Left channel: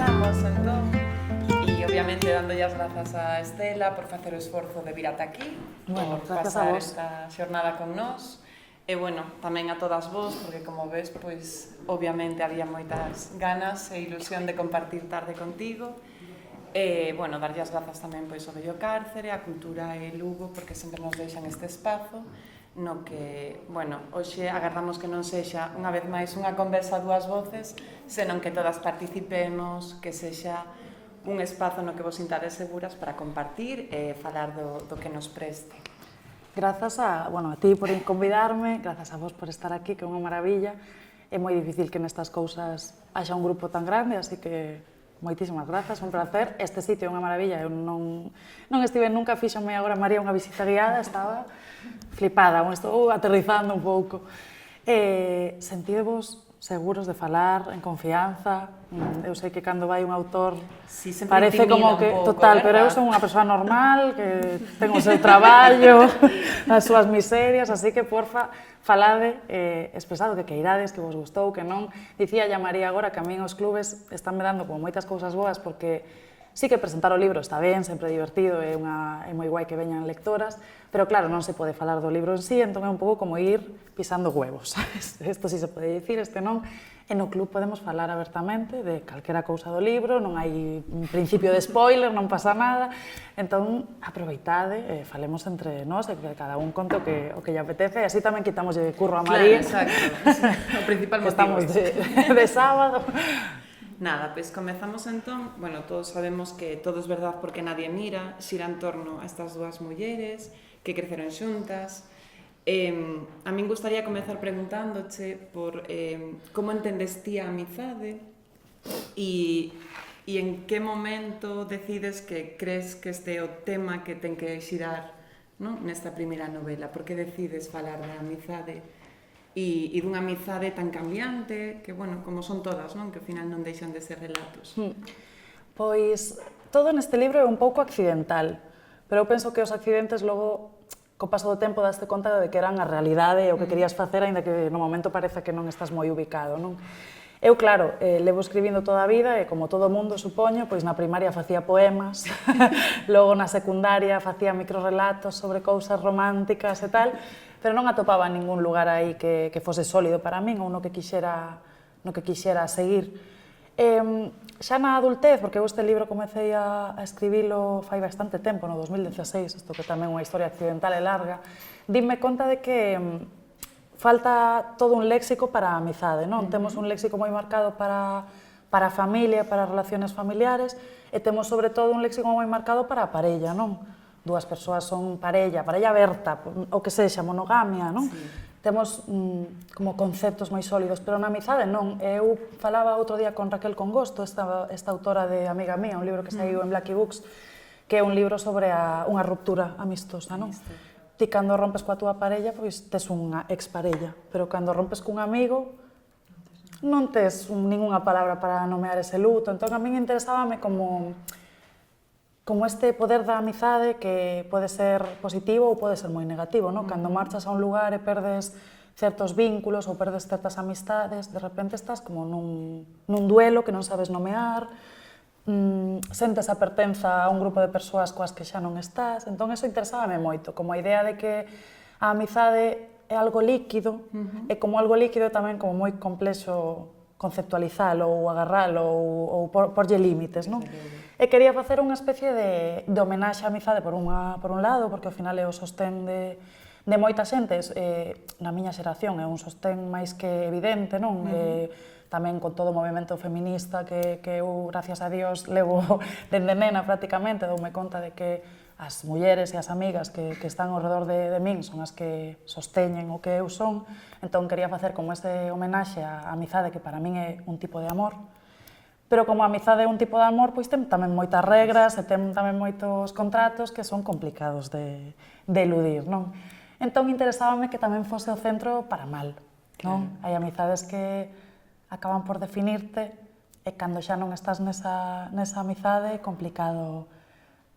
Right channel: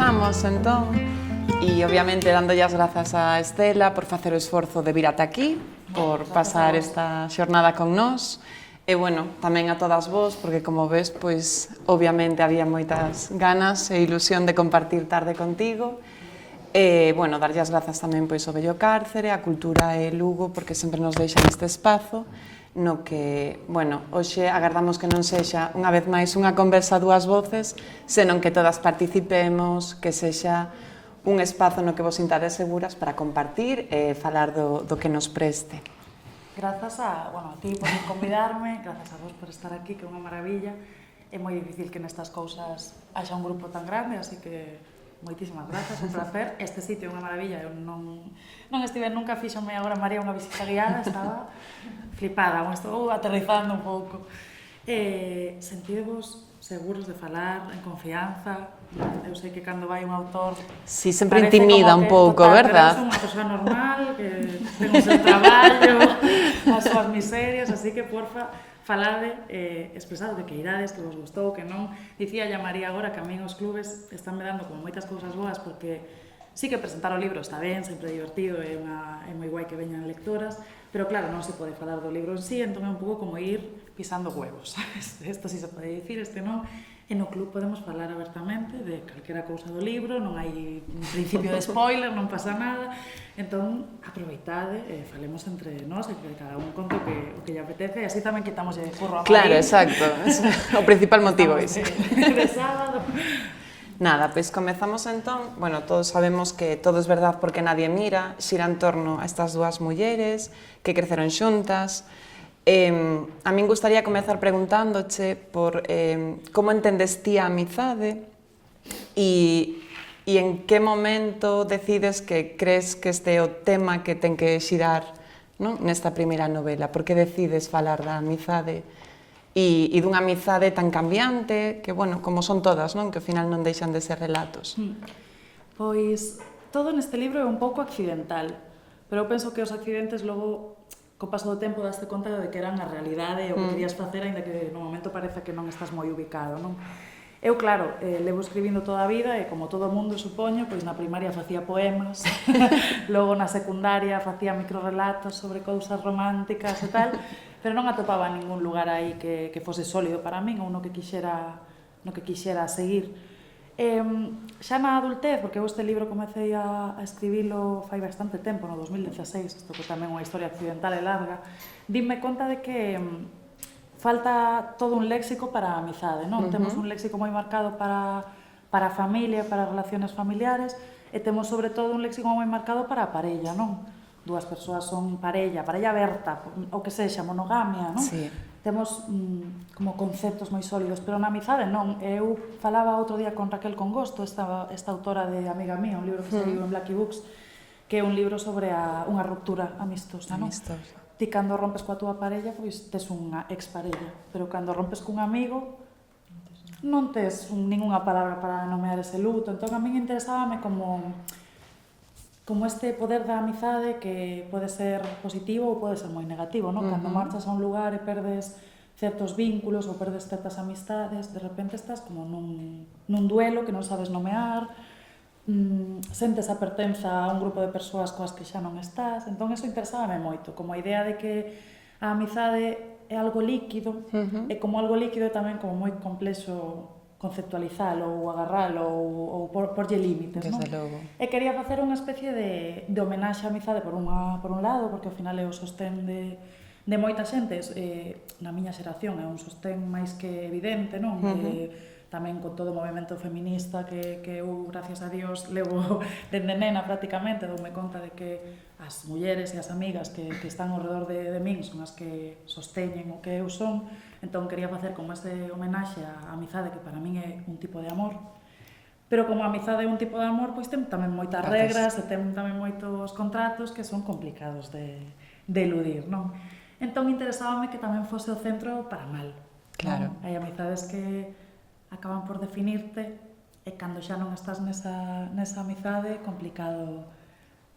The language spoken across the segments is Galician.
comezamos, entón, e obviamente dándolle as grazas a Estela por facer o esforzo de vir ata aquí, por pasar esta xornada con nós, e, bueno, tamén a todas vos, porque, como ves, pois, obviamente había moitas ganas e ilusión de compartir tarde contigo, e, bueno, darlle as grazas tamén, pois, ao Bello Cárcere, a Cultura e Lugo, porque sempre nos deixan este espazo, no que, bueno, hoxe agardamos que non sexa unha vez máis unha conversa a dúas voces, senón que todas participemos, que sexa un espazo no que vos sintades seguras para compartir e falar do que nos preste. Grazas a ti por convidarme, grazas a vos por estar aquí, que é unha maravilla. É moi difícil que nestas cousas haxa un grupo tan grande, así que moitísimas grazas, un placer. Este sitio é unha maravilla, eu non estive nunca, fíxame agora María unha visita guiada, estaba flipada, estou aterrizando un pouco. Sentidevos seguros de falar, en confianza. Eu sei que cando vai un autor... Si, sempre intimida un pouco, verdad? Pero eu son unha persoa normal, que ten o seu traballo, as súas miserias, así que, porfa, falade, expresade que irades, que vos gustou, que non. Dicía ya María agora que a min os clubes están me dando como moitas cousas boas, porque sí que presentar o libro está ben, sempre é divertido, é moi guai que veñan lectoras, pero claro, non se pode falar do libro en sí, entón é un pouco como ir pisando huevos, sabes? Isto sí se pode dicir, este non. E no club podemos falar abertamente de calquera cousa do libro, non hai un principio de spoiler, non pasa nada. Entón, aproveitade, falemos entre nós, e que cada un conte o que lle apetece, e así tamén quitamos de curro a Claro, María. exacto, o principal motivo. De sábado. Nada, pois comezamos entón. Bueno, todos sabemos que todo es verdad porque nadie mira, xira en torno a estas dúas mulleres que creceron xuntas. A min gustaría comezar preguntándoche por como entendes ti a amizade e en que momento decides que crees que este é o tema que ten que xirar, non, nesta primeira novela. Por que decides falar da amizade e dunha amizade tan cambiante, que, bueno, como son todas, non? Que ao final non deixan de ser relatos. Pois, todo neste libro é un pouco accidental, pero eu penso que os accidentes logo, co paso do tempo, daste conta de que eran a realidade e o que querías facer, aínda que no momento parece que non estás moi ubicado, non? Eu, claro, levo escribindo toda a vida e, como todo mundo, supoño, pois na primaria facía poemas, logo na secundaria facía microrelatos sobre cousas románticas e tal, pero non atopaba ningún lugar aí que fose sólido para min ou no que quixera seguir. Xa na adultez, porque eu este libro comecei a escribilo fai bastante tempo, no 2016, isto que tamén é unha historia accidental e larga, dime conta de que falta todo un léxico para a amizade, non? Temos un léxico moi marcado para a familia, para as relaciones familiares, e temos sobre todo un léxico moi marcado para a parella, non? Dúas persoas son parella aberta, o que sexa, monogamia, non? Sí. Temos como conceptos moi sólidos, pero na amizade non. Eu falaba outro día con Raquel Congosto, esta autora de Amiga Mía, un libro que saiu en Blackie Books, que é un libro sobre unha ruptura amistosa, non? Ti, cando rompes coa túa parella, pois tes unha exparella, pero cando rompes cun amigo, non tes ningunha palabra para nomear ese luto. Entón, a min interesábame como este poder da amizade que pode ser positivo ou pode ser moi negativo, non? Cando marchas a un lugar e perdes certos vínculos ou perdes certas amistades, de repente estás como nun duelo que non sabes nomear, sentes a pertenza a un grupo de persoas coas que xa non estás, entón eso interesábame moito, como a idea de que a amizade é algo líquido, e como algo líquido tamén como moi complexo conceptualizalo ou agarralo ou porlle límites, non? E quería facer unha especie de homenaxe á amizade por un lado, porque ao final é o sostén de moita xente, na miña xeración é un sostén máis que evidente, non? Tamén con todo o movimento feminista que eu, gracias a Dios, levo dende nena prácticamente, doume conta de que as mulleres e as amigas que están ao redor de min son as que sosteñen o que eu son. Entón quería facer como este homenaxe á amizade, que para min é un tipo de amor. Pero como a amizade é un tipo de amor, pois ten tamén moitas regras e ten tamén moitos contratos que son complicados de eludir, non? Entón interesábame que tamén fose o centro para mal. Claro. Hai amizades que acaban por definirte e cando xa non estás nesa amizade é complicado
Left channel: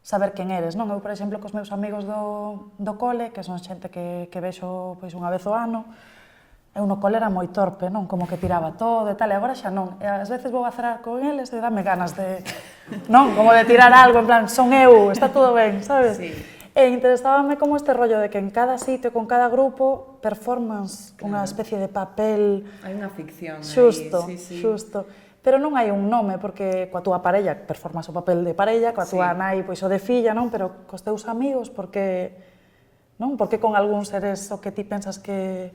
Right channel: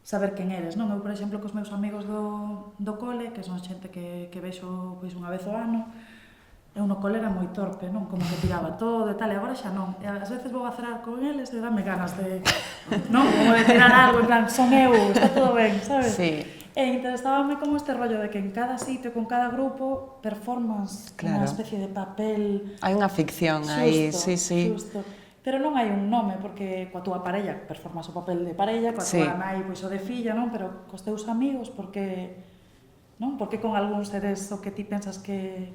saber quen eres, non? Eu, por exemplo, cos meus amigos do cole, que son xente que vexo pois unha vez ao ano, eu no cole era moi torpe, non? Como que tiraba todo e tal, e agora xa non. E ás veces vou a cenar con eles e dame ganas de, non? Como de tirar algo, en plan, son eu, está todo ben, sabes? Sí. E interesábame como este rollo de que en cada sitio, con cada grupo, performance, unha especie de papel... Hai unha ficción aí, sí, sí. Xusto. Pero non hai un nome, porque coa túa parella performas o papel de parella, coa túa nai, pois o de filla, non? Pero cos teus amigos, porque... Non? Porque con algúns eres o que ti pensas que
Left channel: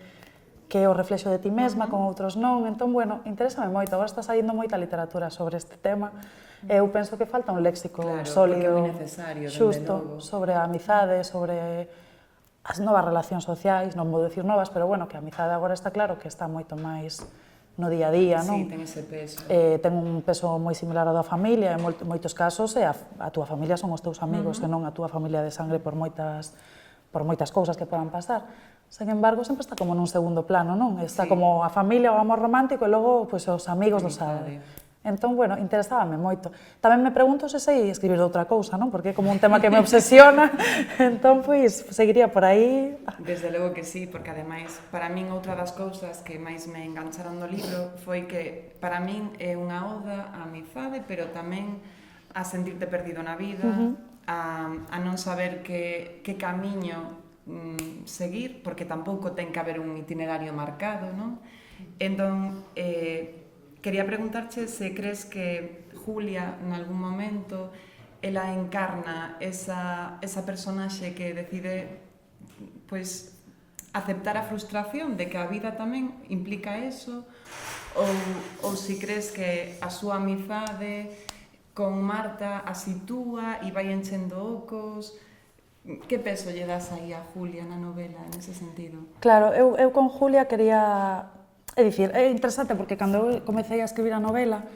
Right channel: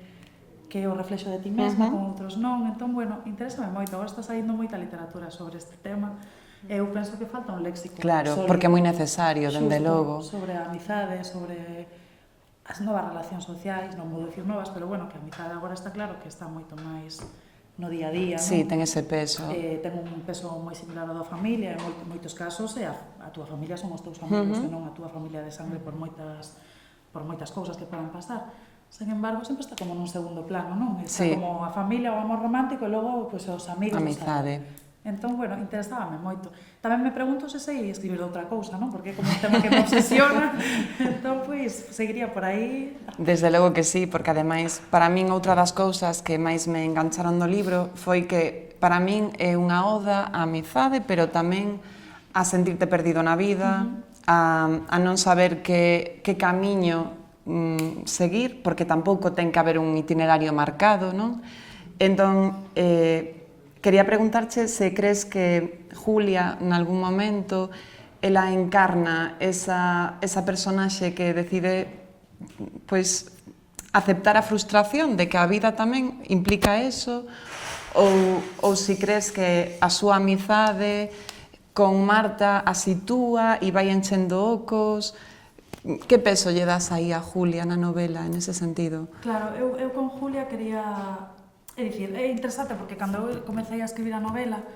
é o reflexo de ti mesma, con outros non. Entón, bueno, interésame moito. Agora está saindo moita literatura sobre este tema. Eu penso que falta un léxico sólido. Porque é moi necesario, dende logo. Sobre a amizade, sobre as novas relacións sociais, non vou decir novas, pero bueno, que a amizade agora está claro que está moito máis no día a día, non? Sí, ten ese peso. Ten un peso moi similar ao da familia, en moitos casos, e a túa familia son os teus amigos, e non a túa familia de sangre por moitas cousas que podan pasar. Sen embargo, sempre está como nun segundo plano, non? Está como a familia, o amor romántico, e logo, pois, os amigos do sabe. Entón, bueno, interesábame moito. Tamén me pregunto se sei escribir de outra cousa, non? Porque é como un tema que me obsesiona. Entón, pois, seguiría por aí. Desde logo que sí, porque ademais, para min, outra das cousas que máis me engancharon do libro foi que, para min, é unha oda á amizade, pero tamén a sentirte perdido na vida, a non saber que camiño seguir, porque tampouco ten que haber un itinerario marcado, non? Entón, quería preguntarche se crees que Julia, en algún momento, ela encarna esa personaxe que decide, pois, aceptar a frustración de que a vida tamén implica eso, ou se crees que a súa amizade con Marta a sitúa e vai enchendo ocos. Que peso lle das aí a Julia na novela, en ese sentido? Claro, eu con Julia quería... É dicir, é interesante porque cando eu comecei a escribir a novela,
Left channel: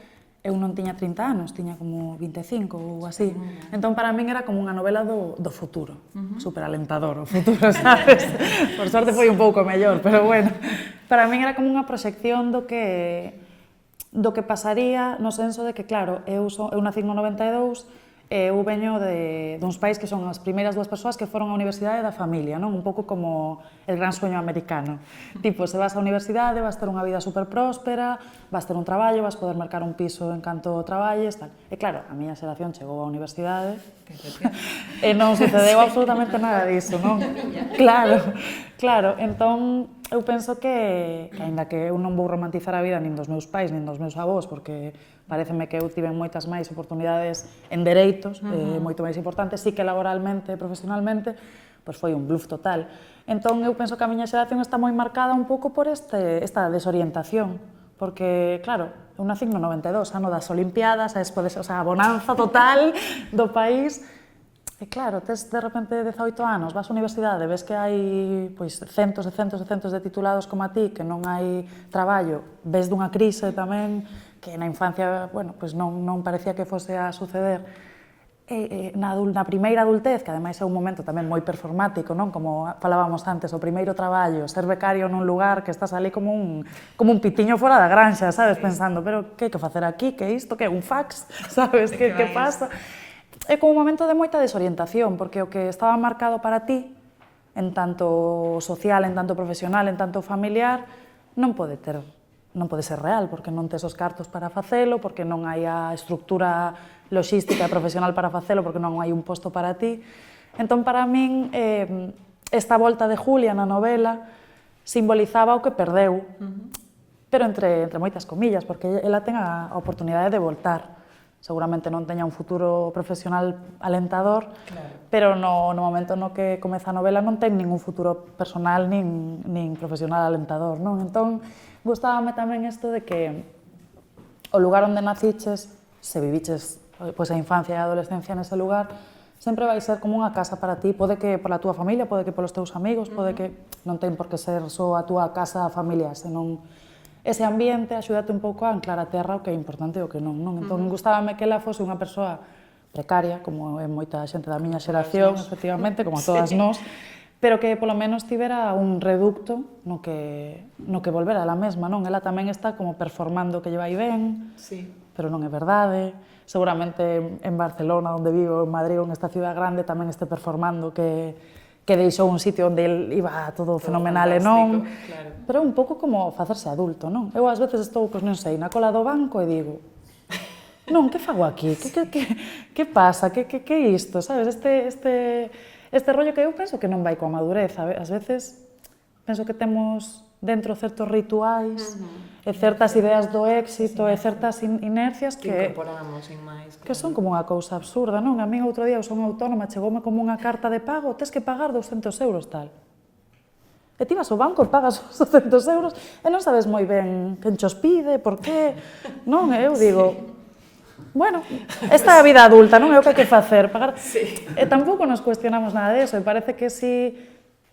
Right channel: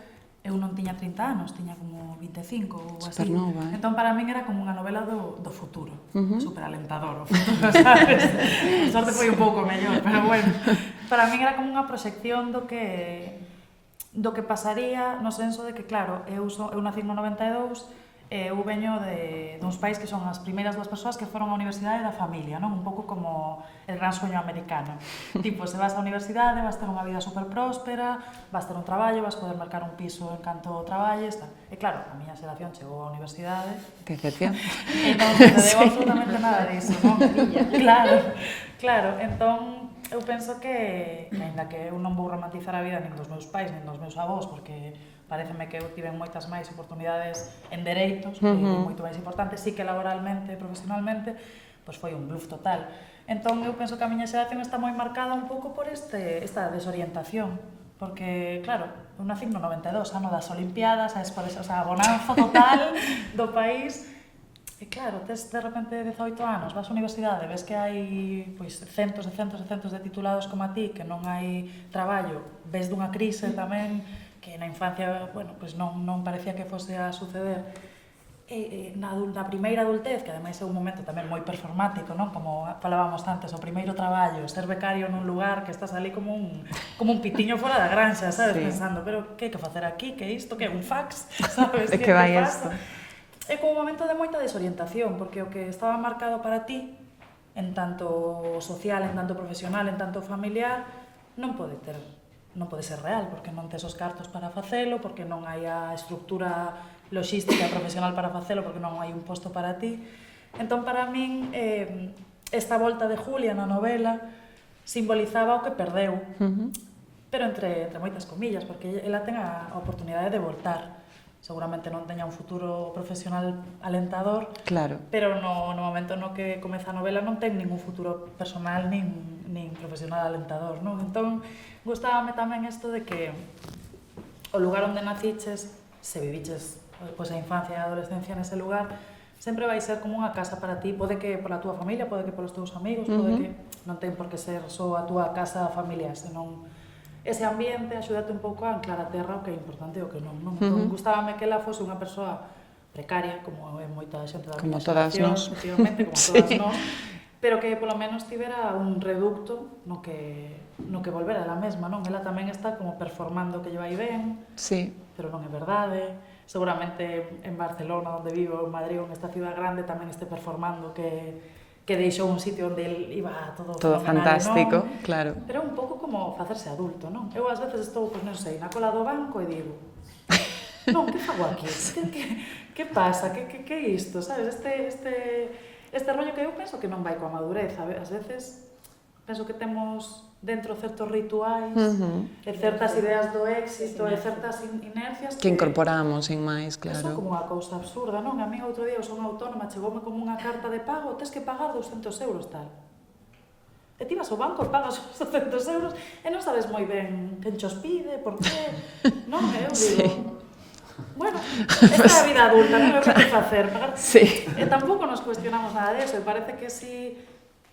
eu non tiña 30 anos, tiña como 25 ou así. Supernova, Entón, para min era como unha novela do futuro. Superalentador o futuro, sabes? Por sorte foi un pouco mellor, pero bueno. Para min era como unha proxección do que pasaría, no senso de que, claro, eu nací no 92, eu veño duns pais que son as primeiras dúas persoas que foron á universidade da familia, non? Un pouco como el gran sueño americano. Tipo, se vas á universidade, vas ter unha vida super próspera, vas ter un traballo, vas poder marcar un piso en canto traballes, tal. E claro, a miña xeración chegou á universidade, Que excepción. E non sucedeu absolutamente nada disso, non? Claro. Entón, eu penso que aínda que eu non vou romantizar a vida nin dos meus pais, nin dos meus avós, porque pareceme que eu tive moitas máis oportunidades en dereitos, moito máis importantes, sí que laboralmente e profesionalmente, pois foi un bluff total. Entón, eu penso que a miña xeración está moi marcada un pouco por esta desorientación, porque, claro, eu nací no 92, ano das Olimpiadas, a bonanza total do país, e claro, tes de repente 18 anos, vas á universidade, ves que hai pois, centos e centos e centos de titulados como a ti, que non hai traballo, ves dunha crise tamén, que na infancia, bueno, pois non parecía que fose a suceder. Na primeira adultez, que ademais é un momento tamén moi performático, non? Como falábamos antes, o primeiro traballo, ser becario nun lugar que estás ali como un pitiño fora da granxa, sabes? Sí. Pensando, pero que hai que facer aquí? Que isto? Que é un fax? Sabes? Que pasa? É como un momento de moita desorientación, porque o que estaba marcado para ti, en tanto social, en tanto profesional, en tanto familiar, non pode ser real, porque non tes os cartos para facelo, porque non hai a estructura logística e profesional para facelo, porque non hai un posto para ti. Entón, para min, esta volta de Julia na novela simbolizaba o que perdeu, pero entre moitas comillas, porque ela ten a oportunidade de voltar. Seguramente non teña un futuro profesional alentador, claro. Pero no momento no que comeza a novela non ten ningún futuro personal nin profesional alentador, non? Entón, gustábame tamén isto de que o lugar onde naciches, se viviches pois, a infancia e a adolescencia nese lugar, sempre vai ser como unha casa para ti, pode que pola túa familia, pode que polos teus amigos, pode que non ten por que ser só a túa casa familiar, senón ese ambiente axúdate un pouco a anclar a terra o que é importante e o que non. Entón, gustábame que ela fose unha persoa precaria, como é moita xente da miña xeración, efectivamente, como a todas nós, pero que polo menos tivera un reducto no que volvera a la mesma, non? Ela tamén está como performando que lle vai ben, sí. Pero non é verdade. Seguramente en Barcelona, onde vivo, en Madrid ou nesta ciudad grande, tamén este performando que que deixou un sitio onde el iba todo fenomenal e non. Claro. Pero é un pouco como facerse adulto, non? Eu ás veces estou, pois non sei, na cola do banco e digo, non, que fago aquí? Que pasa? Que é isto? Sabes? Este rollo que eu penso que non vai coa madurez. Ás veces penso que temos dentro certos rituais e certas ideas do éxito e certas inercias que incorporamos, sin máis, claro. Que son como unha cousa absurda, non? A mí outro día eu son autónoma, chegoume como unha carta de pago, tes que pagar 200 euros tal. E ti vas ao banco e pagas os 200 euros e non sabes moi ben quen chos pide, por qué, non? E eu digo, bueno, esta é a vida adulta, non é o que hai que facer, pagar. Sí. E tampouco nos cuestionamos nada deso, e parece que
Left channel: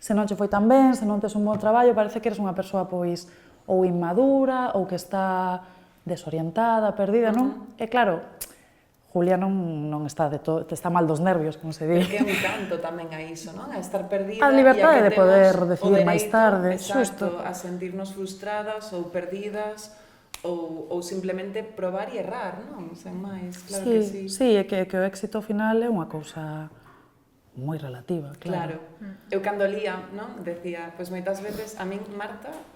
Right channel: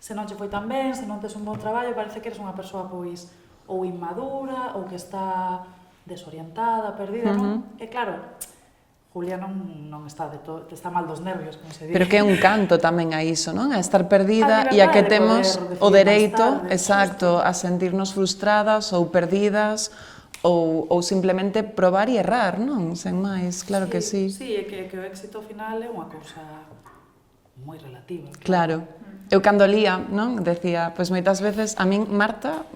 se non che foi tan ben, se non tes un bon traballo, parece que eres unha persoa pois ou inmadura, ou que está desorientada, perdida, non? E claro, Julia non está está mal dos nervios, como se di. Pero que é un canto tamén a iso, non? A estar perdida e a que de temos poder o dereito, tarde, exacto, a sentirnos frustradas ou perdidas ou simplemente probar e errar, non? Sen máis, claro que sí. Sí, é que o éxito final é unha cousa moi relativa. Claro. Eu cando lía, non, decía, pois moitas veces a min Marta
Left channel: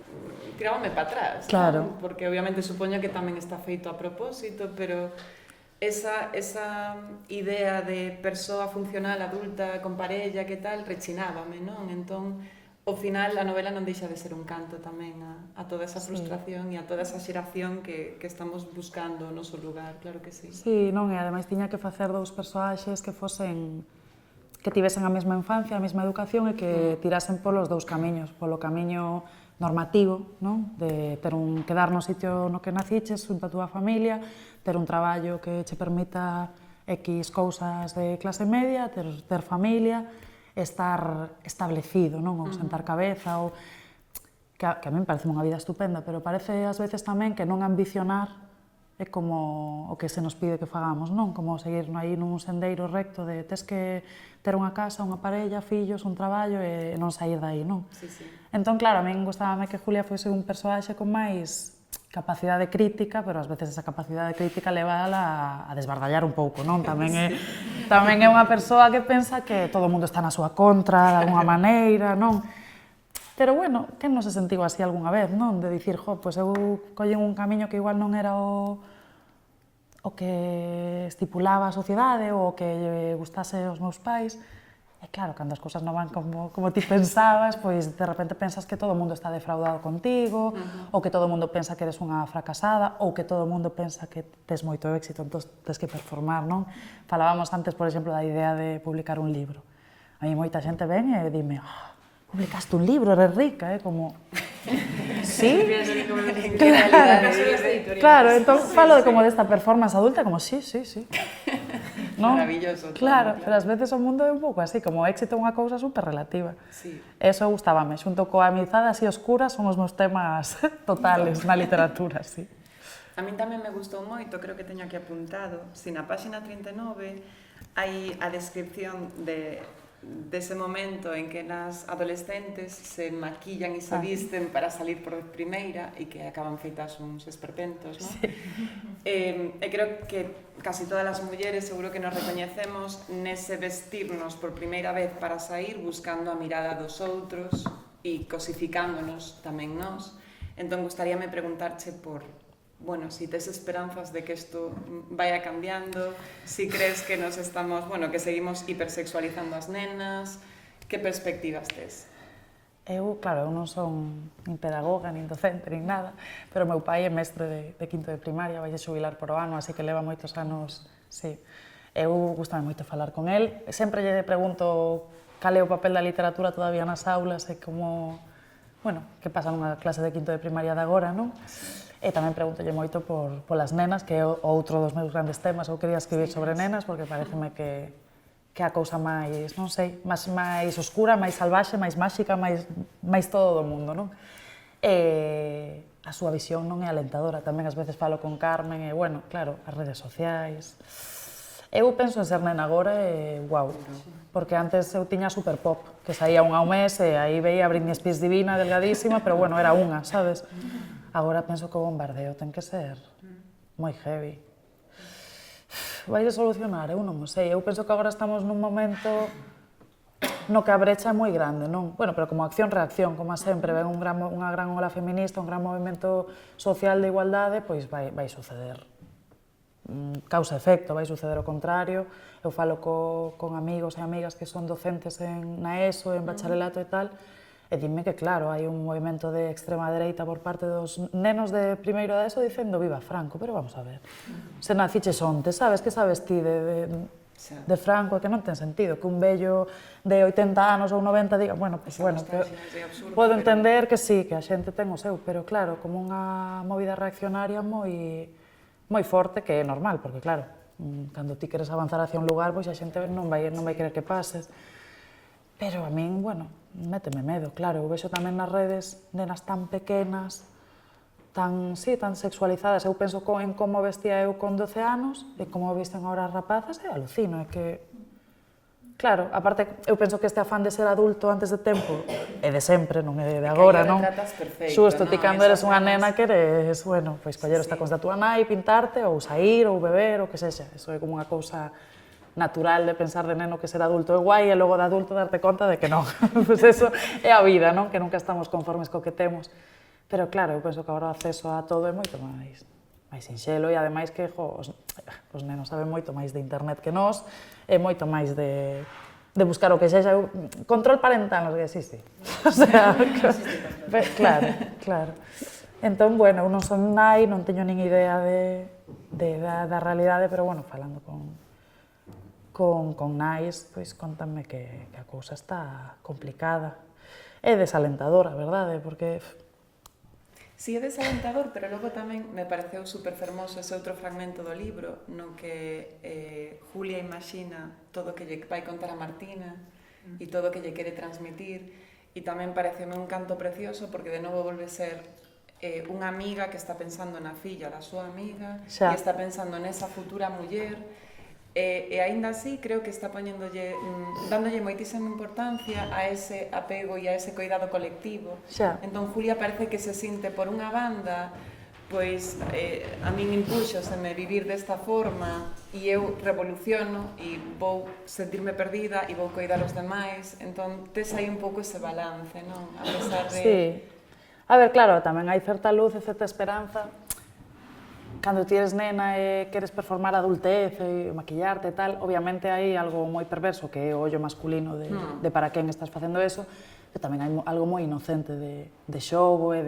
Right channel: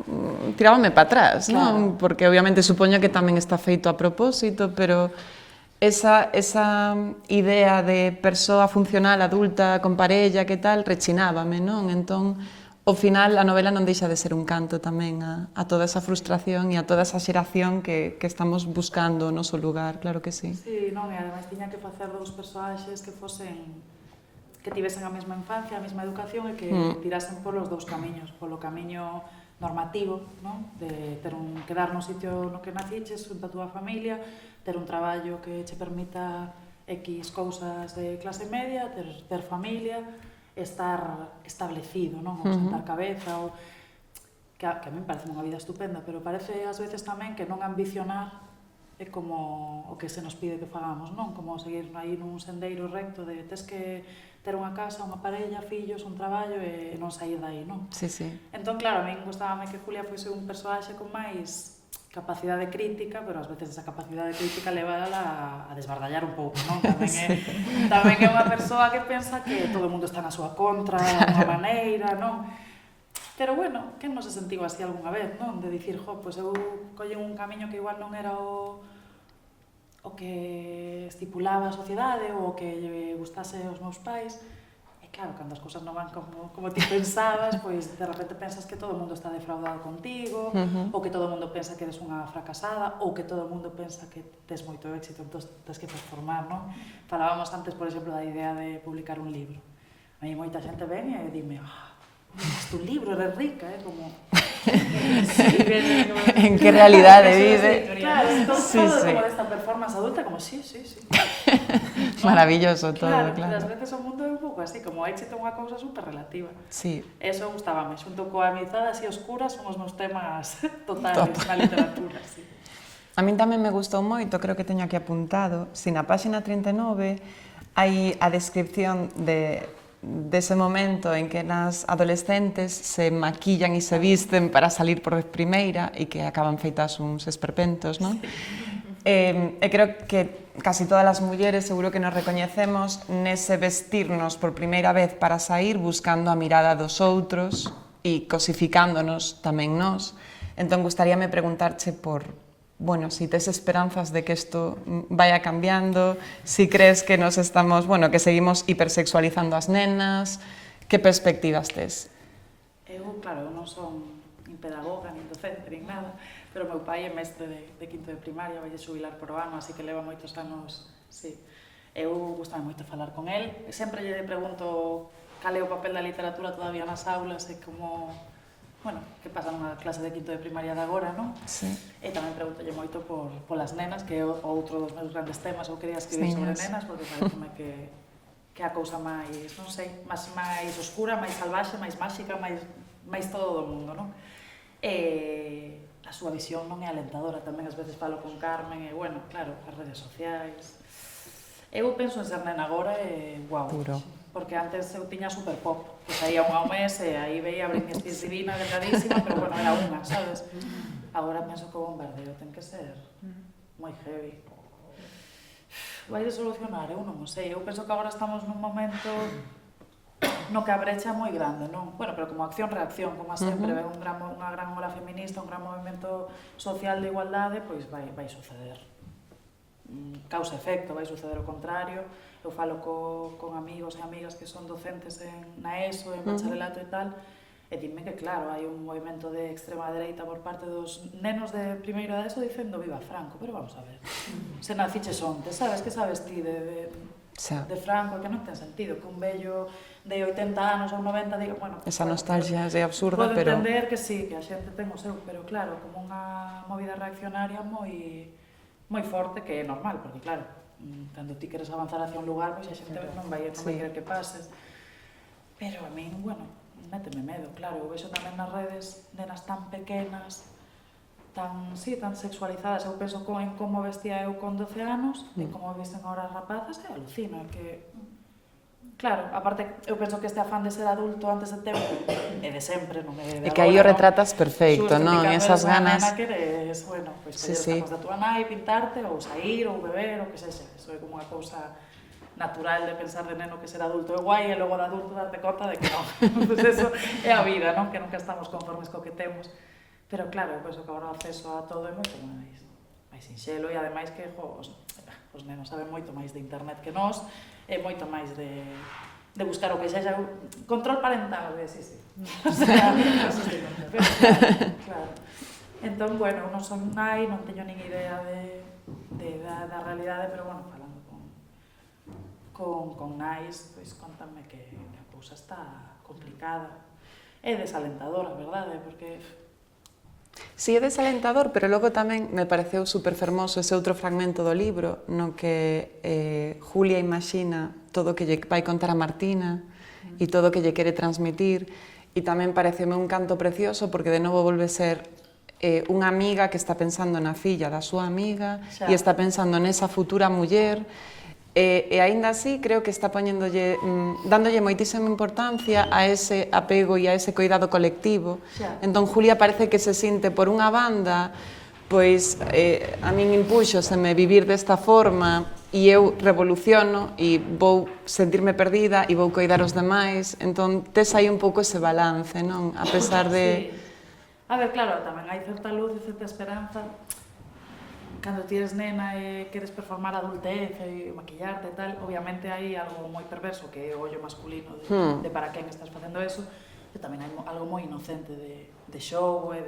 tirábame para atrás, non? Porque obviamente supoño que tamén está feito a propósito, pero esa idea de persoa funcional adulta con parella que tal rechinábame, non? Entón, ao final a novela non deixa de ser un canto tamén a toda esa frustración e a toda esa xeración que estamos buscando o noso lugar, claro que sí. Sí, non, e ademais tiña que facer dous persoaxes que tivesen a mesma infancia, a mesma educación e que tirasen polos dous camiños, polo camiño normativo, non? De quedar no sitio no que naciches, junto a túa familia, ter un traballo que che permita X cousas de clase media, ter familia, estar establecido, non? Ou sentar cabeza, ou que a mí me parece unha vida estupenda, pero parece ás veces tamén que non ambicionar é como o que se nos pide que fagamos, non? Como seguir aí nun sendeiro recto de tes que ter unha casa, unha parella, fillos, un traballo e non sair dai, non? Sí, sí. Entón, claro, a min gustábame que Julia fose un persoaxe con máis capacidade crítica, pero ás veces esa capacidade crítica leva a desbardallar un pouco, non? Tamén é unha persoa que pensa que todo o mundo está na súa contra, de alguma maneira, non? Pero, bueno, quen non se sentiu así algunha vez, non? De dicir, pois eu collen un camiño que igual non era o que estipulaba a sociedade ou o que gustase aos meus pais. E claro, cando as cousas non van como ti pensabas, pois de repente pensas que todo o mundo está defraudado contigo, ou que todo o mundo pensa que eres unha fracasada, ou que todo o mundo pensa que tes moito éxito, entón tes que performar, non? Falábamos antes, por exemplo, da idea de publicar un libro. A mí moita xente ven e dime, publicaste un libro, eres rica, como... Sí, en que realidade vive. Claro, entón falo como desta performance adulta, como sí. Maravilloso todo, claro. Pero ás veces o mundo é un pouco así, como o éxito é unha cousa super relativa. Sí. Eso gustábame, xunto coa amizade así oscura, son os meus temas totales na literatura, sí. A min tamén me gustou moito, creo que teño aquí apuntado, si na páxina 39 hai a descripción dese momento en que nas adolescentes se maquillan e se visten para salir por vez primeira e que acaban feitas uns esperpentos, non? Sí. E creo que casi todas as mulleres seguro que nos recoñecemos nese vestirnos por primeira vez para sair buscando a mirada dos outros e cosificándonos tamén nós. Entón, gustaríame preguntarche por bueno, si tes esperanzas de que isto vaya cambiando, si crees que nos estamos, bueno, que seguimos hipersexualizando as nenas, que perspectivas tes? Eu, claro, eu non son nin pedagoga, nin docente, nin nada, pero meu pai é mestre de quinto de primaria, vai a xubilar por o ano, así que leva moitos anos, sí. Eu gustame moito falar con el, sempre lle pregunto cal é o papel da literatura todavía nas aulas e como... Bueno, que pasa nunha clase de quinto de primaria de agora, non? Sí. E tamén pregúntolle moito polas nenas, que é outro dos meus grandes temas. Eu quería escribir sobre nenas, porque pareceme que a cousa máis, non sei, máis oscura, máis salvaxe, máis máxica, máis todo do mundo, non? E a súa visión non é alentadora. Tamén ás veces falo con Carmen e, bueno, claro, as redes sociais. Eu penso en ser nena agora e, guau, porque antes eu tiña super pop, que saía unha ao mes e aí veía Britney Spears divina, delgadísima, pero bueno, era unha, sabes? Agora penso que o bombardeo ten que ser moi heavy. Vai de solucionar, eu non o sei. Eu penso que agora estamos nun momento no que a brecha é moi grande, non? Bueno, pero como acción-reacción, como sempre, ven unha gran ola feminista, un gran movimento social de igualdade, pois vai suceder causa-efecto, vai suceder o contrario. Eu falo con amigos e amigas que son docentes na ESO, en bacharelato e tal, e dime que, claro, hai un movimento de extrema dereita por parte dos nenos de primeiro da ESO dicendo viva Franco, pero vamos a ver, se naciches onte, sabes, que sabes ti de Franco, que non ten sentido, que un vello de 80 anos ou 90 diga, bueno, pues, esa nostalgia é absurda, podo pero... entender que sí, que a xente ten o seu, pero claro, como unha movida reaccionaria moi forte, que é normal, porque claro, cando ti queres avanzar hacia un lugar, pois a xente non vai querer que pases. Pero a min, bueno, méteme medo, claro, eu vexo tamén nas redes nenas tan pequenas, tan sexualizadas. Eu penso en como vestía eu con 12 anos e como visten agora as rapazas e alucino, é que... Claro, aparte, eu penso que este afán de ser adulto antes de tempo é de sempre, non é de agora, non? E que aí o retratas perfecto, non? Xusto, ti cando eres unha nena que eres, bueno, pois coller os tacos da túa nai, pintarte, ou sair, ou beber, ou que sexa. Eso é como unha cousa natural de pensar de neno que ser adulto é guai e logo de adulto darte conta de que non. Pois eso é a vida, non? Que nunca estamos conformes co que temos. Pero claro, eu penso que agora o acceso a todo é moito máis sinxelo e ademais que os nenos saben moito máis de internet que nós, é moito máis de buscar o que sexa. Control parental, que sí. O sea, pues claro. Entón, bueno, eu non son nai, non teño nin idea da realidade, pero bueno, falando con nais, pois contame que a cousa está complicada. É desalentadora, verdade? Porque... Si, é desalentador, pero logo tamén me pareceu super fermoso ese outro fragmento do libro no que Julia imagina todo o que lle vai contar a Martina e todo o que lle quere transmitir, e tamén pareceme un canto precioso porque de novo volve ser unha amiga que está pensando na filla da súa amiga e está pensando nesa futura muller. E aínda así creo que está dándolle moitísima importancia a ese apego e a ese cuidado colectivo. Entón Julia parece que se sinte por unha banda, pois a min impúxoseme vivir desta forma e eu revoluciono e vou sentirme perdida e vou coidar os demais. Entón tes aí un pouco ese balance, non? A pesar de... A ver, claro, tamén hai certa luz e certa esperanza. Cando ti eres nena e queres performar adultez e maquillarte e tal, obviamente hai algo moi perverso que é o ollo masculino de para quen estás facendo eso, pero tamén hai algo moi inocente de xogo e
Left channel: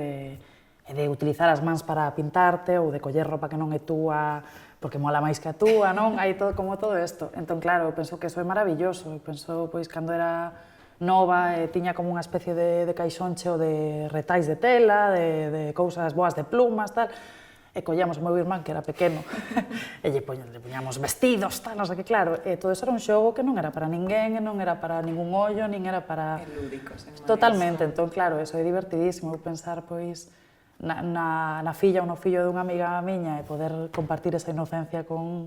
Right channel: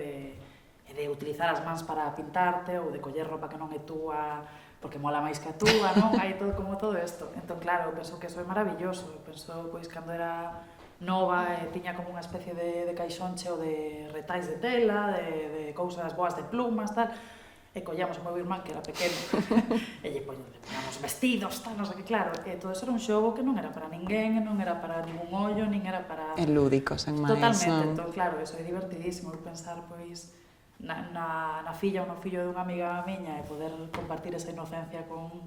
de utilizar as mans para pintarte ou de coller roupa que non é túa porque mola máis que a túa, non? Hai como todo isto. Entón, claro, eu penso que eso é maravilloso. Eu penso, pois, cando era nova e tiña como unha especie de caixón cheo de retais de tela, de cousas boas de plumas, tal, e collíamos o meu irmán, que era pequeno, e lle poñamos vestidos, tal, non sei que, claro, e todo eso era un xogo que non era para ninguén, non era para ningún ollo, nin era para... É lúdico, sen máis. Totalmente, entón, claro, eso é divertidísimo, eu pensar, pois, na filla ou no fillo dunha amiga miña e poder compartir esa inocencia con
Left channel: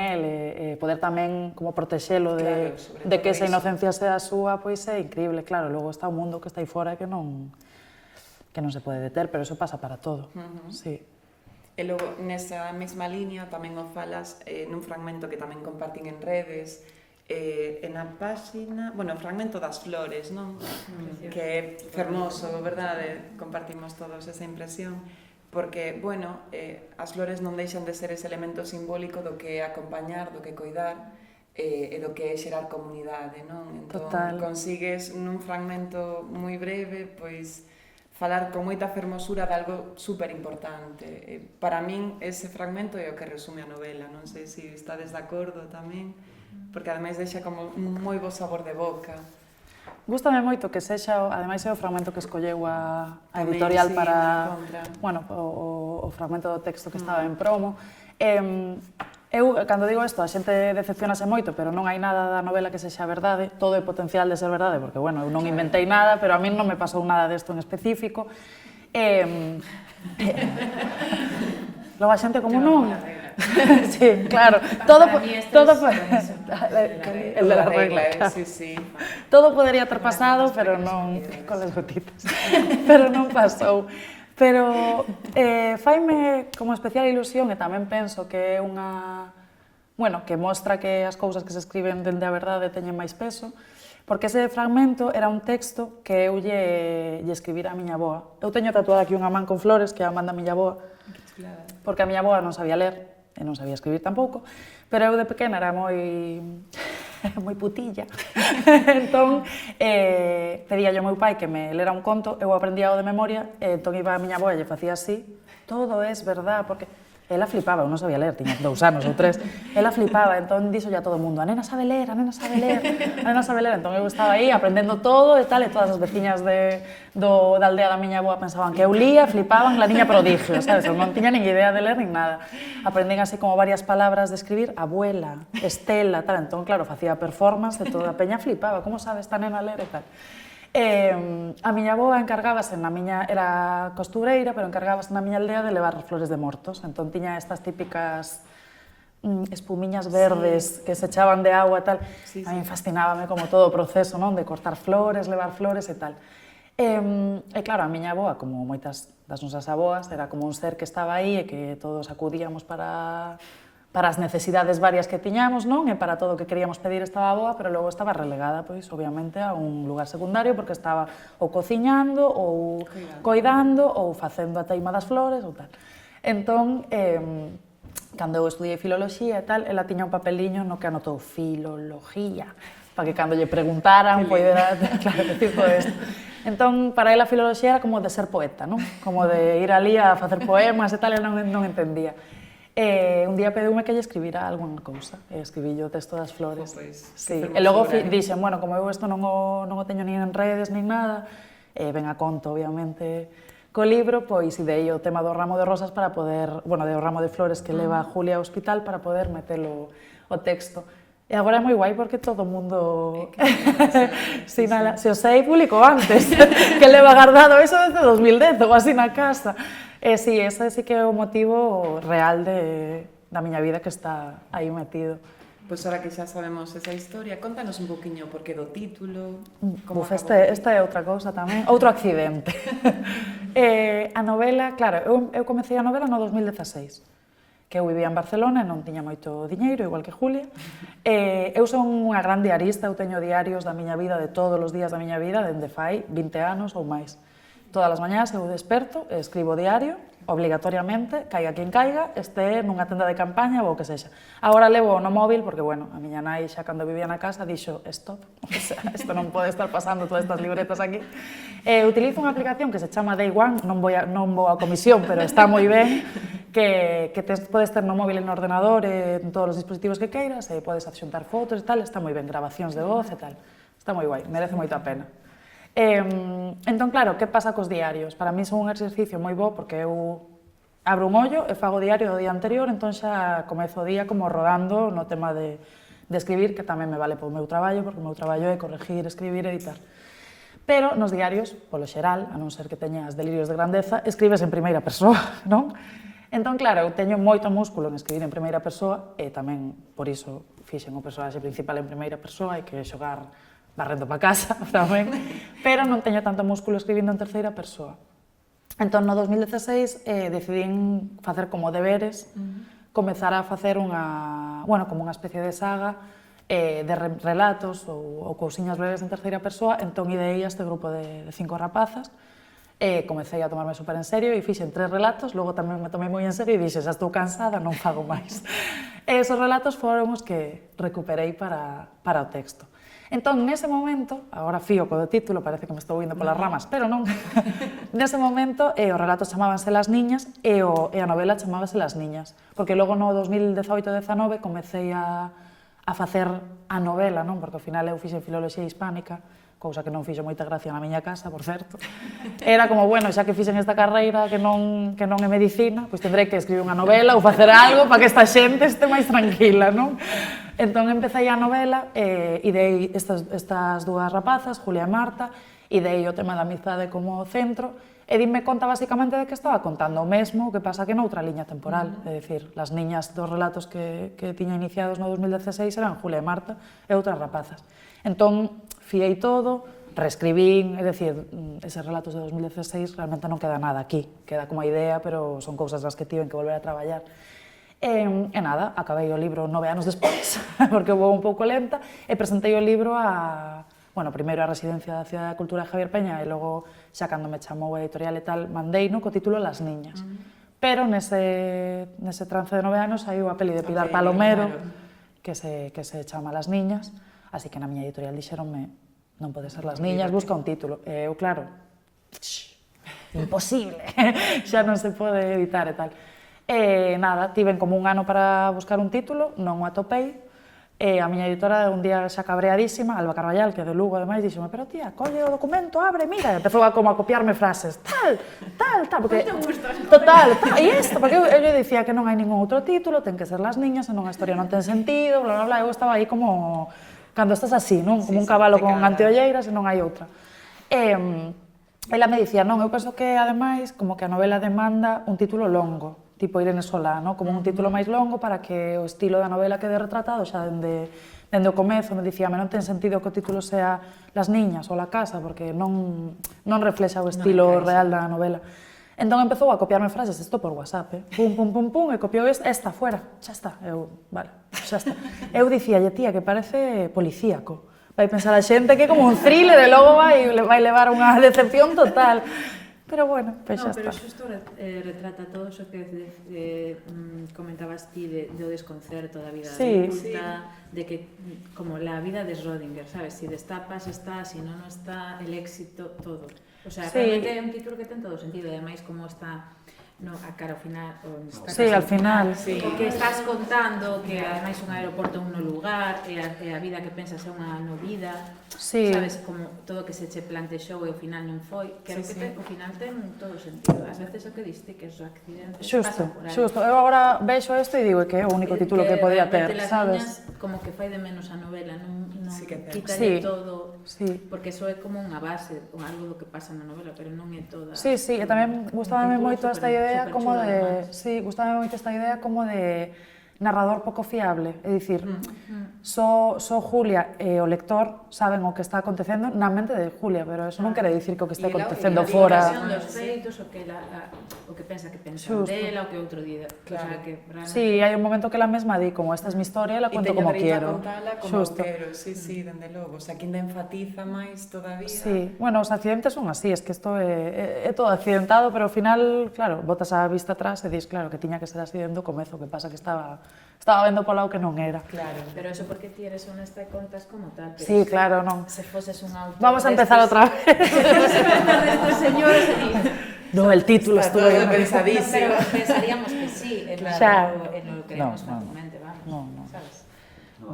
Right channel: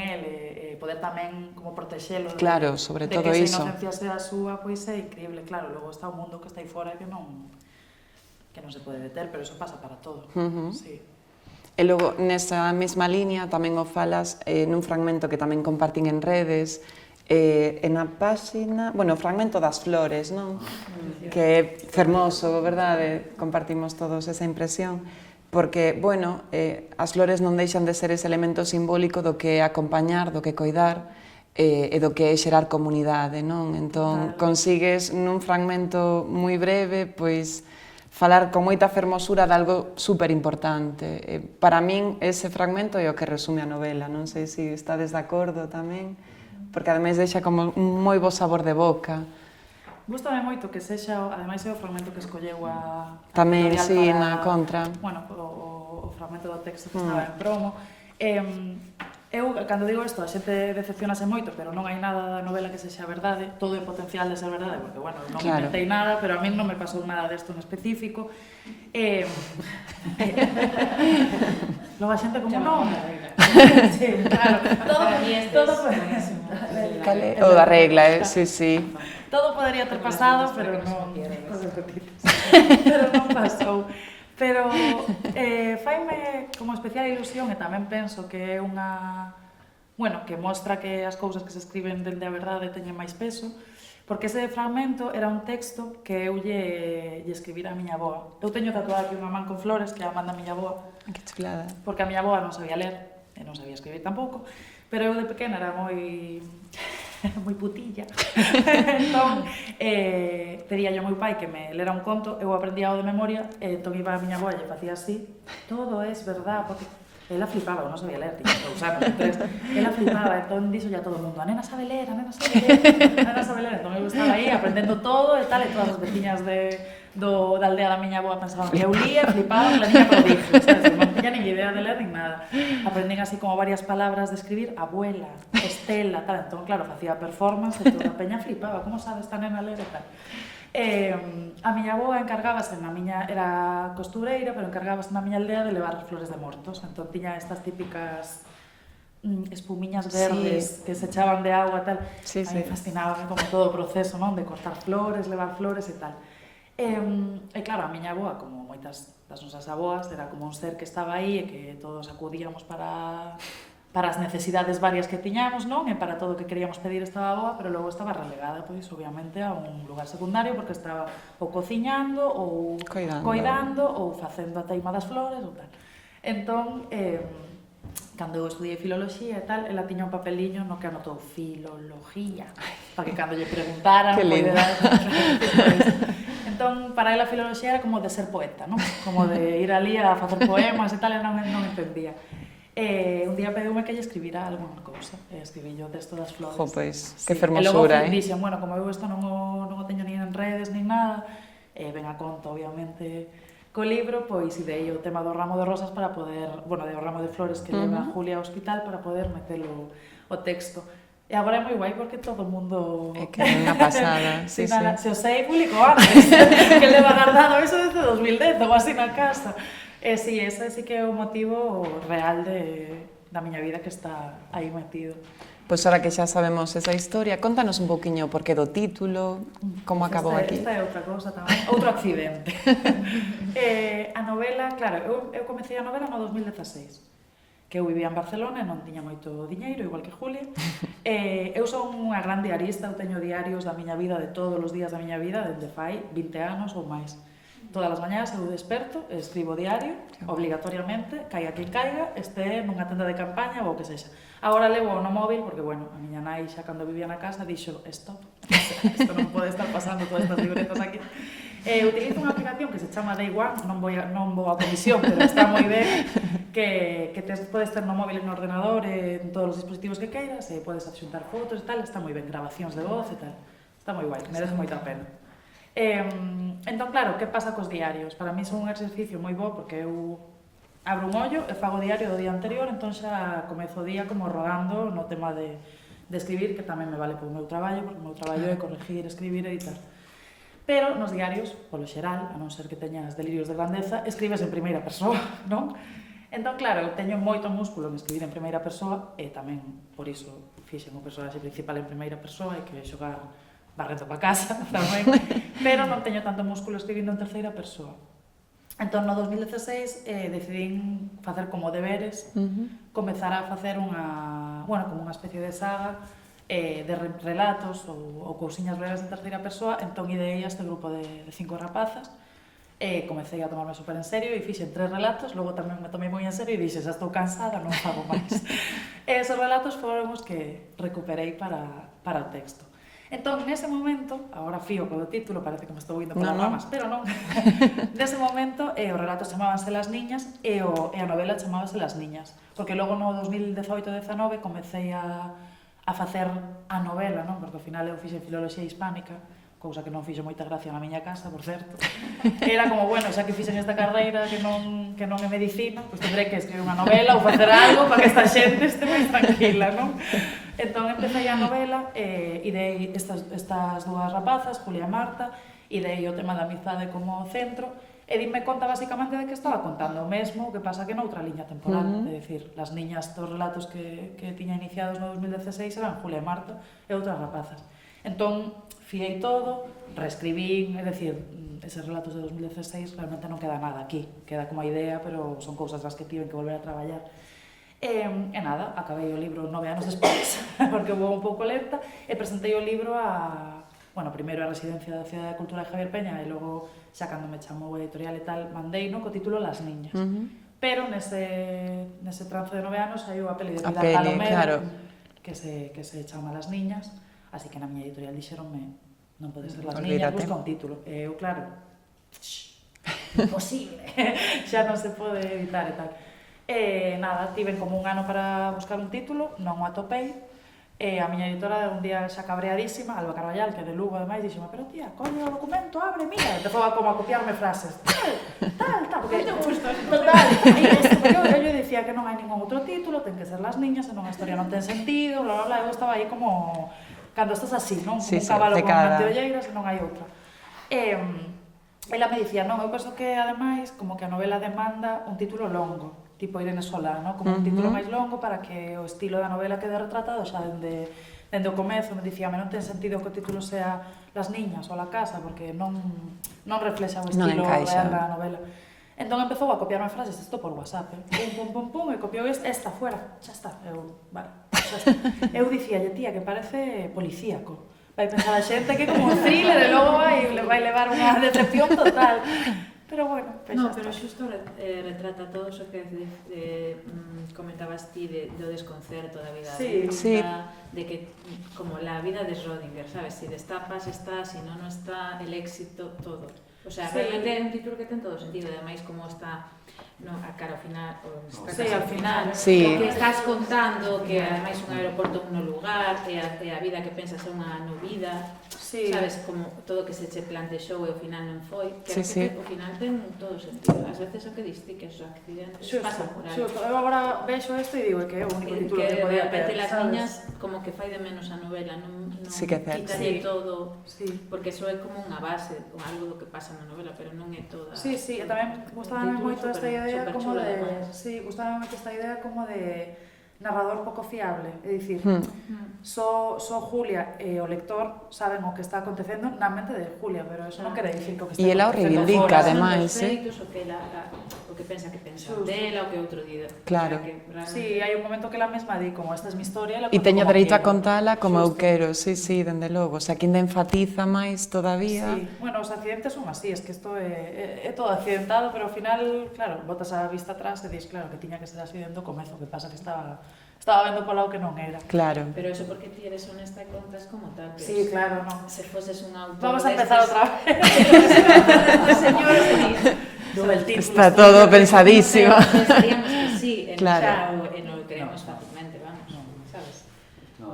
el e poder tamén como protexelo de que esa inocencia sea súa, pois é increíble, claro, logo está o mundo que está aí fora que non se pode deter, pero eso pasa para todo, sí. E logo, nesa mesma liña, tamén o falas nun fragmento que tamén compartín en redes, na páxina, bueno, o fragmento das flores, non? Que é fermoso, verdade? Compartimos todos esa impresión, porque, bueno, as flores non deixan de ser ese elemento simbólico do que é acompañar, do que coidar, e do que é xerar comunidade, non? Entón, consigues nun fragmento moi breve, pois, falar con moita fermosura de algo super importante. Para min, ese fragmento é o que resume a novela. Non sei se estades de acordo tamén, porque ademais deixa como un moi bo sabor de boca. Gústame moito que sexa, ademais é o fragmento que escolleu a editorial para... na Contra. Bueno, o fragmento do texto que estaba en promo. Eu, cando digo isto, a xente decepcionase moito, pero non hai nada da novela que sexa verdade, todo é potencial de ser verdade, porque, bueno, eu non inventei nada, pero a min non me pasou nada desto en específico. Logo a xente como non... Sí, claro, todo... O da regla, sí. Todo podería ter pasado, pero non... Cosas gotitas. Pero non pasou. Pero faime como especial ilusión e tamén penso que é unha... Bueno, que mostra que as cousas que se escriben dende a verdade teñen máis peso, porque ese fragmento era un texto que eu lle escribira a miña avoa. Eu teño tatuada aquí unha man con flores que a man da miña avoa, Que chulada. porque a miña avoa non sabía ler, e non sabía escribir tampouco, pero eu de pequena era moi moi putilla. Entón, pedía ao meu pai que me lera un conto, eu aprendía o de memoria, entón iba a miña avoa e lle facía así, todo es verdad, porque ela flipaba, eu non sabía ler, tiña 2 anos ou 3, ela flipaba, entón dixo ya todo o mundo, a nena sabe ler, a nena sabe ler, a nena sabe ler, entón eu estaba aí aprendendo todo e tal, e todas as veciñas da aldea da miña avoa pensaban que eu lía, flipaban, la niña prodigio, sabes, eu non tiña nin idea de ler nin nada. Aprendín así como varias palabras de escribir, abuela, Estela, tal, entón claro, facía performance e toda a peña flipaba, como sabe esta nena ler e tal. A miña avoa encargábase era costureira, pero encargábase na miña aldea de levar flores de mortos, entón tiña estas típicas espumiñas verdes que se echaban de agua e tal. A mí fascinábame como todo o proceso, non, de cortar flores, levar flores e tal. E claro, a miña avoa, como moitas das nosas avoas, era como un ser que estaba aí e que todos acudíamos para as necesidades varias que tiñamos, non? E para todo o que queríamos pedir estaba boa, pero logo estaba relegada, pois, obviamente, a un lugar secundario, porque estaba ou cociñando, ou coidando, ou facendo a teima das flores, ou tal. Entón, cando eu estudiei filoloxía e tal, ela tiña un papeliño no que anotou filoloxía, para que cando lle preguntaran, poidera, claro, tipo isto. Entón, para ela a filoloxía era como de ser poeta, non? Como de ir ali a facer poemas e tal, e non entendía. Un día pediume que lle escribira algunha cousa, e escribí o texto das flores. Jo, pois, que E fermosura, logo dixen, bueno, como eu isto non o teño nin en redes, nin nada, ven a conto, obviamente, co libro, pois idei o tema do ramo de rosas para poder, bueno, do ramo de flores que leva Julia ao hospital para poder metelo o texto. E agora é moi guai porque todo o mundo... É que é unha pasada. Se o sei, publicou antes, que leva guardado eso desde 2010 ou así na casa. Sí, ese sí que é o motivo real da miña vida que está aí metido. Pois ahora que xa sabemos esa historia, contanos un poquinho por que do título, como acabou aquí. Esta é outra cousa tamén, outro accidente. A novela, claro, eu comecei a novela no 2016, que eu vivía en Barcelona e non tiña moito diñeiro, igual que Julia. Eu son unha gran diarista, eu teño diarios da miña vida, de todos os días da miña vida, dende fai 20 anos ou máis. Todas as mañás eu desperto, escribo diario, obligatoriamente, caiga quen caiga, este nunha tenda de campaña ou o que sexa. Agora levo no móvil, porque, bueno, a miña nai xa cando vivía na casa dixo, stop, isto non pode estar pasando todas estas libretas aquí. Utilizo unha aplicación que se chama Day One, non vou a comisión, pero está moi ben, que podes ter no móvil e no ordenador, en todos os dispositivos que queiras, e podes adxuntar fotos e tal, está moi ben, grabacións de voz e tal. Está moi guai, merece moita pena. Entón, claro, que pasa cos diarios? Para mí son un exercicio moi bo porque eu abro un ollo e fago diario do día anterior, entón xa comezo o día como rodando no tema de escribir, que tamén me vale polo meu traballo, porque o meu traballo é corregir, escribir e editar. Pero nos diarios, polo xeral, a non ser que teñas delirios de grandeza, escribes en primeira persoa, non? Entón, claro, eu teño moito músculo en escribir en primeira persoa e tamén, por iso, fixen o personaxe principal en primeira persoa e que xogar barrendo para casa tamén, pero non teño tanto músculo escribindo en terceira persoa. Entón, no 2016, decidín facer como deberes, comezar a facer como unha especie de saga de relatos ou cousiñas breves en terceira persoa, entón ideei este grupo de 5 rapazas, comecei a tomarme super en serio e fixen 3 relatos, logo tamén me tomei moi en serio e dixe, xa estou cansada, non fago máis. E esos relatos foron os que recuperei para o texto. Entón, nese momento, agora fío co do título, parece que me estou indo polas ramas, pero non. Nese momento, os relatos chamábanse Las Niñas e a novela chamábase Las Niñas, porque logo no 2018-19 comecei a facer a novela, non? Porque ao final eu fixen filoloxía hispánica, cousa que non fixo moita gracia na miña casa, por certo. Era como, bueno, xa que fixen esta carreira que non é medicina, pois tendrei que escribir unha novela ou facer algo para que esta xente este máis tranquila, non? Entón, empecé a novela e dei estas 2 rapazas, Julia e Marta, e dei o tema da amizade como centro, e dime conta basicamente de que estaba contando o mesmo, o que pasa que noutra liña temporal, é dicir, Las Niñas dos relatos que tiña iniciados no 2016 eran Julia e Marta e outras rapazas. Entón, fiei todo, reescribín, é dicir, eses relatos de 2016 realmente non queda nada aquí, queda como a idea, pero son cousas das que tiven que volver a traballar. E nada, acabei o libro 9 anos despois, porque vou un pouco lenta, e presentei o libro a bueno, primeiro a residencia da Cidade da Cultura de Javier Peña e logo, xa cando me chamou a editorial e tal, mandeino co título Las Niñas. Pero nese trance de 9 anos saiu a peli de Pilar Palomero, que se chama Las Niñas, así que na miña editorial dixeronme non pode ser Las Niñas, busca un título. E eu, claro, imposible, xa non se pode evitar e tal. E nada, tiven como un ano para buscar un título, non o atopei, e a miña editora un día xa cabreadísima, Alba Carvallal, que é de Lugo ademais, dixome, pero tía, colle o documento, abre, mira, te foi como a copiarme frases, tal, porque... Total, e isto, porque eu dicía que non hai ningún outro título, ten que ser Las Niñas, senón a historia non ten sentido, bla, bla, bla, eu estaba aí como... Cando estás así, non? Como un cabalo con anteolleiras e non hai outra. E ela me dicía, non, eu penso que ademais como que a novela demanda un título longo, tipo Irene Solá, non? Como un título máis longo para que o estilo da novela quede retratado xa dende o comezo. Me dicía, non ten sentido que o título sea Las Niñas ou La Casa, porque non reflexa o estilo real da novela. Entón empezou a copiarme frases, isto por WhatsApp, pum, e copiou esta fuera, xa está. Eu, vale, xa está. Eu dicía, tía, que parece policíaco. Vai pensar a xente que é como un thriller e logo vai levar unha decepción total. Pero bueno, pues no, xa pero está. xusto retrata todo iso que comentabas ti do desconcerto da vida adulta, de que como la vida de Schrödinger, sabes, si destapas está, si non está, el éxito, todo. O sea, realmente é un título que ten todo sentido, ademais como está a cara ao final, al final, que estás contando que ademais un aeroporto un no lugar e a vida que pensas é unha no vida, sabes, como todo que se che plantexou e ao final non foi, que ao final ten todo sentido. Ás veces o que diste que os accidentes pasan por aí. Xusto, eu agora vexo isto e digo que é o único título que podía ter, Las Niñas como que fai de menos a novela, non quitalle todo, porque eso é como unha base, ou algo do que pasa na novela, pero non é toda. Sí, e tamén gustábame moito esta idea como de, gustábame moito esta idea como de narrador pouco fiable, é dicir, só Julia e o lector saben o que está acontecendo na mente de Julia, pero eso non quere dicir que o que está acontecendo fora, ademais, o que pensa dela, o que outro día. Claro. Sí, hai un momento que ela mesma di como esta é mi historia, ela conto como quero. E teño dereito a contala como eu quero, dende logo. O sea, que ainda enfatiza máis todavía. Sí, bueno, os accidentes son así, es que isto é todo accidentado, pero ao final, claro, botas a vista atrás e dis, claro, que tiña que ser así dentro do comezo, que pasa que estaba vendo polo lado que non era. Claro. Pero eso porque ti eres honesta e contas como tal. Sí, claro, non. Se foses un autor... Vamos a empezar outra vez. Vamos a empezar estos señores e no, el título está todo pensadísimo. Pensaríamos que sí, en o que queremos fácilmente, vamos, sabes? No,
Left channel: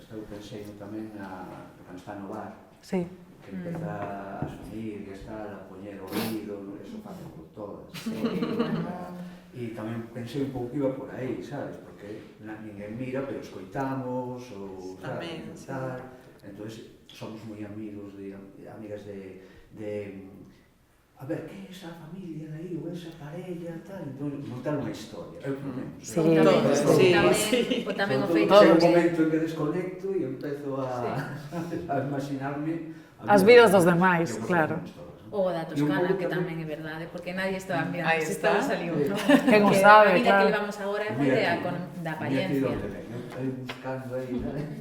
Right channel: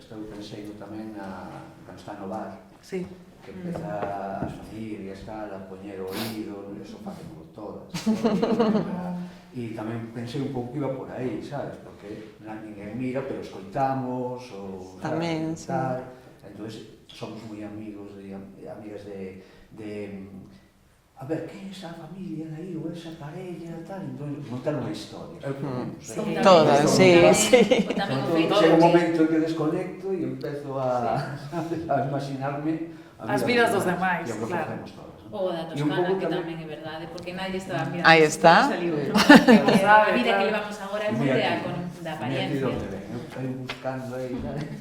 estou pensando tamén cando está no bar, que empeza a soñir e a poñer o oído, eso facemos todas. E tamén pensei un pouco que iba por aí, sabes? Porque ninguén mira, pero escoitamos, ou tamén, tal. Entón, somos moi amigos e amigas de a ver, que é esa familia aí, ou esa parella, tal, entón, montar unha historia. Sí, todas, sí. O tamén o feito. Chega un momento en que desconecto e empezo a imaginarme as vidas dos demais, claro. Ou da Toscana, que tamén é verdade, porque nadie estaba mirando. Aí está. Quen o sabe, a vida que levamos agora é moi da apariencia. Aí buscando aí,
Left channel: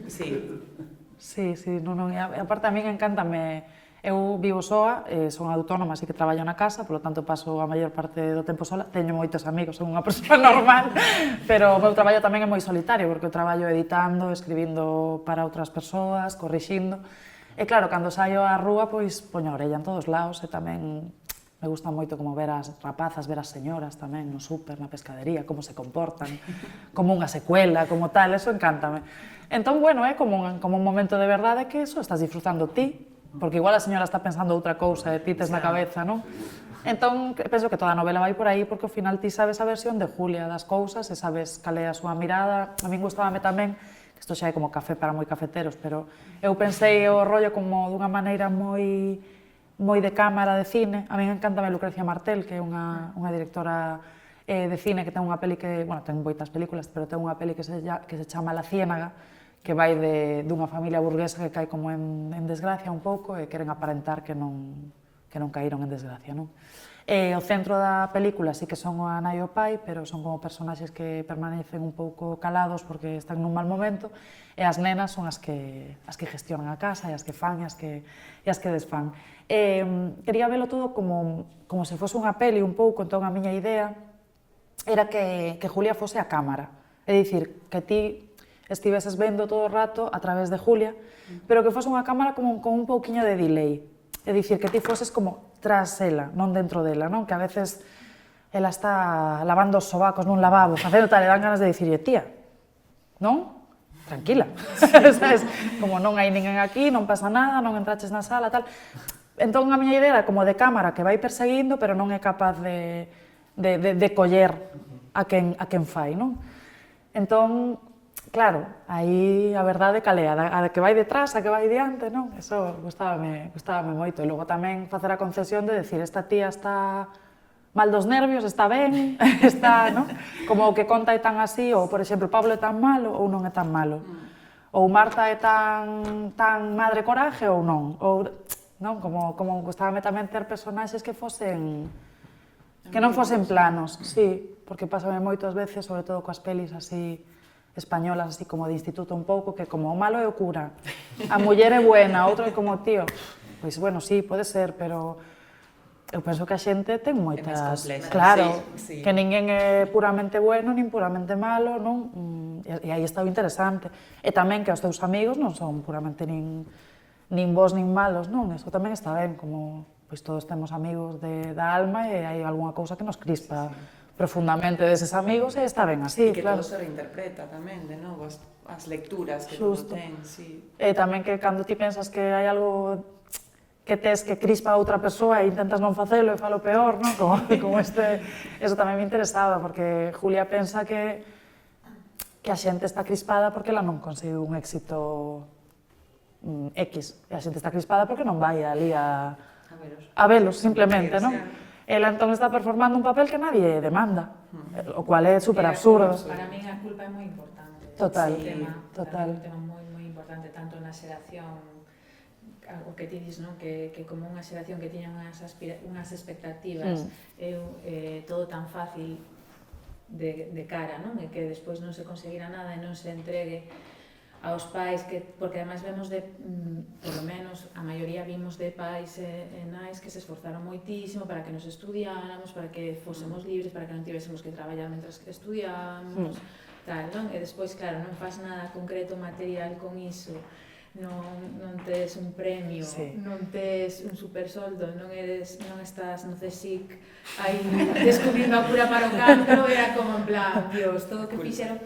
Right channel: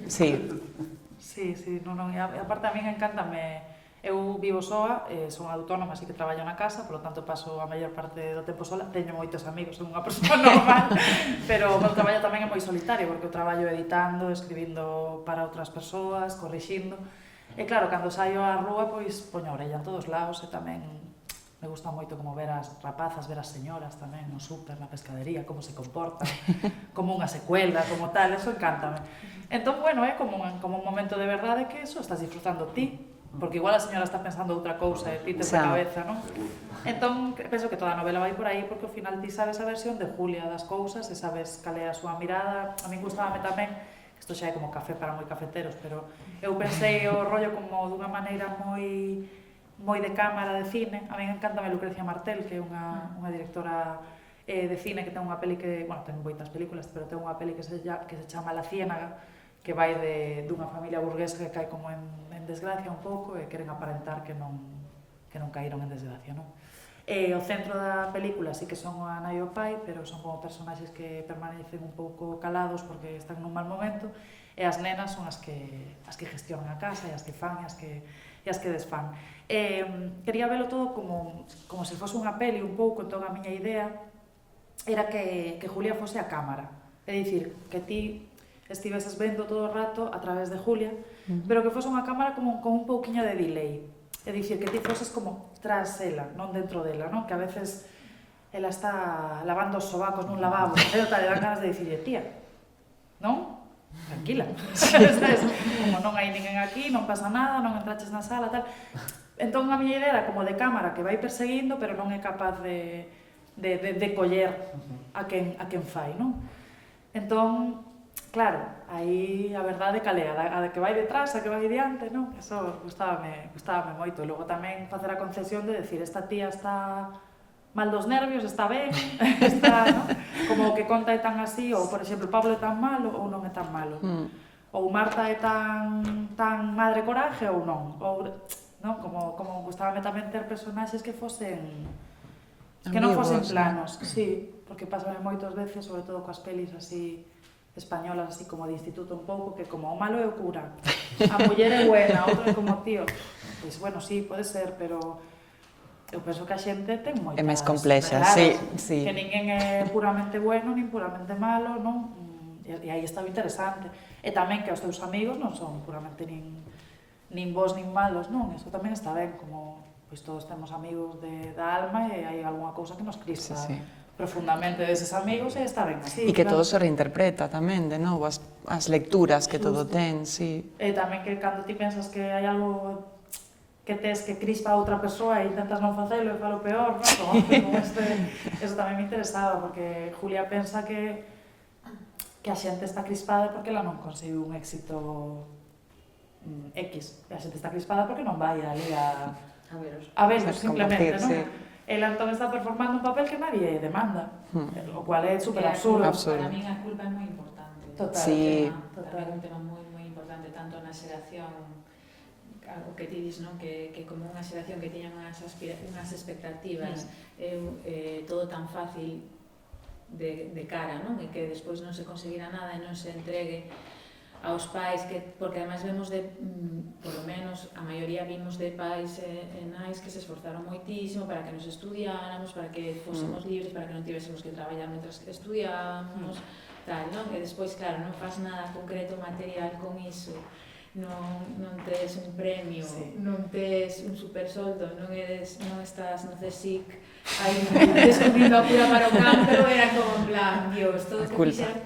Sí, non, e aparte a mí encántame. Eu vivo soa, son autónoma, así que traballo na casa, polo tanto paso a maior parte do tempo sola. Teño moitos amigos, son unha persoa normal, pero o meu traballo tamén é moi solitario, porque eu traballo editando, escribindo para outras persoas, corrixindo. E claro, cando saio á rúa, pois poño a orella en todos lados e tamén me gusta moito como ver as rapazas, ver as señoras tamén no súper, na pescadería, como se comportan, como unha secuela, como tal, eso encántame. Entón, bueno, é como un momento de verdade que eso estás disfrutando ti, porque igual a señora está pensando outra cousa e ti tes na cabeza, non? Entón, penso que toda a novela vai por aí porque ao final ti sabes a versión de Julia das cousas e sabes cal é a súa mirada. A min gustábame tamén, isto xa é como café para moi cafeteros, pero eu pensei o rollo como dunha maneira moi de cámara de cine. A min encantame Lucrecia Martel, que é unha directora de cine que ten unha peli que, bueno, ten moitas películas, pero ten unha peli que se chama La Ciénaga, que vai dunha familia burguesa que cae como en desgracia un pouco e queren aparentar que non caíron en desgracia, non? O centro da película sí que son a nai e o pai, pero son como personaxes que permanecen un pouco calados porque están nun mal momento, e as nenas son as que gestionan a casa e as que fan e as que desfan. Quería velo todo como se fose unha peli un pouco, entón a miña idea era que Julia fose a cámara, é dicir, que ti estiveses vendo todo o rato a través de Julia, pero que fose unha cámara como con un pouquiño de delay. É dicir, que ti foses como tras ela, non dentro dela, non? Que a veces ela está lavando os sobacos nun lavabo, facendo tal, e dan ganas de dicirle, tía, non? Tranquila. Como non hai ninguén aquí, non pasa nada, non entraches na sala, tal. Entón, a miña idea era como de cámara que vai perseguindo, pero non é capaz de coller a quen fai, non? Entón, claro, aí a verdade calea, a que vai detrás, a que vai diante, non? Eso gustábame moito. E logo tamén facer a concesión de decir, esta tía está mal dos nervios, está ben, está, non? Como o que conta é tan así, ou, por exemplo, Pablo é tan malo ou non é tan malo. Ou Marta é tan madre coraje ou non. Ou, non? Como gustábame tamén ter personaxes que fosen... que non fosen planos, sí, porque pásame moitas veces, sobre todo coas pelis así españolas, así como de instituto un pouco, que como o malo é o cura, a muller é buena, outro é como tío. Pois, bueno, sí, pode ser, pero eu penso que a xente ten moitas... É máis complexa, claro, sí. Que ninguén é puramente bueno, nin puramente malo, non? E aí está o interesante. E tamén que os teus amigos non son puramente nin bons nin malos, non? Eso tamén está ben, como pois todos temos amigos da alma e hai algunha cousa que nos crispa profundamente deses amigos e está ben así. E que todo se reinterpreta tamén, de novo, as lecturas que todo ten, sí. E tamén que cando ti pensas que hai algo que tes que crispa a outra persoa e intentas non facelo e falo peor, non? Como eso tamén me interesaba, porque Julia pensa que a xente está crispada porque ela non consigue un éxito X, e a xente está crispada porque non vai ali a velos, simplemente, non? Ela entón está performando un papel que nadie demanda, o cual é super absurdo. Para min a culpa é moi importante. Total, total. É un tema moi importante, tanto na xeración, o que ti dis, non? Que como unha xeración que tiña unhas expectativas, todo tan fácil de cara, non? E que despois non se conseguira nada e non se entregue aos pais, porque ademais vemos por lo menos, a maioría vimos de pais e nais que se esforzaron moitísimo para que nos estudiáramos, para que fósemos libres, para que non tivésemos que traballar mentras que estudiábamos, tal, non? E despois, claro, non faz nada concreto material con iso, non tes un premio, non tes un supersoldo, non estás no CSIC aí descubrindo a cura para o cancro, era como en plan, Dios, todo o que fixeron.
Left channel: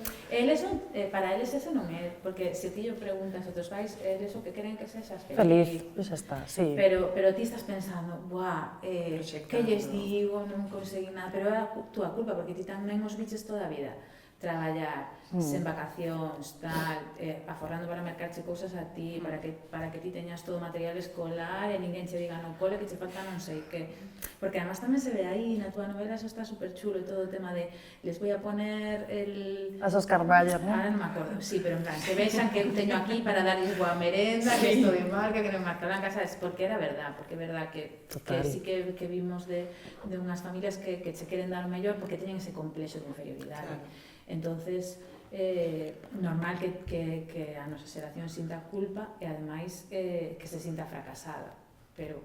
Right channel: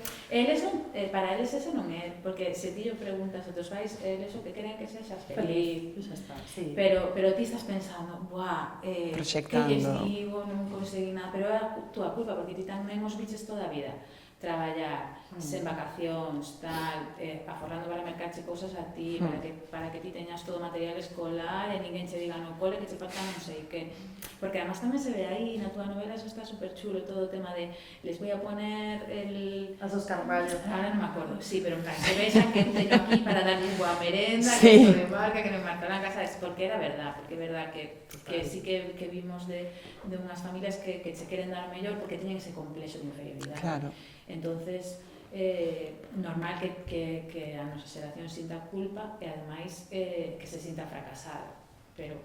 Para eles eso non é, porque se ti yo preguntas a teus pais, eles o que queren que sexas feliz. Xa está, sí. Pero ti estás pensando, buah, que lles digo, non consegui nada, pero é a túa culpa, porque ti tamén os biches toda a vida. Traballar, sen vacacións, tal, aforrando para mercarche cousas a ti, para que ti teñas todo material escolar e ninguén che diga no cole que che falta non sei que. Porque además tamén se ve aí, na túa novela, eso está super chulo, todo o tema de les voy a poner As Carballo, ¿no? Ahora non me acordo, sí, pero en plan, se vexan que teño aquí para darles boa merenda, que isto de marca, que non marcarán casa, es porque era verdad, porque é verdad que sí que vimos de unhas familias que che queren dar o mellor porque teñen ese complexo de inferioridade. Claro. Entonces, normal que a nosa xeración sinta culpa e ademais que se sinta fracasada, pero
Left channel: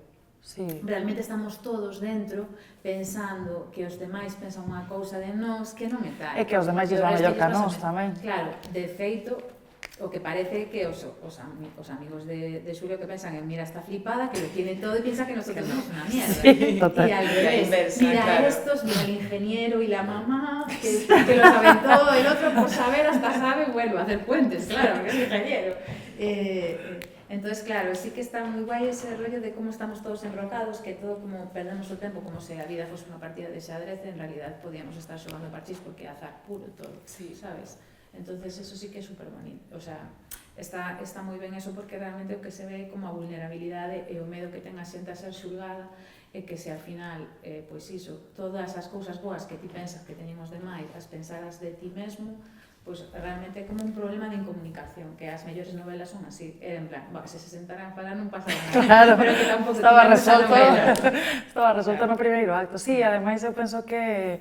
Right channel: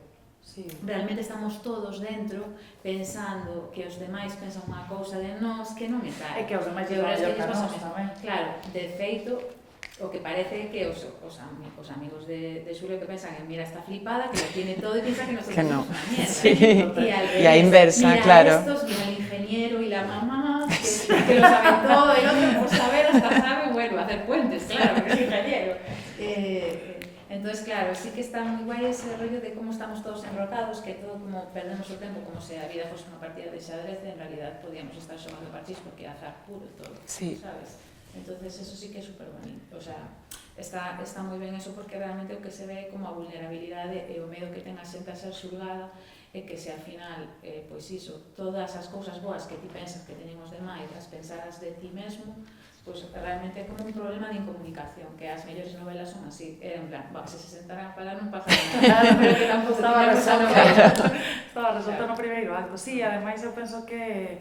realmente estamos todos dentro pensando que os demais pensan unha cousa de nós que non é tal. E que os demais lles van mellor que a nós tamén. Claro, de feito, o que parece que os amigos de Xulio que pensan en mira, está flipada, que lo tiene todo y piensa que nosotros somos una mierda. Sí, y al revés, la inversa, mira claro. Estos, mira el ingeniero y la mamá, que lo saben todo, el otro por saber hasta sabe, bueno, hacer puentes, claro, porque es ingeniero. Entonces, claro, sí que está moi guai ese rollo de como estamos todos enrocados, que todo como perdemos o tempo como se a vida fose unha partida de xadrez, en realidad podíamos estar xogando parchís porque é azar puro todo, sabes? Entonces eso sí que é super bonito, o sea, está moi ben eso porque realmente o que se ve como a vulnerabilidade e o medo que ten a xente a ser xulgada e que se ao final, pois iso, todas as cousas boas que ti pensas que teñen os demais, as pensaras de ti mesmo, pois realmente é como un problema de incomunicación, que as mellores novelas son así, en plan, se se sentaran a falar non pasa nada, Claro, pero que tampouco estaba tiñan esa novela. resolto no primeiro acto. Sí, ademais eu penso que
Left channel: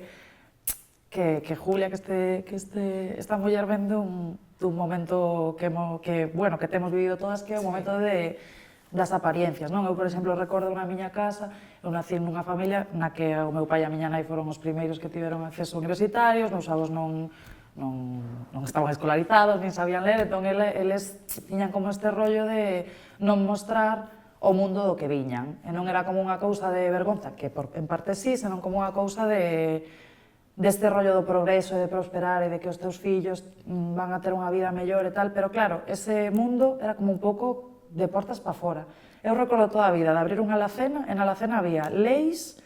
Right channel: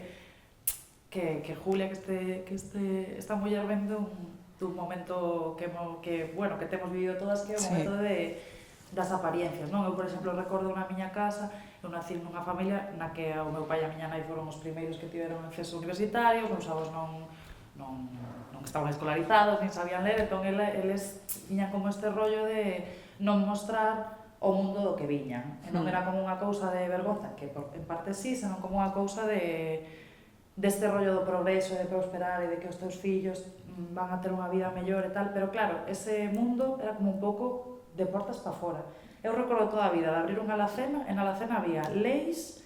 Julia, que esta muller ven dun momento que temos vivido todas, que é o momento das apariencias, non? Eu, por exemplo, recordo na miña casa, eu nací nunha familia na que o meu pai e a miña nai foron os primeiros que tiveron acceso universitario, os meus avós non estaban escolarizados, nin sabían ler, entón eles tiñan como este rollo de non mostrar o mundo do que viñan. E non era como unha cousa de vergonza, que en parte sí, senón como unha cousa deste rollo do progreso e de prosperar e de que os teus fillos van a ter unha vida mellor e tal, pero claro, ese mundo era como un pouco de portas para fora. Eu recordo toda a vida de abrir unha alacena, e na alacena había leis,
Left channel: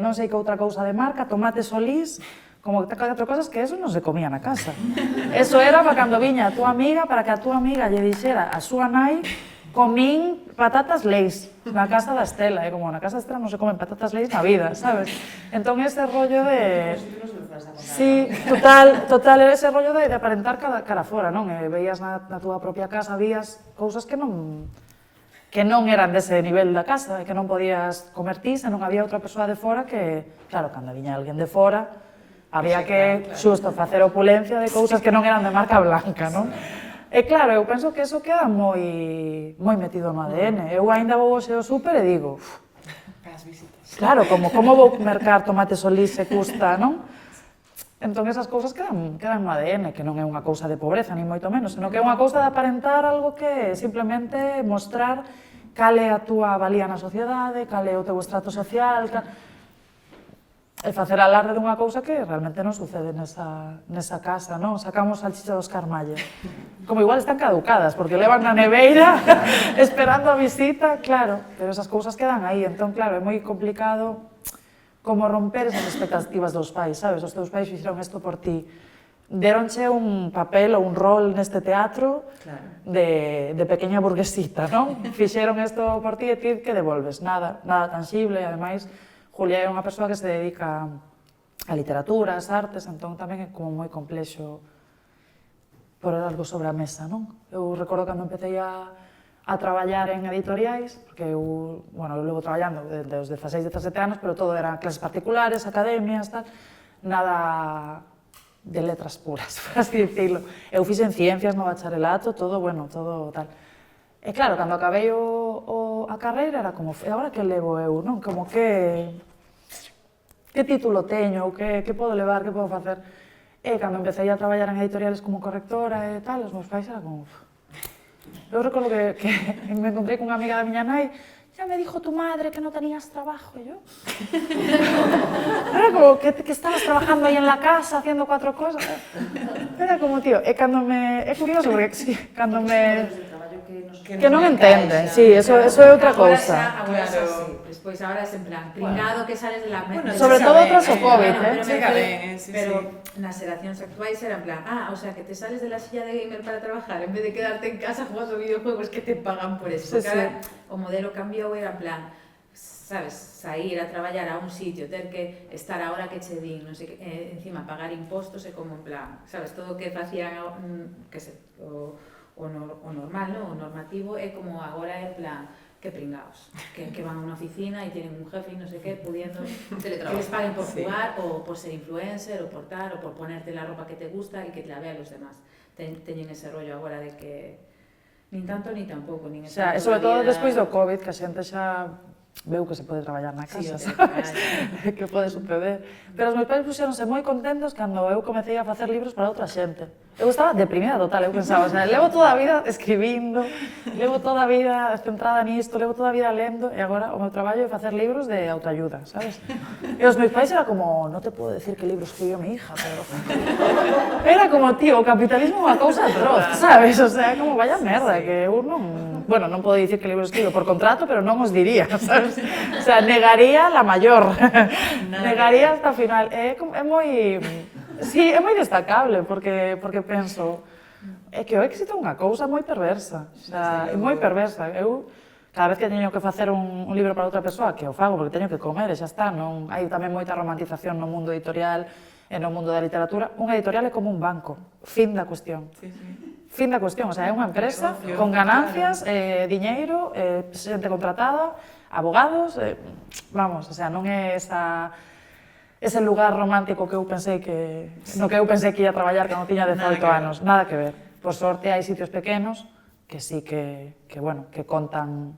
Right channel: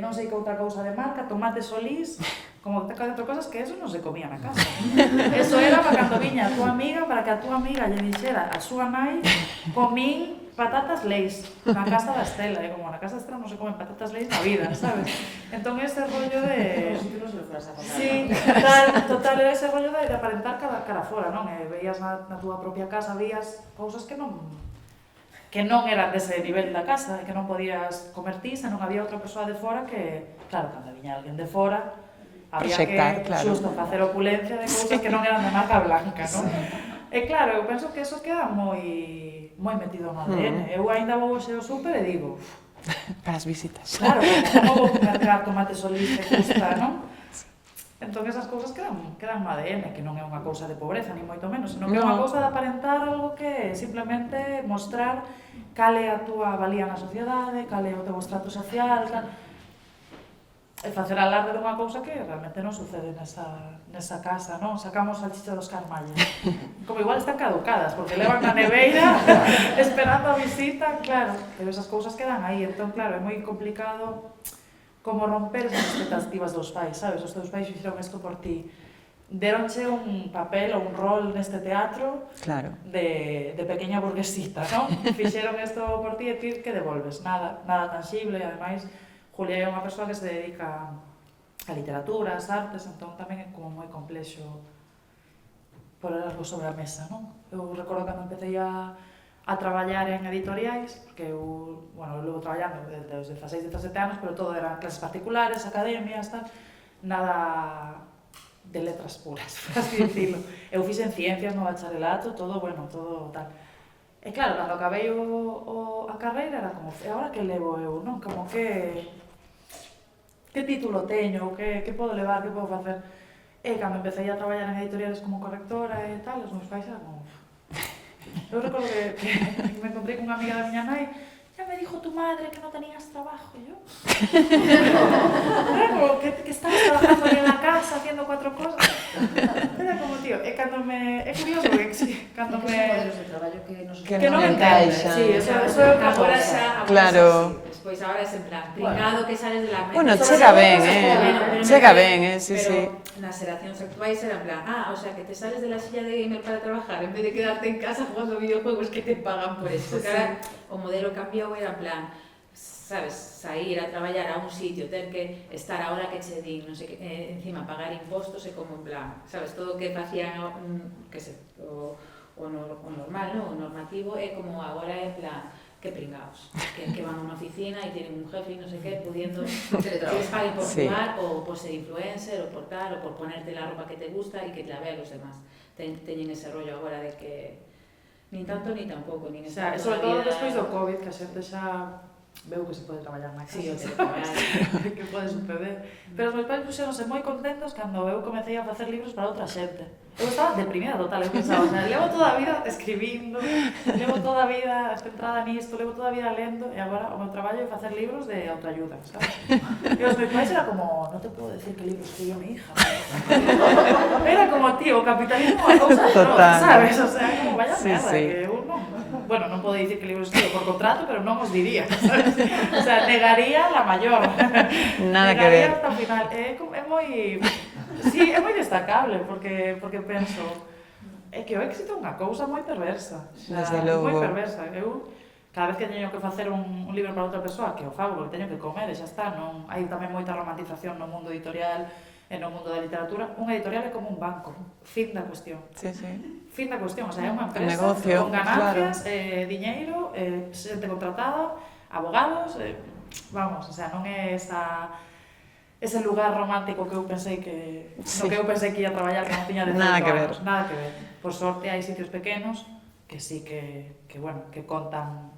non sei que outra cousa de marca, tomates solís, como 4 cosas que eso non se comía na casa. Eso era para cando viña a túa amiga, para que a túa amiga lle dixera a súa nai, comín patatas leis na casa da Estela, e como na casa da Estela non se comen patatas leis na vida, sabes? Entón ese rollo de... Sí, total, era ese rollo de aparentar cara fora, non? E veías na túa propia casa, vías cousas que non eran dese nivel da casa, que non podías comer ti, se non había outra persoa de fora que, claro, cando viña alguén de fora, había que xusto facer opulencia de cousas que non eran de marca blanca, non? E claro, eu penso que eso queda moi metido no ADN. Eu ainda vou hoxe ao súper e digo, para as visitas. Claro, como vou mercar tomate solís que custa, non? Entón esas cousas quedan no ADN, que non é unha cousa de pobreza, ni moito menos, senón que é unha cousa de aparentar algo que simplemente mostrar cal é a túa valía na sociedade, cal é o teu estrato social, e facer alarde dunha cousa que realmente non sucede nesa casa, non? Sacamos salchicha dos Carmalles. Como igual están caducadas, porque levan na neveira esperando a visita, claro, pero esas cousas quedan aí, entón, claro, é moi complicado como romper esas expectativas dos pais, sabes? Os teus pais fixeron isto por ti. Deronche un papel ou un rol neste teatro de pequeña burguesita, non? Fixeron isto por ti e ti que devolves? Nada tangible, e ademais Julia é unha persoa que se dedica a literatura, ás artes, entón tamén é como moi complexo poner algo sobre a mesa, non? Eu recordo cando empecé a traballar en editoriais, porque eu levo traballando desde os 16, 17 anos, pero todo eran clases particulares, academias, tal, nada de letras puras, por así dicilo. Eu fixen ciencias no bacharelato, todo tal. E claro, cando acabei a carreira era como, e agora que levo eu, non? Como que título teño, que podo levar, que podo facer? E cando empecé a traballar en editoriales como correctora e tal, os meus pais eran como... Eu recordo que me encontrei con unha amiga da miña nai, ya me dijo tu madre que no tenías trabajo, e yo... Era como que estabas trabajando aí en la casa, haciendo 4 cosas. Era como, tío, é curioso, porque cando me... Que non entende, sí, eso é outra cousa. Claro. Despois, agora é en plan, pringado que sales de la mente. Bueno, chega ben, sí. Pero nas xeracións actuais era en plan, o sea, que te sales de la silla de gamer para trabajar, en vez de quedarte en casa jugando videojuegos que te pagan por eso. Porque o modelo cambiou, era en plan, sabes, sair a traballar a un sitio, ter que estar a hora que che din, non sei que, encima pagar impostos é como en plan, sabes, todo o que facían o normal, non? O normativo é como agora é en plan, que pringaos, que van a unha oficina e tienen un jefe e non sei que, pudiendo que les paguen por jugar, ou por ser influencer, ou por tal, ou por ponerte la ropa que te gusta e que te la vean los demás. Teñen ese rollo agora de que nin tanto ni tampouco, nin está sobre todo despois do COVID, que a xente xa veu que se pode traballar na casa, que pode suceder. Pero os meus pais puxeronse moi contentos cando eu comecei a facer libros para outra xente. Eu estaba deprimida total, eu pensaba, levo toda a vida escribindo, levo toda a vida centrada nisto, levo toda a vida lendo, e agora o meu traballo é facer libros de autoayuda, sabes? E os meus pais era como, non te puedo decir que libro escribió mi hija. Era como, tío, o capitalismo é unha cousa atroz, sabes? O sea, como vaya merda, que eu non... Bueno, non podo dicir que libro escribo por contrato, pero non os diría, sabes? O sea, negaría la mayor. Negaría hasta o final. É moi... Sí, é moi destacable, porque penso... É que o éxito é unha cousa moi perversa. É moi perversa. Eu cada vez que teño que facer un libro para outra persoa, que o fago porque teño que comer e xa está, non hai tamén moita romantización no mundo editorial e no mundo da literatura. Un editorial é como un banco, fin da cuestión. Sí, sí. Fin da cuestión, o sea, é unha empresa con ganancias, diñeiro, xente contratada, abogados, vamos, o sea, non é ese lugar romántico que eu pensei que no que eu pensei que ia traballar cando tiña 18 anos, nada que ver. Por sorte hai sitios pequenos que sí que bueno, que contan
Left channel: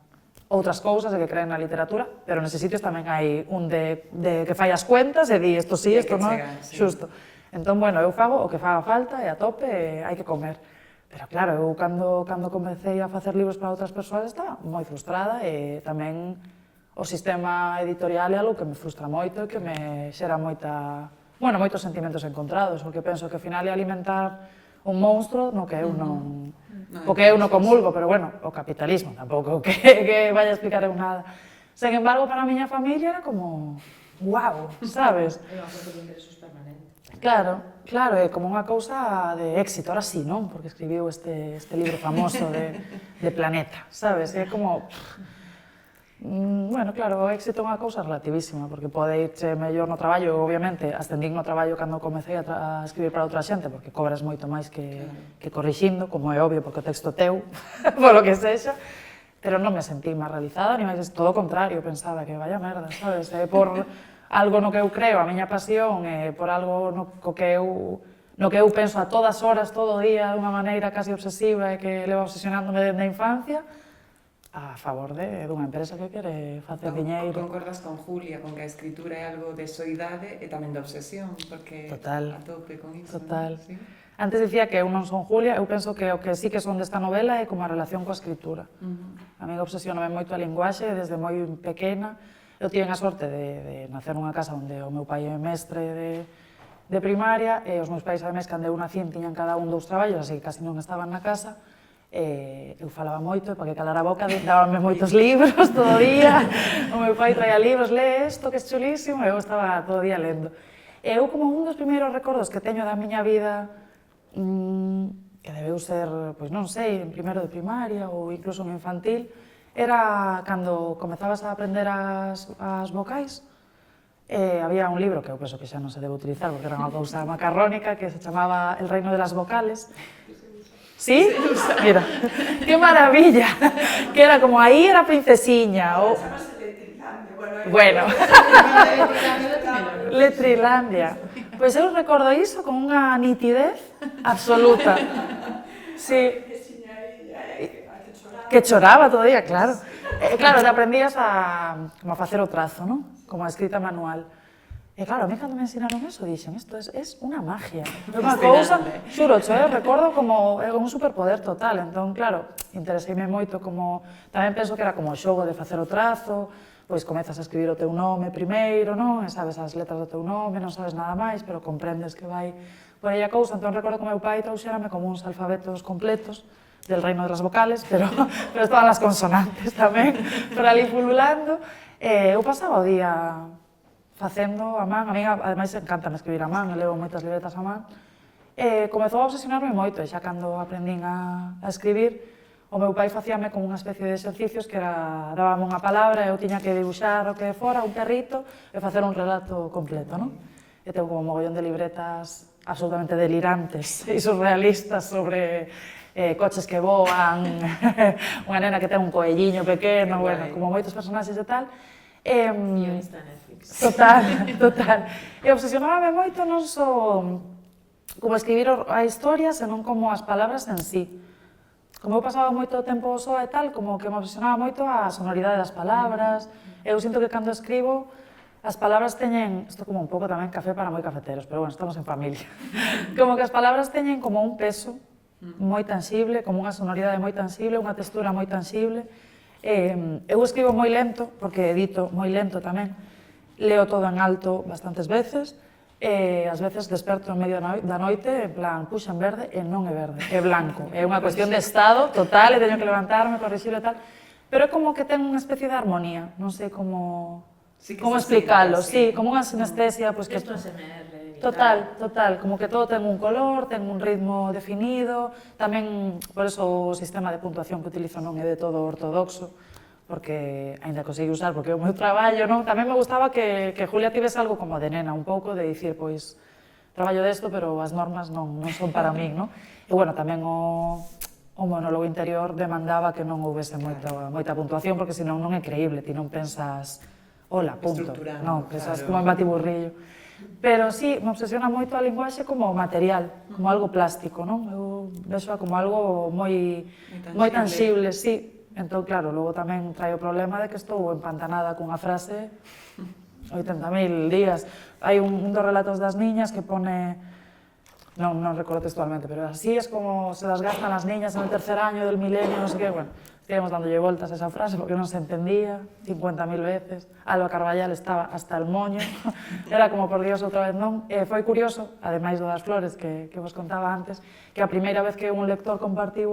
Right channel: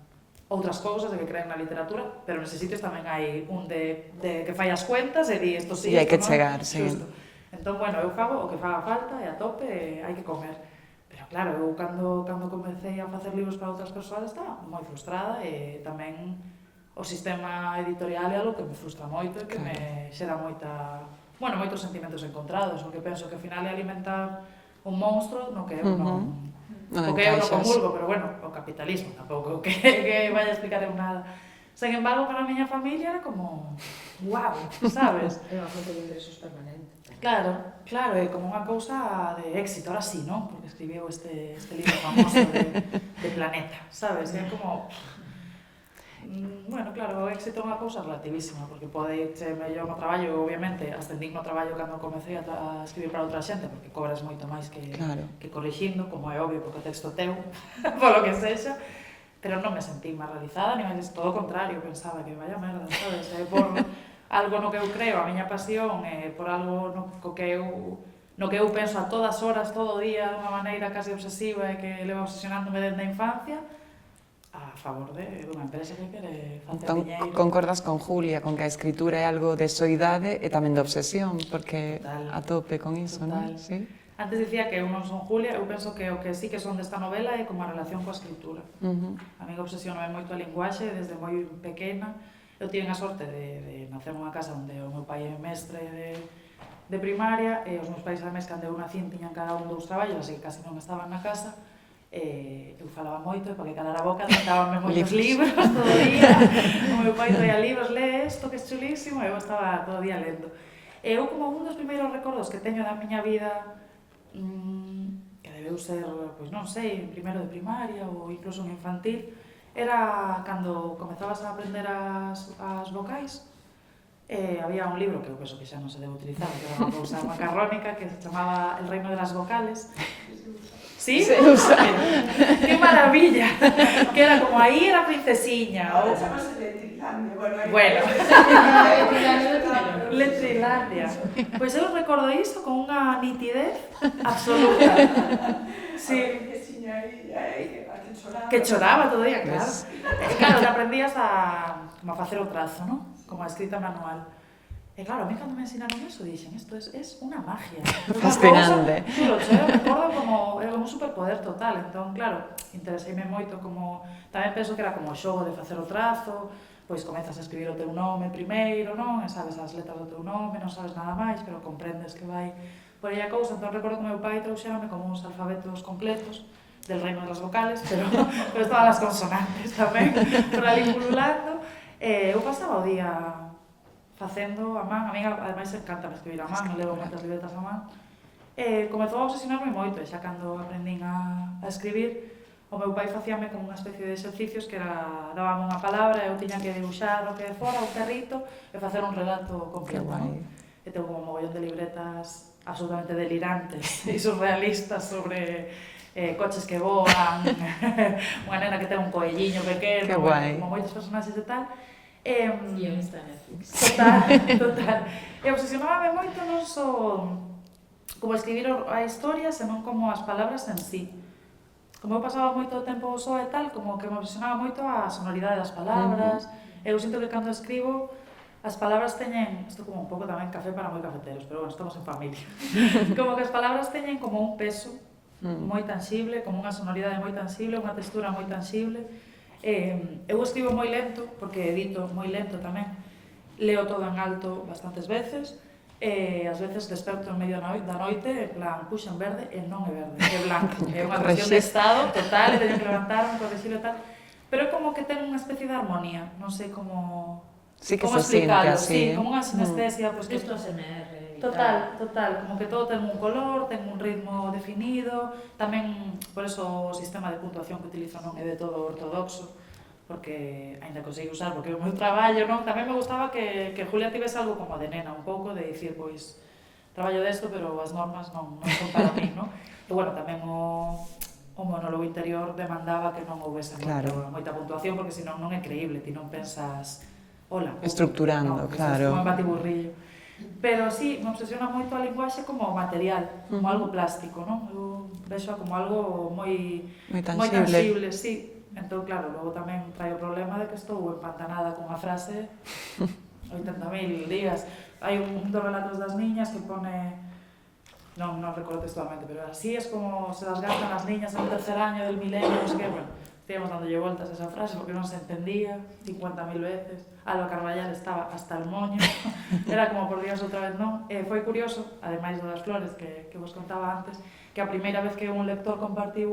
outras cousas e que creen na literatura, pero neses sitios tamén hai un de que fai as cuentas e di isto sí, isto non, xusto. Entón, bueno, eu fago o que faga falta e a tope e hai que comer. Pero claro, eu cando comecei a facer libros para outras persoas estaba moi frustrada e tamén o sistema editorial é algo que me frustra moito e que me xera moitos sentimentos encontrados, o que penso que ao final é alimentar un monstro no que eu non comulgo, pero bueno, o capitalismo tampouco que vaya a explicar eu nada. Sen embargo, para a miña familia era como, wow, sabes? É unha fonte de ingresos permanente. Claro, é como unha cousa de éxito, ahora sí, non? Porque escribiu este libro famoso de Planeta, sabes? É como... Bueno, claro, o éxito é unha cousa relativísima, porque pode irse mellor no traballo, obviamente, ascendín no traballo cando comecei a escribir para outra xente, porque cobras moito máis que corrixindo, como é obvio, porque o texto teu, polo que sexa, pero non me sentí máis realizada, ni máis, todo o contrario, pensaba que vaya merda, sabes? Por algo no que eu creo, a miña pasión, por algo no que eu penso a todas horas, todo o día, de unha maneira casi obsesiva e que leva obsesionándome desde a infancia, a favor dunha empresa que quere facer diñeiro. Concordas con Julia, con que a escritura é algo de soidade e tamén de obsesión, porque a tope con iso, non? Antes dicía que eu non son Julia, eu penso que o que sí que son desta novela é como a relación coa escritura. A mí obsesioname moito a linguaxe desde moi pequena. Eu tive a sorte de nacer nunha casa onde o meu pai é mestre de primaria e os meus pais, ademais, cando eu nacín, tiñan cada un 2 traballos, así que casi non estaban na casa. Eu falaba moito, para que calara a boca, dábame moitos libros todo o día. O meu pai traía libros, lee isto, que é chulísimo, e eu estaba todo o día lendo. E eu, como un dos primeiros recordos que teño da miña vida, que debeu ser, pois non sei, en primeiro de primaria ou incluso en infantil, era cando comezabas a aprender as vocais. Había un libro que eu penso que xa non se debe utilizar, porque era unha cousa macarrónica, que se chamaba El reino de las vocales. ¿Sí? Mira, qué maravilla, que era como aí era princesiña, ou... Bueno, Letrilandia. Pois eu recordo iso con unha nitidez absoluta. Sí. Que choraba todo o día, claro. Claro, que aprendías a facer o trazo, non? Como a escrita manual. E claro, a mí cando me ensinaron eso, dixen, isto es unha magia. Fascinante. Xulo, eu recordo como un superpoder total, entón, claro, intereseime moito como... Tamén penso que era como o xogo de facer o trazo, pois comezas a escribir o teu nome primeiro, non? E sabes as letras do teu nome, non sabes nada máis, pero comprendes que vai por aí a cousa. Entón, recordo que o meu pai trouxerame como uns alfabetos completos del reino de las vocales, pero estaban as consonantes tamén, por ali pululando. Eu pasaba o día facendo a man, a mí ademais encanta escribir a man, me levo moitas libretas a man. Comezou a obsesionarme moito, e xa cando aprendín a escribir, o meu pai facíame como unha especie de exercicios que era, dábame unha palabra e eu tiña que dibuixar o que fora, un carrito, e facer un relato completo, non? E tengo como mogollón de libretas absolutamente delirantes e surrealistas sobre coches que voan, unha nena que ten un coelliño pequeno, como moitos personaxes e tal. Guionista Netflix. Total. E obsesionábame moito non só como escribir a historia, senón como as palabras en sí. Como eu pasaba moito tempo só e tal, como que me obsesionaba moito a sonoridade das palabras. Eu sinto que cando escribo, as palabras teñen, isto como un pouco tamén café para moi cafeteros, pero bueno, estamos en familia. Como que as palabras teñen como un peso moi tangible, como unha sonoridade moi tangible, unha textura moi tangible. Eu escribo moi lento, porque edito moi lento tamén. Leo todo en alto bastantes veces, e ás veces desperto en medio da noite, en plan, puxa en verde, e non é verde, é blanco. É unha cuestión de estado total, e teño que levantarme, corrigir e tal. Pero é como que ten unha especie de armonía, non sei como explicarlo, sí, como unha sinestesia. Isto é SMR. Total, como que todo ten un color, ten un ritmo definido, tamén, por eso o sistema de puntuación que utilizo non é de todo ortodoxo, porque ainda consegui usar, porque o meu traballo, non? Tamén me gustaba que Julia tivese algo como de nena, un pouco de dicir, pois, traballo desto, pero as normas non son para min, non? E, bueno, tamén o monólogo interior demandaba que non houvese moita puntuación, porque senón non é creíble, ti non pensas, hola, punto. Estructurando, claro. Pensas como en batiburrillo. Pero sí, me obsesiona moito a linguaxe como material, como algo plástico, non? Eu vexo como algo moi tangible, sí. Entón, claro, logo tamén trae o problema de que estou empantanada cunha frase 80.000 días. Hai un dos relatos das niñas que pone, non recordo textualmente, pero así es como se las gastan las niñas en el tercer año del milenio, non sei que, bueno, estíamos dándolle voltas a esa frase porque non se entendía 50.000 veces. Alba Carballal estaba hasta el moño, era como, por Dios, outra vez non. Foi curioso, ademais das flores que vos contaba antes, que a primeira vez que un lector compartiu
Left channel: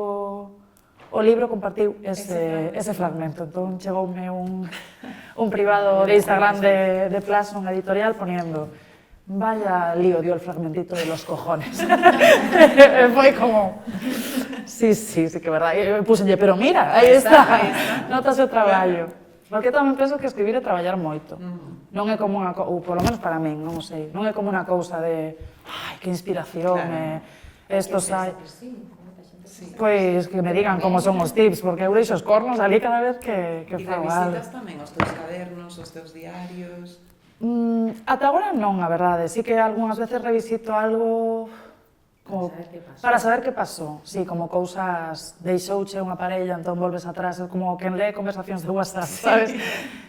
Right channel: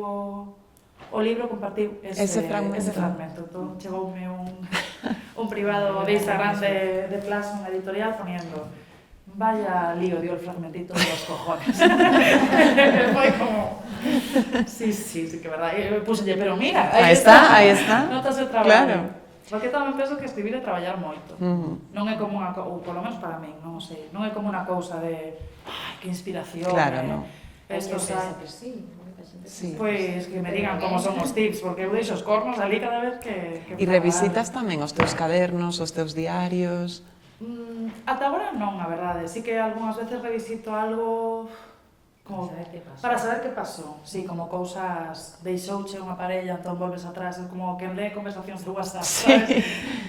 o libro, compartiu ese fragmento. Entón, chegoume un privado de Instagram de Plason editorial poniendo vaya lío dio el fragmentito de los cojones. Foi como... Sí, que é verdad. E puxenlle, pero mira, aí está. Notas o traballo. Porque tamén penso que escribir é traballar moito. Non é como unha cousa, ou polo menos para min, non sei, non é como unha cousa de ai, que inspiración, esto sai... Pois que me digan como son os tips, porque eu deixo os cornos ali cada vez que E revisitas tamén os teus cadernos, os teus diarios... Ata agora non, a verdade. Sí que algunhas veces revisito algo como para saber que pasou. Sí, como cousas deixouche unha parella, entón volves atrás, como quen lee conversacións de WhatsApp, sabes?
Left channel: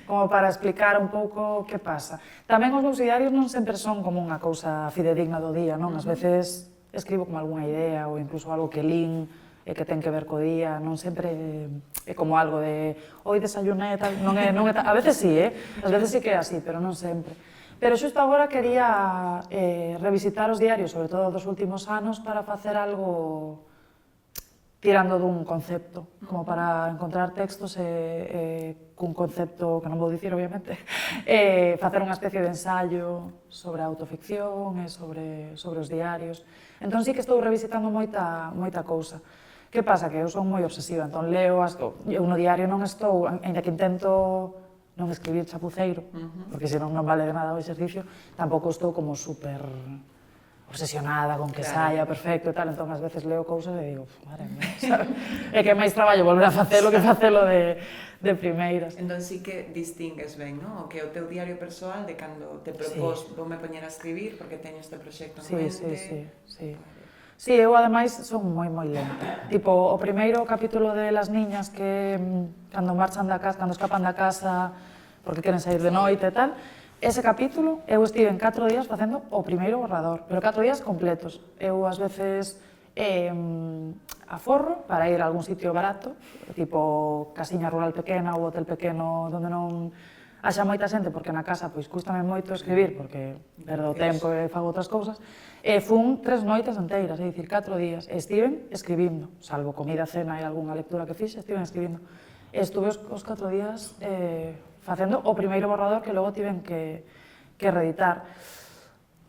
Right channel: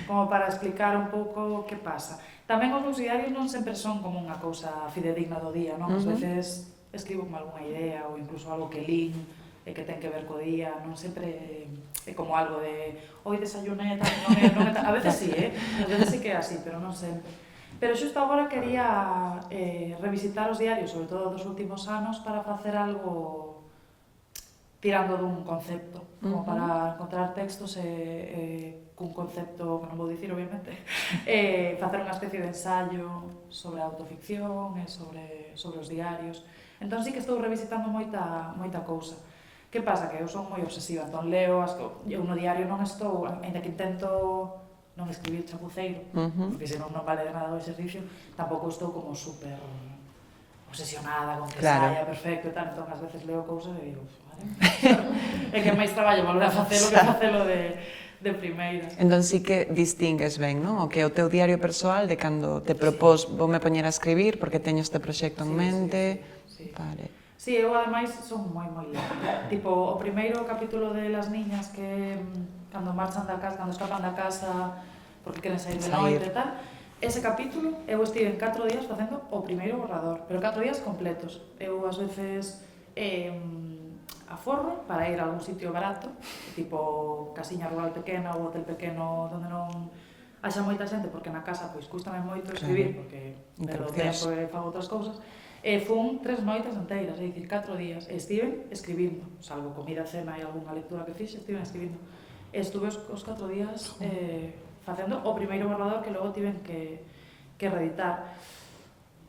Como para explicar un pouco que pasa. Tamén os meus diarios non sempre son como unha cousa fidedigna do día, non? Ás veces escribo como algunha idea ou incluso algo que lín e que ten que ver co día, non sempre é como algo de hoy desayuné, tal, non é tal, a veces sí, ás veces sí que é así, pero non sempre. Pero xusto agora quería revisitar os diarios, sobre todo dos últimos anos, para facer algo tirando dun concepto, como para encontrar textos cun concepto que non vou dicir, obviamente, facer unha especie de ensayo sobre a autoficción e sobre os diarios. Entón sí que estou revisitando moita cousa. Que pasa? Que eu son moi obsesiva, entón leo, eu no diario non estou, ainda que intento non escribir chapuceiro, porque senón non vale de nada o exercicio, tampouco estou como super obsesionada con que saia perfecto e tal, entón ás veces leo cousas e digo, madre mía, é que máis traballo volver a facelo que facelo de primeiras. Entón sí que distingues ben, non? O que é o teu diario persoal de cando te propós voume poñer a escribir porque teño este proxecto en mente. Sí. Sí, eu ademais son moi lenta. Tipo, o primeiro capítulo de Las niñas que cando marchan da casa, cando escapan da casa porque queren sair de noite e tal, ese capítulo eu estive en 4 días facendo o primeiro borrador, pero 4 días completos. Eu ás veces aforro para ir a algún sitio barato, tipo casiña rural pequena ou hotel pequeno onde non haxa moita xente, porque na casa pois cústame moito escribir, porque perdo tempo e fago outras cousas. Fun 3 noites enteiras, é dicir, 4 días, e estiven escribindo, salvo comida, cena e algunha lectura que fixe, estiven escribindo. Estuve os 4 días facendo o primeiro borrador que logo tiven que reeditar.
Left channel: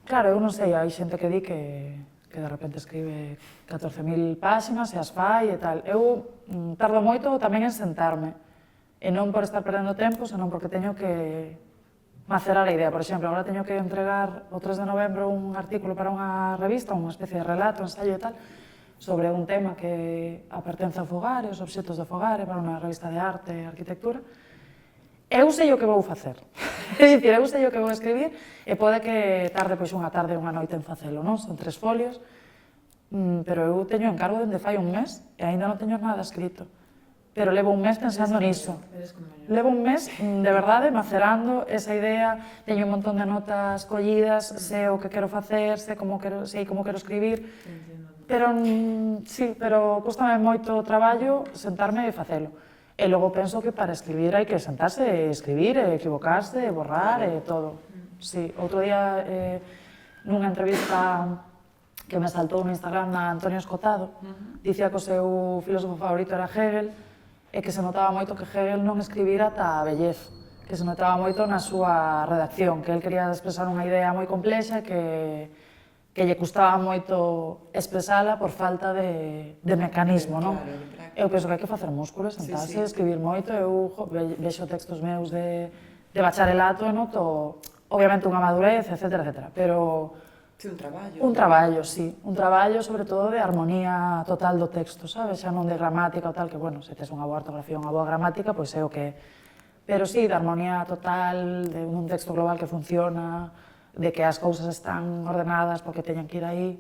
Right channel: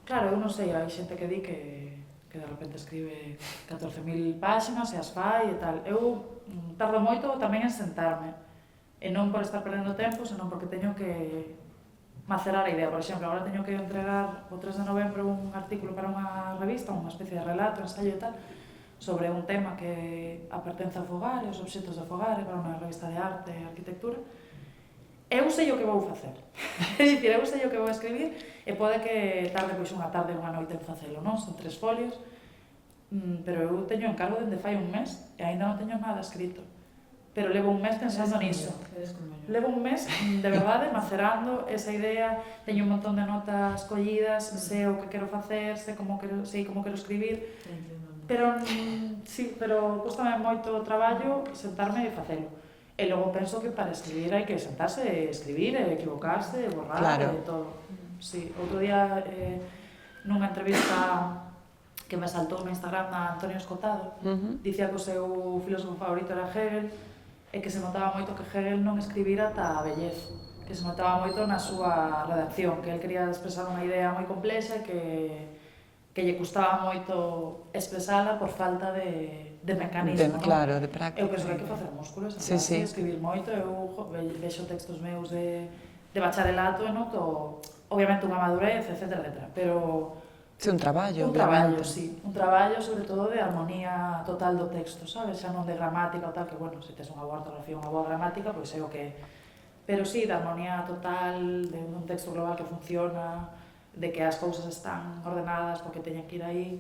Claro, eu non sei, hai xente que di que de repente escribe 14.000 páxinas e as fai e tal. Eu tardo moito tamén en sentarme, e non por estar perdendo tempo, senón porque teño que macerar a idea. Por exemplo, agora teño que entregar o 3 de novembro un artículo para unha revista, unha especie de relato, ensayo e tal, sobre un tema que a pertenza ao fogar e os obxetos do fogar, para unha revista de arte e arquitectura. Eu sei o que vou facer. É dicir, eu sei o que vou escribir e pode que tarde pois unha tarde ou unha noite en facelo, non? Son 3 folios, pero eu teño encargo dende fai un mes e aínda non teño nada escrito. Pero levo un mes pensando niso. Levo un mes, de verdade, macerando esa idea, teño un montón de notas collidas, sei o que quero facer, sei como quero escribir, pero custame moito traballo sentarme e facelo. E logo penso que para escribir hai que sentarse e escribir, e equivocarse, e borrar, e todo. Sí, outro día, nunha entrevista que me saltou no Instagram da Antonio Escotado, dicía que o seu filósofo favorito era Hegel, e que se notaba moito que Hegel non escribira ata a vellez, que se notaba moito na súa redacción, que el quería expresar unha idea moi complexa que que lle custaba moito expresala por falta de mecanismo, non? Claro, de práctica. Eu penso que hai que facer músculos, sentarse, escribir moito, eu vexo textos meus de bacharelato e noto, obviamente, unha madurez, etc. Pero... Sí, un traballo. Un traballo, sí. Un traballo, sobre todo, de armonía total do texto, sabes? Xa non de gramática ou tal, que, bueno, se tes unha boa ortografía ou unha boa gramática, pois é o que... Pero sí, de armonía total, de un texto global que funciona, de que as cousas están ordenadas porque teñen que ir aí.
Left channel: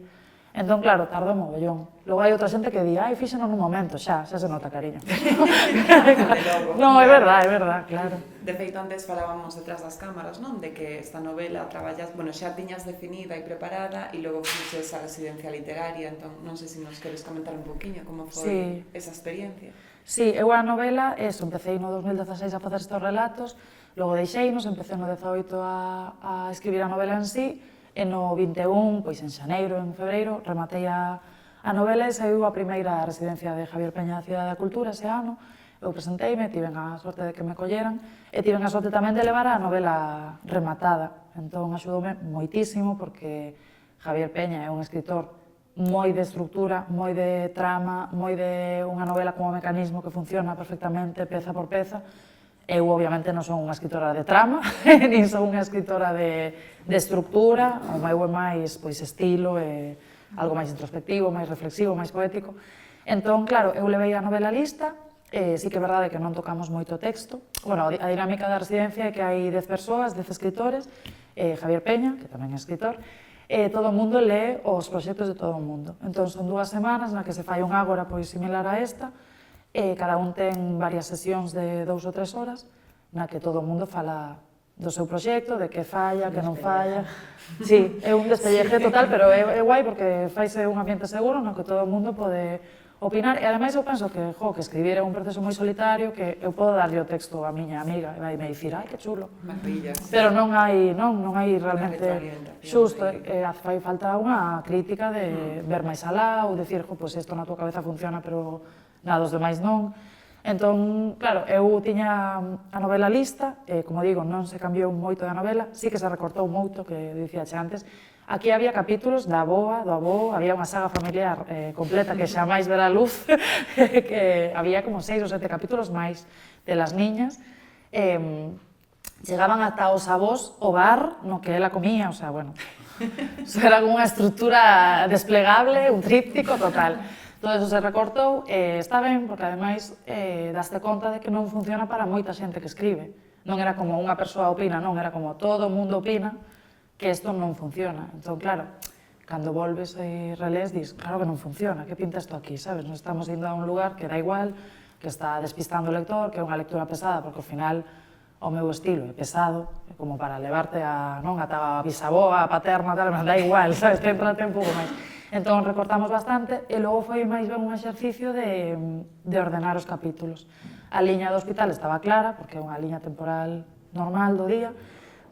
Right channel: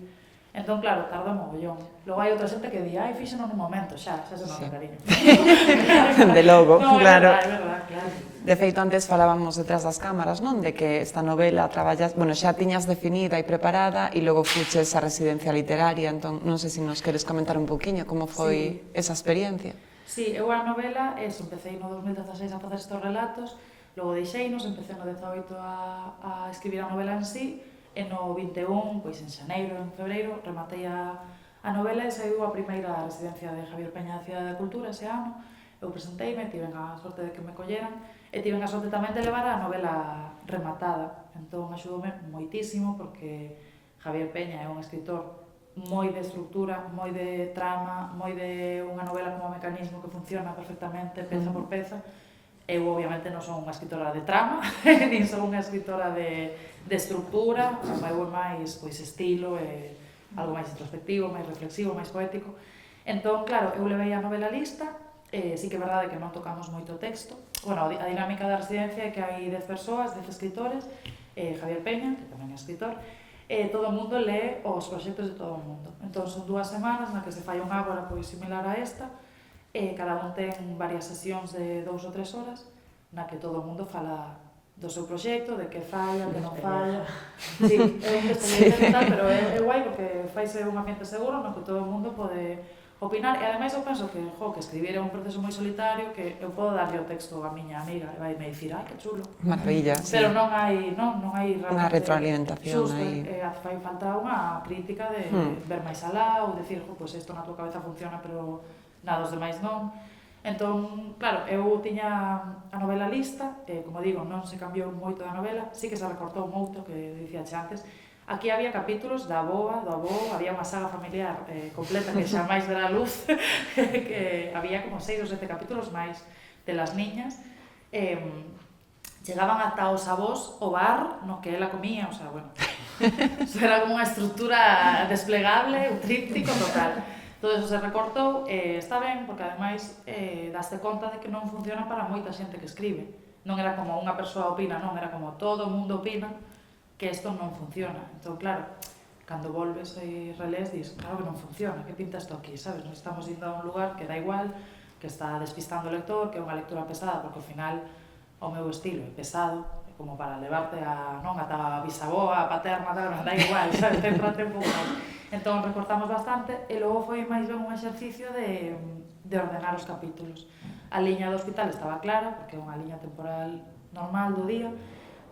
Entón, claro, tarda mogollón. Logo hai outra xente que di, ai, fíxeno nun momento, xa se nota, cariño. De logo, no, claro. É verdad, claro. De feito, antes falábamos detrás das cámaras, non? De que esta novela traballas, bueno, xa tiñas definida e preparada e logo fuches a residencia literaria, entón, non sei se nos queres comentar un poquinho como foi esa experiencia. Sí, eu a novela, empecé no 2016 a facer estes relatos, logo deixeinos, empecé no 18 a escribir a novela en sí, e no 21, pois en xaneiro, en febreiro, rematei a novela e saiu a primeira residencia de Javier Peña da Cidade da Cultura ese ano. Eu presenteime, tiven a sorte de que me colleran e tiven a sorte tamén de levar a novela rematada. Entón, axudoume moitísimo porque Javier Peña é un escritor moi de estructura, moi de trama, moi de unha novela como mecanismo que funciona perfectamente, peza por peza. Eu, obviamente, non son unha escritora de trama, nin son unha escritora de estructura, o meu é máis estilo, algo máis introspectivo, máis reflexivo, máis poético. Entón, claro, eu levei a novela lista, sí que é verdade que non tocamos moito texto. Bueno, a dinámica da residencia é que hai 10 persoas, 10 escritores, Javier Peña, que tamén é escritor, todo o mundo lee os proxectos de todo o mundo. Entón, son 2 semanas na que se fai un ágora similar a esta, cada un ten varias sesións de 2 ou 3 horas, na que todo o mundo fala do seu proxecto, de que falla, que non falla. Sí, é un experiencia total, pero é guai porque faise un ambiente seguro no que todo o mundo pode opinar. E ademais eu penso que escribir é un proceso moi solitario, que eu podo darlle o texto a miña amiga e vai me dicir, ai, que chulo. Maravilla. Pero non hai realmente... Unha retroalimentación. Xusto, fai falta unha crítica de ver máis alá ou decir, pois isto na tua cabeza funciona, pero nada dos demais non. Entón, claro, eu tiña a novela lista, como digo, non se cambiou moito da novela, sí que se recortou moito, que dicía antes. Aquí había capítulos da avoa, do avó, había unha saga familiar completa que xa máis verá a luz, que había como 6 ou 7 capítulos máis de las niñas. Chegaban ata os avós o bar no que ela comía, o sea, bueno, era como unha estrutura desplegable, un tríptico total. Todo eso se recortou, está ben, porque ademais daste conta de que non funciona para moita xente que escribe. Non era como unha persoa opina, non, era como todo o mundo opina que isto non funciona. Entón, claro, cando volves e relés, dis, claro que non funciona, que pinta isto aquí, sabes? Non estamos indo a un lugar que dá igual, que está despistando o lector, que é unha lectura pesada, porque ao final o meu estilo é pesado, é como para levarte a bisaboa, a paterna, tal, dá igual, sabes? Céntrate un pouco máis. Entón, recortamos bastante e logo foi máis ben un exercicio de ordenar os capítulos. A liña do hospital estaba clara, porque é unha liña temporal normal do día,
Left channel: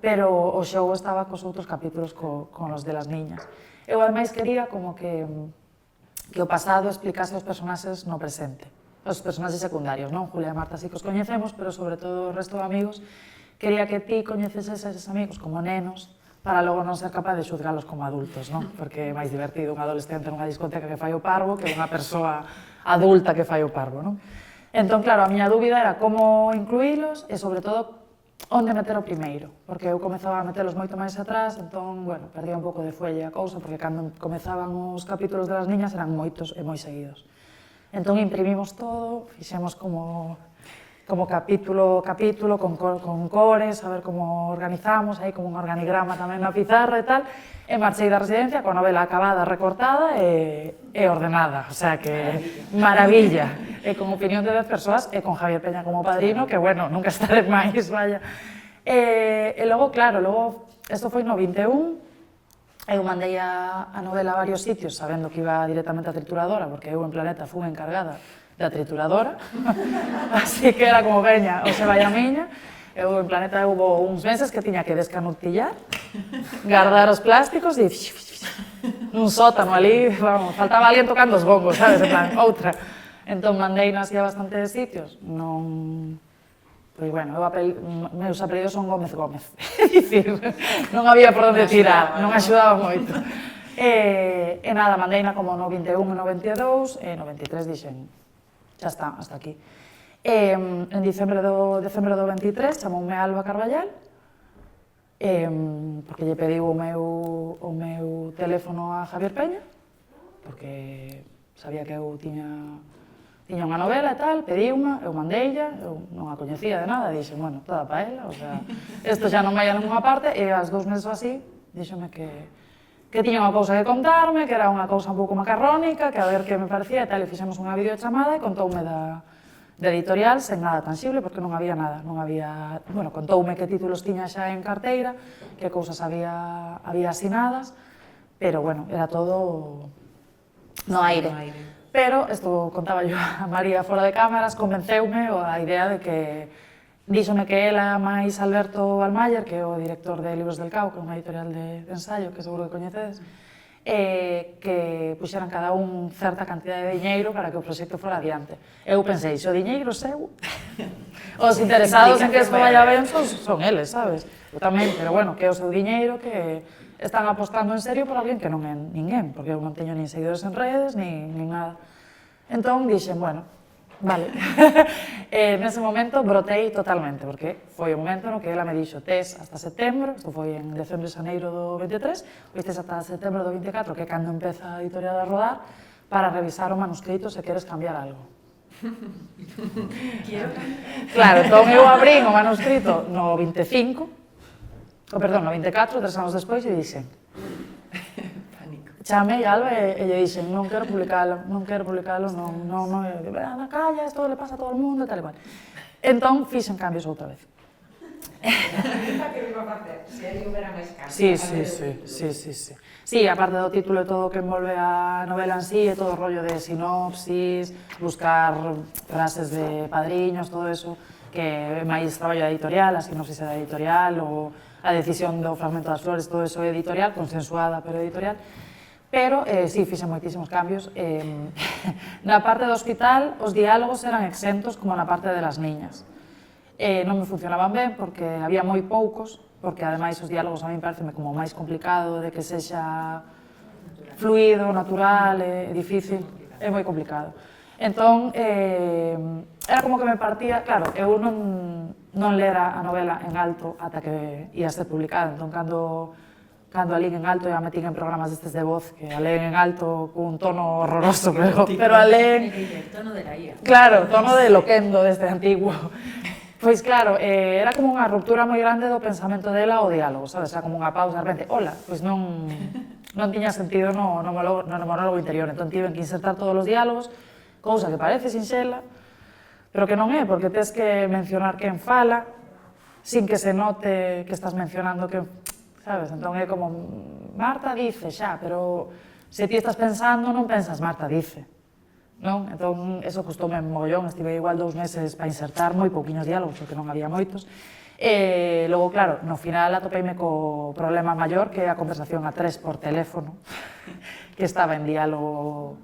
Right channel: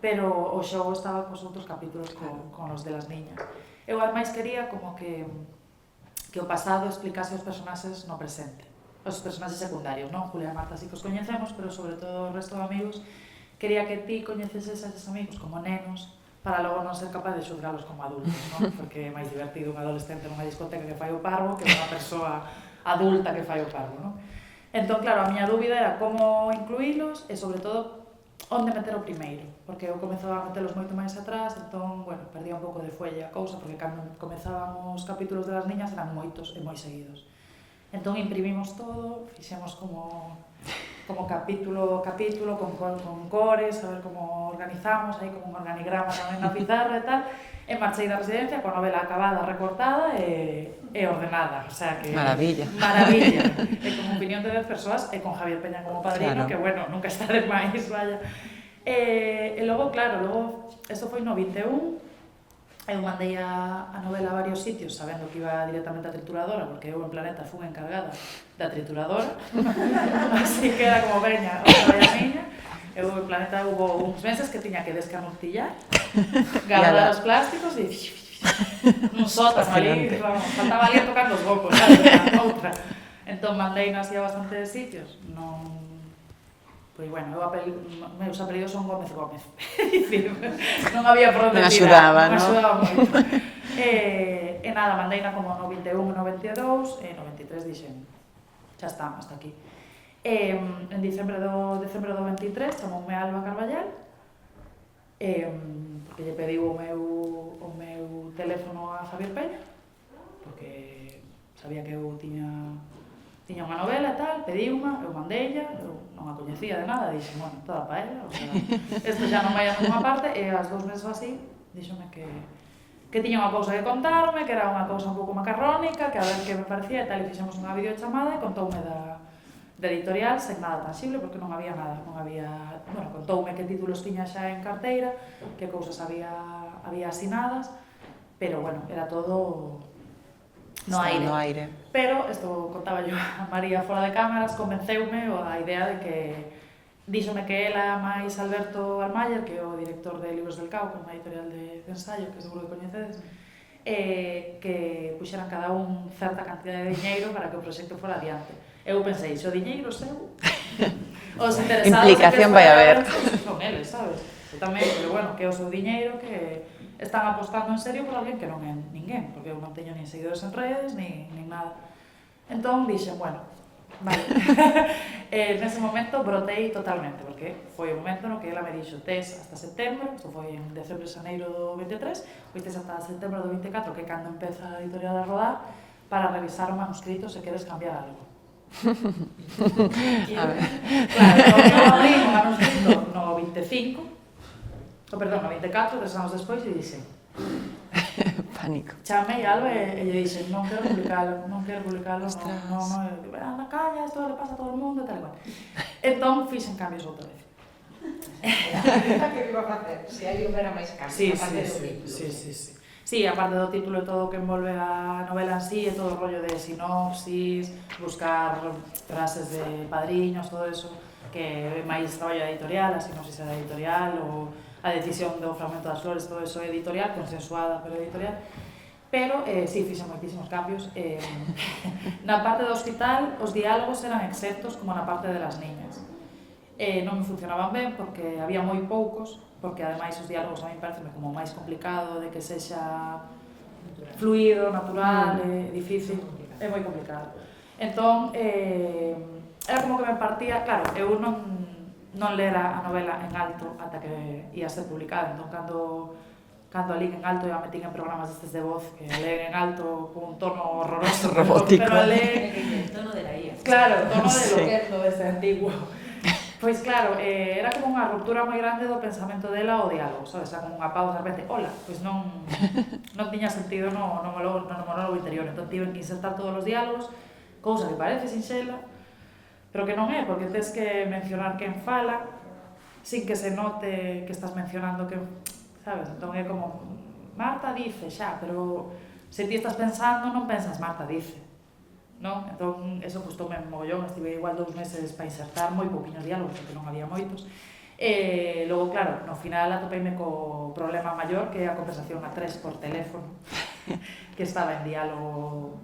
pero o xogo estaba cos outros capítulos con os de las niñas. Eu, ademais, quería como que o pasado explicase os personaxes no presente, os personaxes secundarios, non? Julia e Marta sí que os coñecemos, pero sobre todo o resto de amigos, quería que ti coñeceses eses amigos como nenos, para logo non ser capaz de xuzgalos como adultos, non? Porque é máis divertido un adolescente nunha discoteca que fai o parvo que unha persoa adulta que fai o parvo, non? Entón, claro, a miña dúbida era como incluílos e, sobre todo, onde meter o primeiro, porque eu comezaba a metelos moito máis atrás, entón, bueno, perdía un pouco de fuelle a cousa, porque cando comezaban os capítulos das niñas eran moitos e moi seguidos. Entón, imprimimos todo, fixemos como capítulo, con cores, a ver como organizamos, aí como un organigrama tamén na pizarra e tal, e marchei da residencia coa novela acabada, recortada e ordenada, o sea que... Maravilla. E con opinión de 10 persoas e con Javier Peña como padrino, que bueno, nunca está de máis, vaya. E logo, claro, isto foi no 21, eu mandei a novela a varios sitios sabendo que iba directamente a trituradora, porque eu en Planeta fui encargada da trituradora, así que era como, veña, o que vai a miña. Eu en Planeta hubo uns meses que tiña que descanutillar, guardar os plásticos e nun sótano ali, vamos, faltaba alguén tocando os bombos, sabes, outra. Entón mandei así a bastantes sitios, non... Pois, bueno, meus apelidos son Gómez. É dicir, non había por onde tirar, non axudaba moito. E nada, mandeina como no 21 e no 22, e no 23 dixen, xa está, hasta aquí. En diciembre do 23 chamoume Alba Carballal, porque lle pediu o meu teléfono a Javier Peña, porque sabía que eu tiña unha novela e tal, pediu-ma, eu mandeilla, eu non a coñecía de nada, dixen, bueno, toda pa ela, o sea, isto xa non vai a ninguna parte, e ás 2 meses así, díxome que tiña unha cousa que contarme, que era unha cousa un pouco macarrónica, que a ver que me parecía e tal, e fixemos unha videochamada e contoume da editorial sen nada tangible, porque non había nada, bueno, contoume que títulos tiña xa en carteira, que cousas había asinadas, pero, bueno, era todo no aire. Pero, isto contaba yo a María fora de cámaras, convenceume a idea de que díxome que ela máis Alberto Almayer, que é o director de Libros del Cao, que é unha editorial de ensayo, que seguro que coñecedes, que puxeran cada un certa cantidad de diñeiro para que o proxecto fora adiante. Eu pensei, se o diñeiro seu, os interesados en que isto vai haber son eles, sabes? Eu tamén, pero bueno, que é o seu diñeiro que están apostando en serio por alguén que non é ninguén, porque eu non teño nin seguidores en redes, nin nada. Entón dixen, bueno, vale. Nese momento brotei totalmente, porque foi o momento no que ela me dixo tes hasta setembro, isto foi en decembro e xaneiro do 23, pois tes hasta setembro do 24, que é cando empeza a editorial a rodar, para revisar o manuscrito se queres cambiar algo. Claro, entón eu abrí o manuscrito no 24, no 24, 3 anos despois, e dixen pánico. Chamei a Alba e lle dixen, non quero publicalo, non, na calla, isto le pasa a todo o mundo e tal e cual. Entón, fixen cambios outra vez. Que vivo a facer, se hai un vera máis cambios. Sí. Sí, aparte do título e todo o que envolve a novela en sí, e todo o rollo de sinopsis, buscar frases de padriños, todo eso, que é máis traballo da editorial, a sinopsis da editorial, ou a decisión do fragmento das flores, todo eso é editorial, consensuada, pero editorial. Pero, sí, fixen moitísimos cambios. Na parte do hospital, os diálogos eran exentos como na parte de las niñas. Non me funcionaban ben, porque había moi poucos, porque ademais os diálogos a mí pareceme como máis complicado de que sexa fluido, natural, difícil, é moi complicado. Entón, era como que me partía, claro, eu non lera a novela en alto ata que ia ser publicada, entón cando a lín en alto e a metín en programas destes de voz, que a leen en alto con un tono horroroso, pero a leen... El tono de la IA. Claro, o tono de loquendo desde antiguo. Pois claro, era como unha ruptura moi grande do pensamento dela ao diálogo, sabes? Era como unha pausa, de repente, hola, pois non tiña sentido no monólogo interior, entón tiven que insertar todos os diálogos, cousa que parece sinxela, pero que non é, porque tens que mencionar quen fala, sin que se note que estás mencionando quen, sabes? Entón é como, Marta dice xa, pero se ti estás pensando non pensas Marta dice. Non? Entón, eso custoume mogollón, estive igual 2 meses para insertar moi pouquiños diálogos, porque non había moitos. E logo, claro, no final atopeime co problema maior, que é a conversación a 3 por teléfono, que estaba en diálogo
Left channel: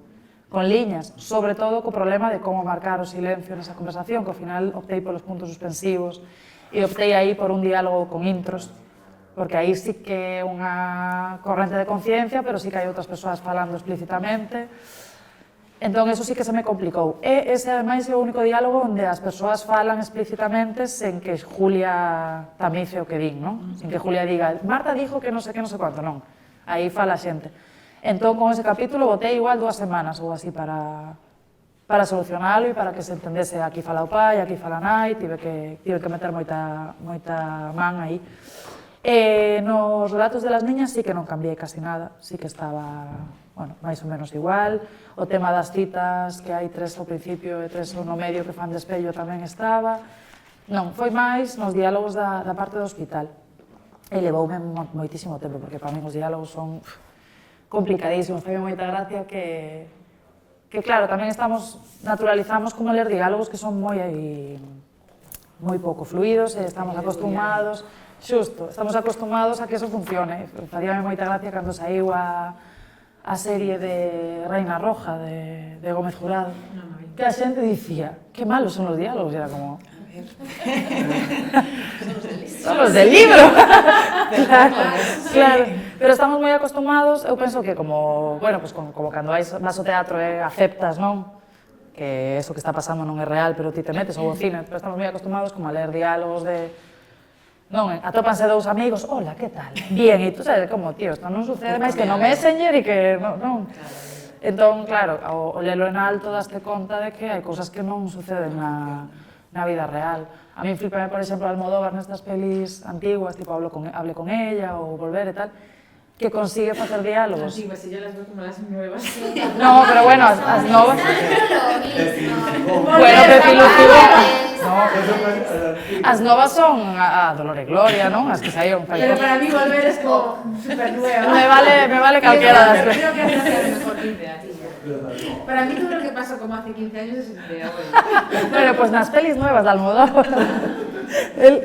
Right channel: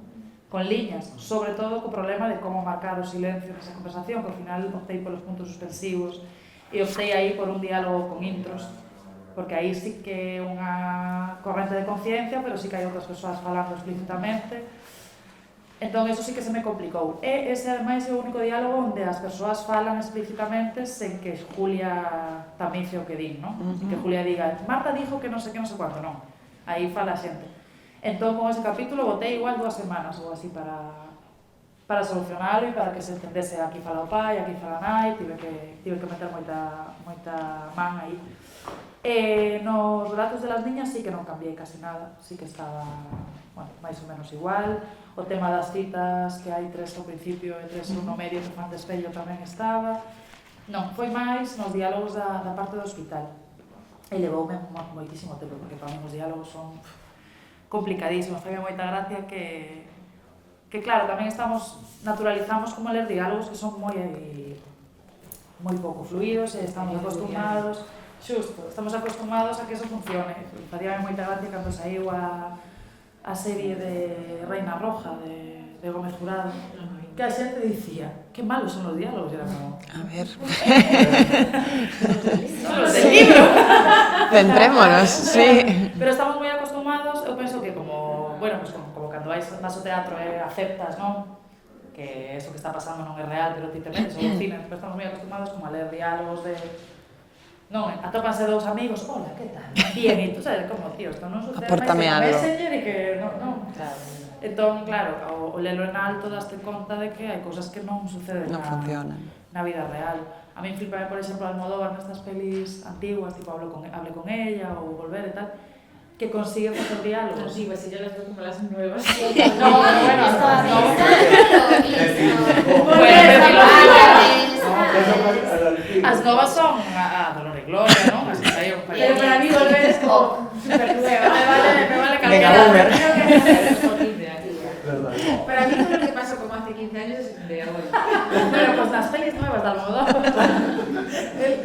con liñas, sobre todo co problema de como marcar o silencio nesa conversación, que ao final optei polos puntos suspensivos e optei aí por un diálogo con intros, porque aí sí que é unha corrente de conciencia, pero sí que hai outras persoas falando explícitamente. Entón, eso sí que se me complicou. E ese, ademais, é o único diálogo onde as persoas falan explícitamente sen que Julia tamice o que din, non? Sen que Julia diga, Marta dijo que non sei cuánto, non. Aí fala a xente. Entón, con ese capítulo, botei igual 2 semanas ou así para solucionalo e para que se entendese aquí fala o pai, aquí fala a nai, tive que meter moita man aí. E nos relatos de las niñas sí que non cambiei casi nada, sí que estaba, bueno, máis ou menos igual. O tema das citas, que hai 3 ao principio e 3 no medio que fan de espello, tamén estaba. Non, foi máis nos diálogos da parte do hospital. E levoume moitísimo tempo, porque para mí os diálogos son complicadísimos. Faime moita gracia que claro, tamén naturalizamos como ler diálogos que son moi pouco fluidos e estamos acostumados. Xusto, estamos acostumados a que eso funcione. Facíame moita gracia cando saiu a serie de Reina Roja, de Gómez Jurado, que a xente dicía, que malos son os diálogos, e era como... A ver... Son os del libro! Centrémonos, sí. Pero estamos moi acostumados, eu penso que como, bueno, pues como cando vas ao teatro e aceptas, non? Que eso que está pasando non é real, pero ti te metes ao cine, pero estamos moi acostumados como a ler diálogos de... Non, atópanse dous amigos, hola, que tal? Bien, e tú sabes como, tío, isto non sucede máis que no Messenger e que non... Entón, claro, o lelo en alto daste conta de que hai cousas que non suceden na vida real. A min flipame, por exemplo, Almodóvar nestas pelis antiguas, tipo Hable con ella ou Volver e tal, que consigue facer diálogos. Sí, pues yo las veo como las nuevas. No, pero bueno, as novas... Bueno, as novas son a Dolor e Gloria, non? As que saíron para... Pero para mí Volver es como super nueva. Me vale calquera. Creo que hay que hacer por 15 aquí. Para mí todo lo que pasó como hace 15 años es de hoy. Bueno, pues nas pelis nuevas de Almodóvar,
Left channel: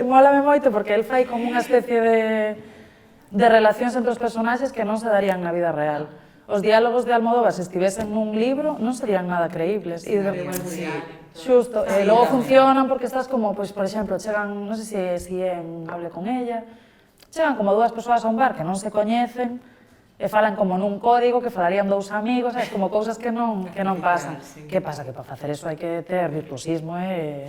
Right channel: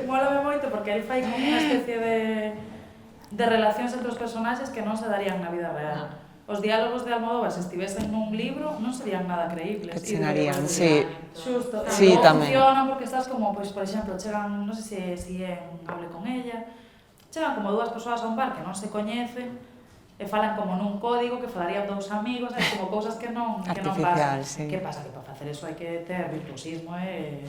molame moito porque el fai como unha especie de relacións entre os personaxes que non se darían na vida real. Os diálogos de Almodóvar, se estivesen nun libro, non serían nada creíbles. Sí, sí. Xusto, sí, logo tamén. funcionan porque estás como, pois, por exemplo, chegan, non sei se en Hable con ella, chegan como dúas persoas a un bar que non se coñecen, e falan como nun código que falarían dous amigos, é como cousas que non pasan. Sí. Que pasa? Que para facer eso hai que ter virtuosismo e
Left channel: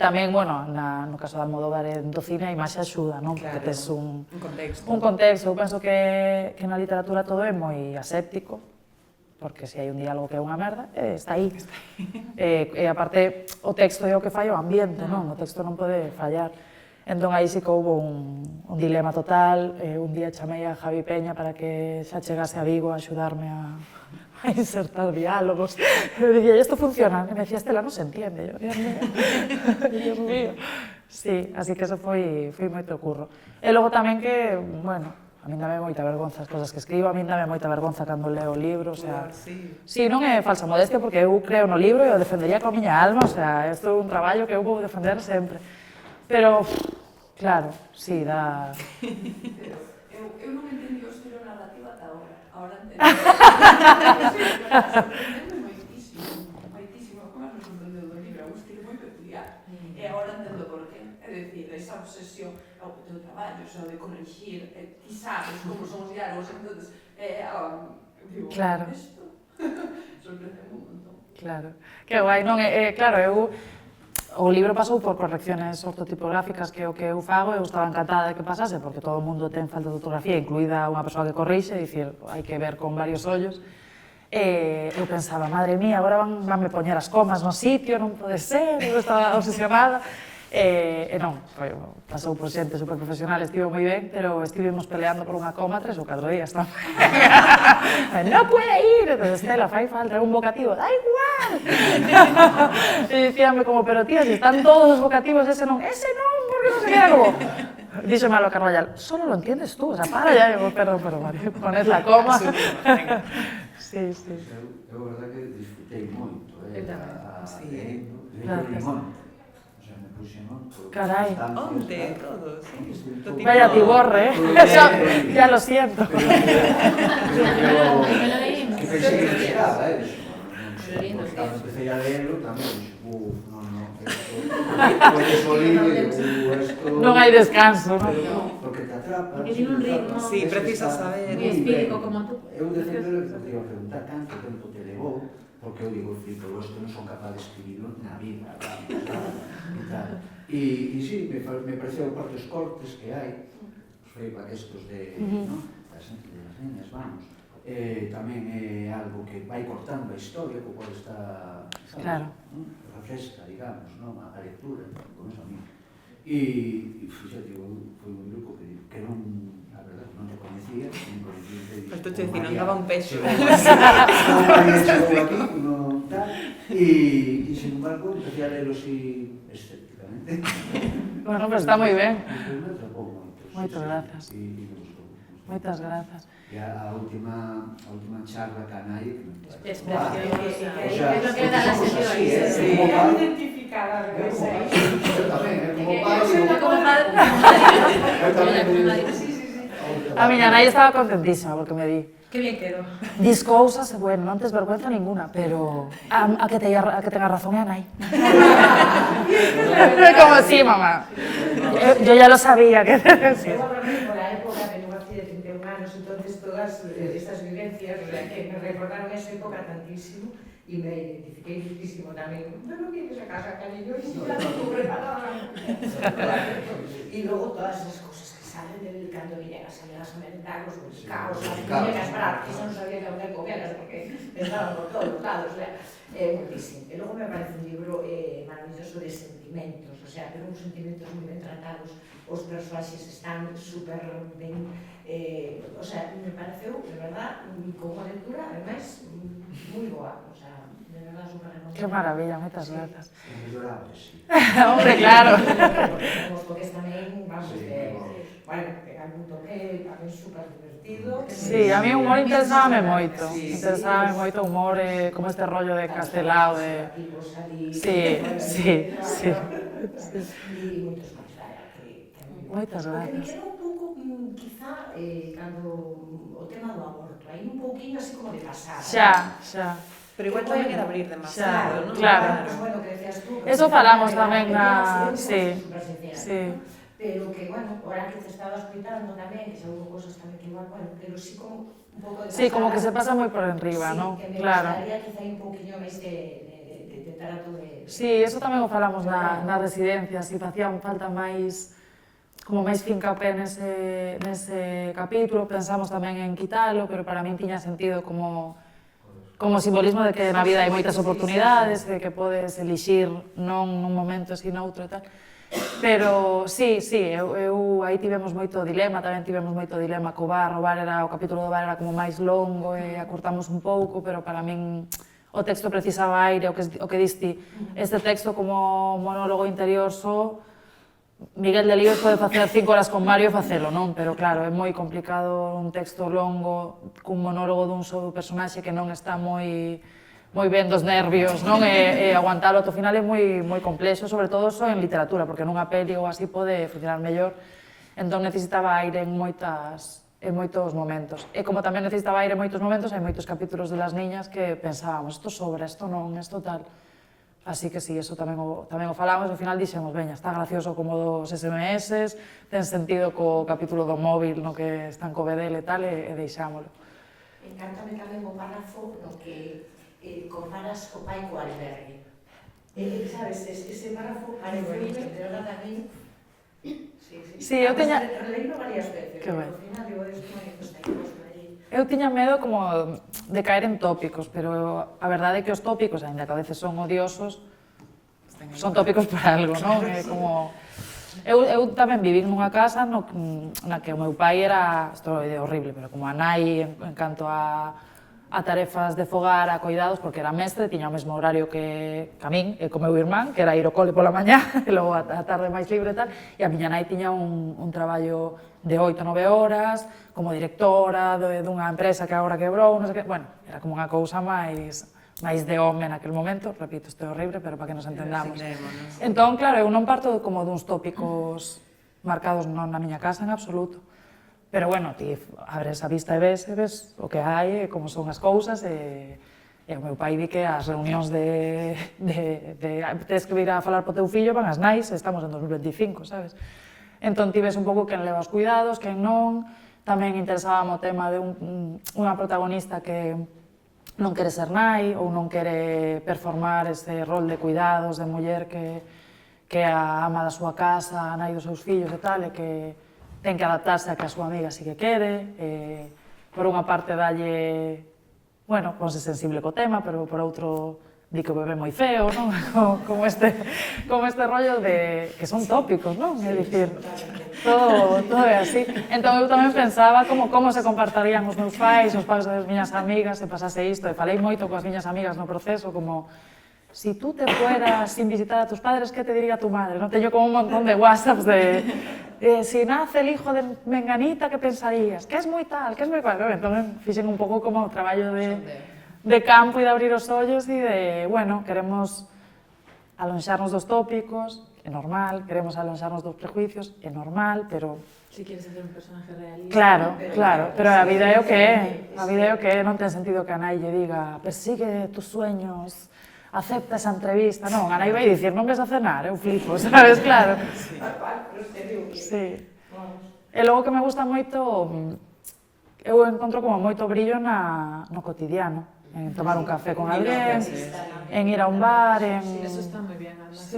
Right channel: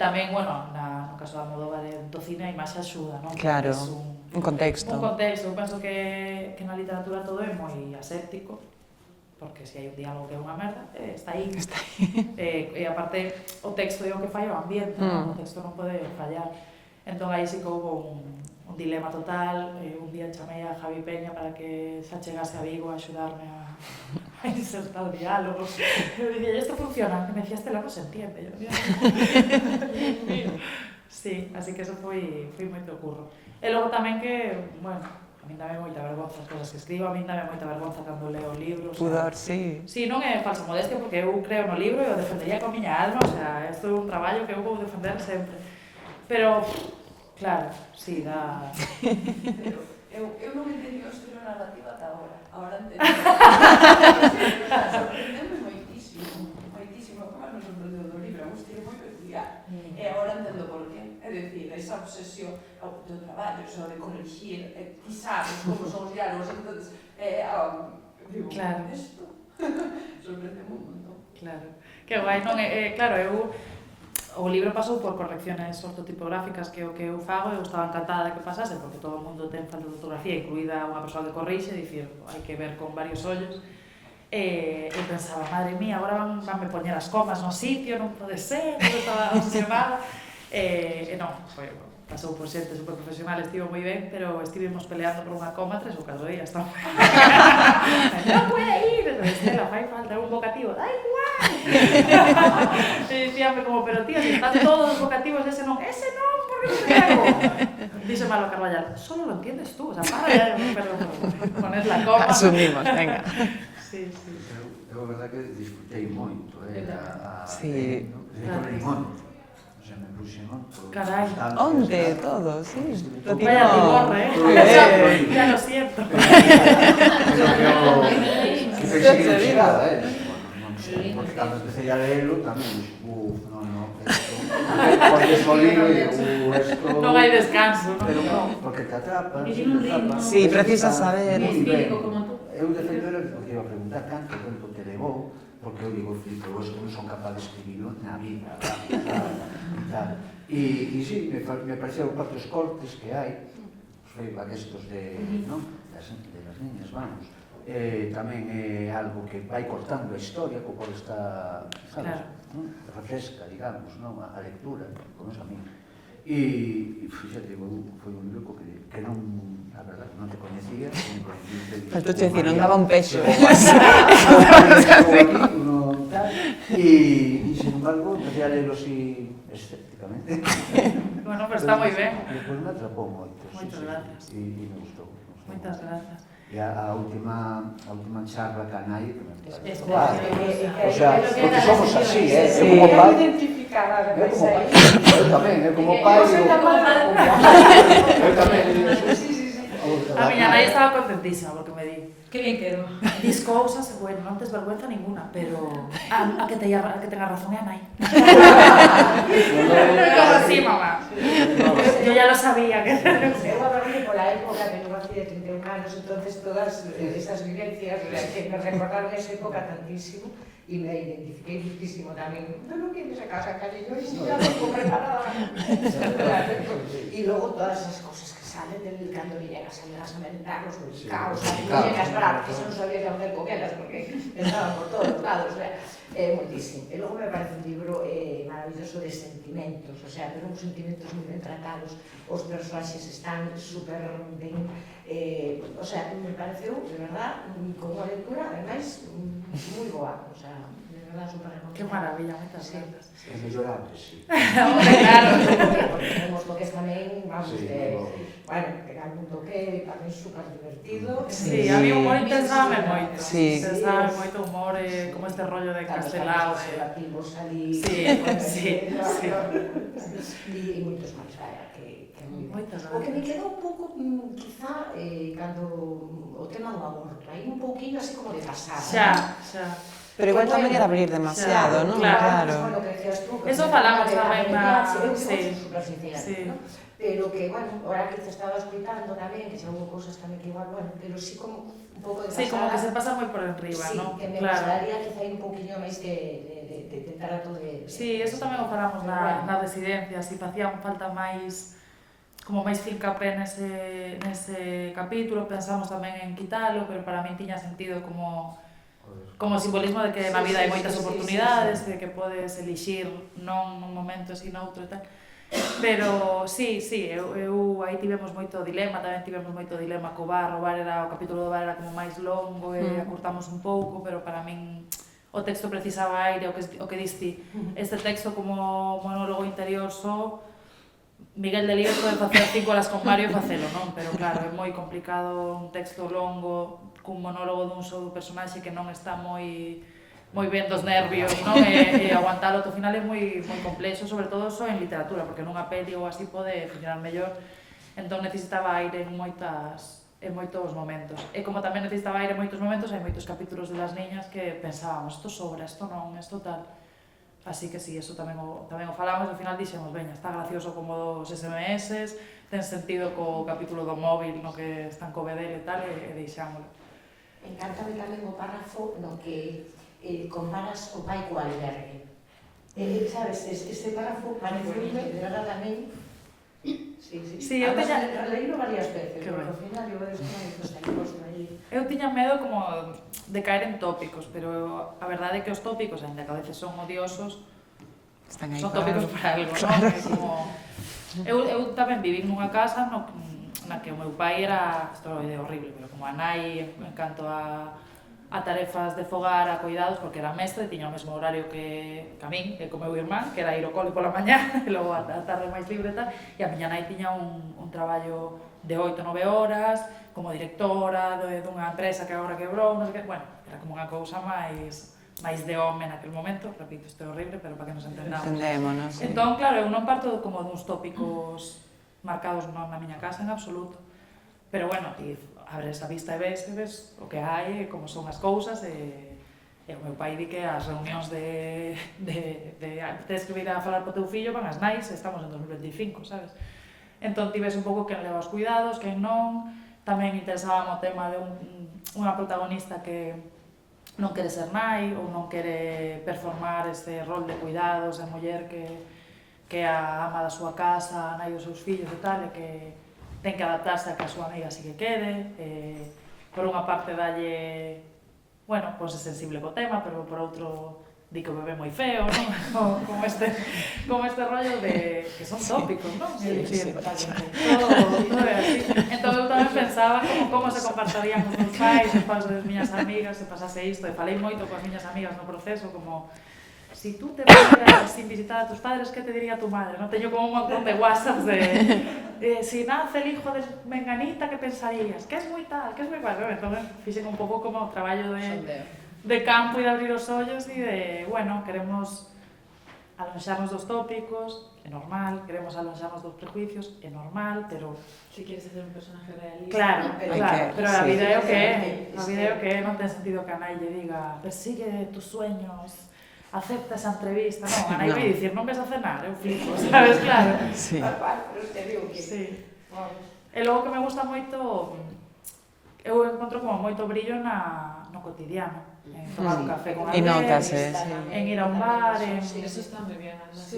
tamén, bueno, no caso de Almodóvar do cine a imaxe axuda, non? Claro, É un contexto. Un contexto, eu penso que na literatura todo é moi aséptico, porque se hai un diálogo que é unha merda, está aí. E aparte, o texto é o que falla o ambiente, non? O texto non pode fallar. Entón aí sí que houve un dilema total, un día chamei a Javi Peña para que xa chegase a Vigo a axudarme a insertar diálogos. Eu dicía, isto funciona? E me decía, Estela, non se entiende. Dios mío. Sí, así que eso foi moito curro. E logo tamén que, bueno, a min dame moita vergonza as cosas que escribo, a min dame moita vergonza cando leo libros. Sí. Sí, non é falsa modestia, porque eu creo no libro e o defendería coa miña alma, o sea, isto é un traballo que eu vou defender sempre. Pero, claro, sí, dá... Eu non entendi o estilo narrativo ata agora. Agora entendi. Moitísimo. Como é que nos sorprendeu do libro? É un estilo moi peculiar. E agora entendo por qué. É dicir, esa obsesión ao teu traballo, o de corrigir, ti sabes como son os diálogos, entonces, digo, claro. Isto sorprende un montón. Claro. Que guai, non? Claro, o libro pasou por correcciones ortotipográficas que o que eu fago, eu estaba encantada de que pasase, porque todo o mundo ten falta de ortografía, incluída unha persoa que corrixe, e dicir, hai que ver con varios ollos. Eu pensaba, madre mía, agora vanme poñer as comas no sitio, non pode ser, eu estaba obsesionada. Non, pasou por xente super profesional, estivo moi ben, pero estivemos peleando por unha coma 3 ou 4 días. Non puede ir! Estela, fai falta un vocativo, da igual! E dicíame como, pero tío, si están todos os vocativos, ese non, porque non te hago? Dixo Malo Carballal, solo lo entiendes tú, o sea, para ya, pero poned la coma. Asumimos, venga. Sí. Eu, a verdade que disfrutei moito, Sí. Carai, onde? Todo, sí. Vaya tiborre, ya lo siento. Que pensei que non chegaba, porque cando empecé a leerlo tamén, porque es o libro e esto... Non hai descanso, non? Porque te atrapa... Porque tiene un ritmo. Sí, precisas saber. Espírico como tú. Eu defender, porque iba a preguntar canto tempo te levou, porque eu digo, flipo, os que non son capaz de escribirlo na vida, e tal. E sí, me parecieron partes cortes que hai, os feedback estos de las niñas, vamos. Tamén é algo que vai cortando a historia, que pode estar, sabes, refresca, digamos, a lectura, con eso a mí. E, fíxate, foi un libro que non, a verdade, non te coñecía, Pero tú te decís, non daba un peixo. E, sin embargo, empecé a leerlo así escépticamente. Bueno, pero está moi ben. Pues me atrapou moito. Moitas grazas. E me gustou. Moitas grazas. E a última charla que a Nai, que me Espera, o sea, es lo que da la somos así, sesión. como pai. Identificar a veces aí. Eu tamén, como pai. Eu tamén. A miña nai estaba contentísima porque me di. Qué bien quedó. Dis cousas, bueno, non tes vergüenza ninguna, pero a que tenga razón é a nai. Como así, mamá. Yo ya lo sabía. Eu a dormir por la época de no hacía 31 anos, entonces entonces todas esas vivencias que me recordaron esa época tantísimo y me identifiqué muchísimo también. ¿Pero vienes a casa, cariño? Y si ya tengo preparada. Y luego todas esas cosas que salen cuando vienen a salir a mentar los caos, vienen a esperar, que eso no sabía de dónde comerlas porque estaban por todos lados. Muchísimo. E logo me parece un libro maravilloso de sentimentos, o sea, pero uns sentimentos moi ben tratados, os personaxes están super ben, o sea, me pareceu, de verdad, como unha lectura, ademais, moi boa, o sea, de verdad, super recomendable. Qué maravilla, moitas grazas. É mellorable, sí. Hombre, claro. Porque temos toques tamén, vamos, bueno, pegar un toque tamén super divertido. Sí, a mí o humor interesábame moito. Sí. Interesábame moito o humor, como este rollo de Castelao, de... Sí, sí, sí. E moitos máis, que Moitas o que me grazas. quedou un pouco, quizá, cando o tema do aborto, aí un pouquinho así como de pasada. Xa. Pero igual tamén é de abrir demasiado, non? Claro. Bueno, que decías tú, Eso falamos tamén na... Sí. Sí. Pero que, bueno, ahora que te estaba escuitando tamén, que xa hubo cosas tamén que igual, bueno, pero sí como un pouco de pasada. Sí, como que se pasa moi por enriba, sí, non? Que me Claro. gustaría quizá un pouquinho máis de trato de... Sí, eso tamén o falamos na residencia, si facían falta máis como máis fincapé nese capítulo, pensamos tamén en quitalo, pero para min tiña sentido como simbolismo de que na vida hai moitas oportunidades, de que podes elixir non nun momento e noutro e tal. Pero sí, eu aí tivemos moito dilema, tamén tivemos moito dilema co bar, o capítulo do bar era como máis longo e acurtamos un pouco, pero para min o texto precisaba aire, o que diste, este texto como monólogo interior só, Miguel Delibes pode facer 5 horas con Mario e facelo, non? Pero claro, é moi complicado un texto longo cun monólogo dun só do personaxe que non está moi ben dos nervios, non? E aguantalo ao final é moi complexo, sobre todo só en literatura, porque nunha peli ou así pode funcionar mellor. Entón necesitaba aire en moitos momentos. E como tamén necesitaba aire en moitos momentos, hai moitos capítulos de Las Niñas que pensábamos, isto sobra, isto non, isto tal. Así que sí, eso tamén o falamos, ao final dixemos, veña, está gracioso como dos SMS, ten sentido co capítulo do móvil no que están co bedel e tal, e deixámolo. Encántame tamén o párrafo no que comparas o pai co albergue. Sabes, ese párrafo pareceume, de verdad, tamén... Sí, eu teña... Leílo varias veces, Que pero ben. ao final digo, esto non é costa imposto allí. Eu tiña medo como de caer en tópicos, pero a verdade é que os tópicos, ainda que a veces son odiosos, son tópicos por algo, non? É como... Eu tamén viví nunha casa na que o meu pai era, isto é horrible, pero como a nai en canto a tarefas de fogar, a cuidados, porque era mestre, tiña o mesmo horario que a min e co meu irmán, que era ir ao cole pola mañá e logo a tarde máis libre e tal, e a miña nai tiña un traballo de 8-9 horas, como directora dunha empresa que agora quebrou, non sei que, bueno, era como unha cousa máis de home naquele momento, repito, isto é horrible, pero para que nos entendamos. Entón, claro, eu non parto como duns tópicos marcados na miña casa en absoluto. Pero bueno, ti abres a vista e ves o que hai, como son as cousas, e o meu pai di que as reunións de escribir a falar po teu fillo van as nais, estamos en 2025, sabes? Entón ti ves un pouco quen leva os cuidados, quen non, tamén interesábame o tema de unha protagonista que non quere ser nai ou non quere performar ese rol de cuidados, de muller que é a ama da súa casa, a nai dos seus fillos e tal, e que ten que adaptarse a que a súa amiga sí que quere, por unha parte dalle, bueno, ponse sensible co tema, pero por outro di que o bebé moi feo, non? Como este rollo de que son tópicos, non? É dicir, todo é así. Entón eu tamén pensaba como se compartarían os meus pais, os pais das miñas amigas, se pasase isto, e falei moito coas miñas amigas no proceso, como si tú te fueras sin visitar a tus padres, ¿qué te diría tu madre? No teño como un montón de whatsapps de si nace el hijo de Menganita, ¿qué pensarías? Que es moi tal, que es moi tal. Entón, fixen un pouco como o traballo de campo e de abrir os ollos e de, bueno, queremos alonxarnos dos tópicos, é normal, queremos alonxarnos dos prejuicios, é normal, pero... Si quieres hacer un personaje realista... Claro, pero a vida é o que é, a vida é o que é, non ten sentido que a nai lle diga persigue tus sueños, acepta esa entrevista, non, a nai vai dicir, non ves a cenar, eu flipo, sabes, claro. Sí. E logo que me gusta moito, eu encontro como moito brillo no cotidiano, en tomar un café con alguén, en ir a un bar, en... Eso está moi bien, además.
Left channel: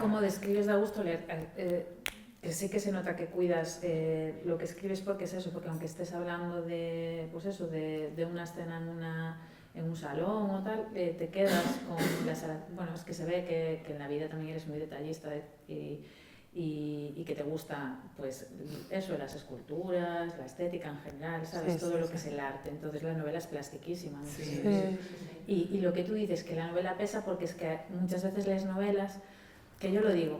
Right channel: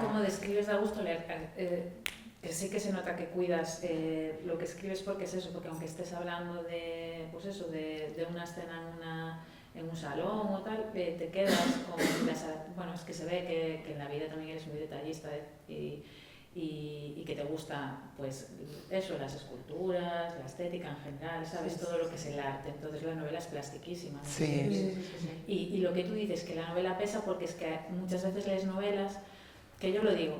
Como describes, da gusto leer. Sí que se nota que cuidas lo que escribes, porque es eso, porque aunque estés hablando de, pues eso, de una escena en un salón o tal, te quedas con las... Bueno, es que se ve que en la vida también eres muy detallista y que te gusta, pues, eso, las esculturas, la estética en general, ¿sabes? Todo lo que es el arte. Entonces la novela es plastiquísima. Y lo que tú dices, que la novela pesa, porque es que muchas veces lees novelas, que yo lo digo,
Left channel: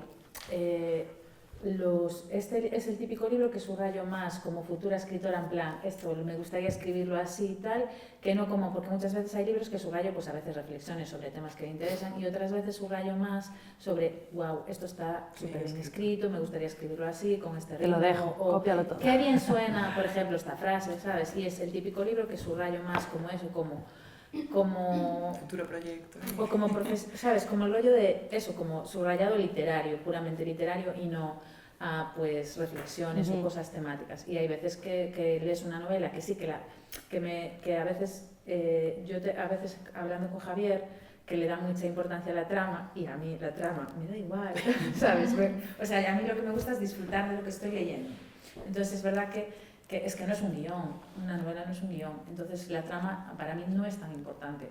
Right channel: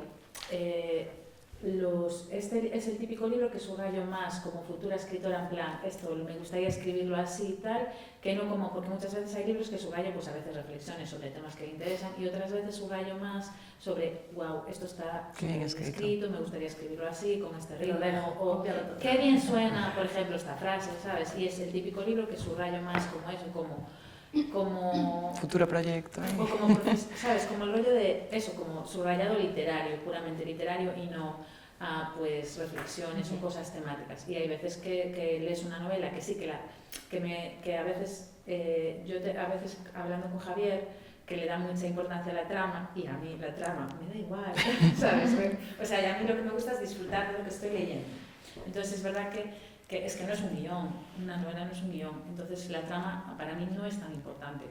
este es el típico libro que subrayo más como futura escritora, en plan, esto me gustaría escribirlo así y tal, que no como, porque muchas veces hay libros que subrayo pues a veces reflexiones sobre temas que me interesan, y otras veces subrayo más sobre, wow, esto está súper bien escrito, me gustaría escribirlo así, con este ritmo, o qué bien suena, por ejemplo, esta frase, ¿sabes? Y es el típico libro que subrayo más como eso, como futuro proyecto. O como, ¿sabes? Como el rollo de eso, como subrayado literario, puramente literario, y no pues reflexiones o cosas temáticas. Y hay veces que lees una novela que sí que a veces a veces hablando con Javier, que le da mucha importancia a la trama, y a mí la trama me da igual, ¿sabes? O sea, a mí lo que me gusta es disfrutar de lo que estoy leyendo. Entonces es verdad que es que no es un guión, una novela no es un guión, entonces la trama para mí no es tan importante.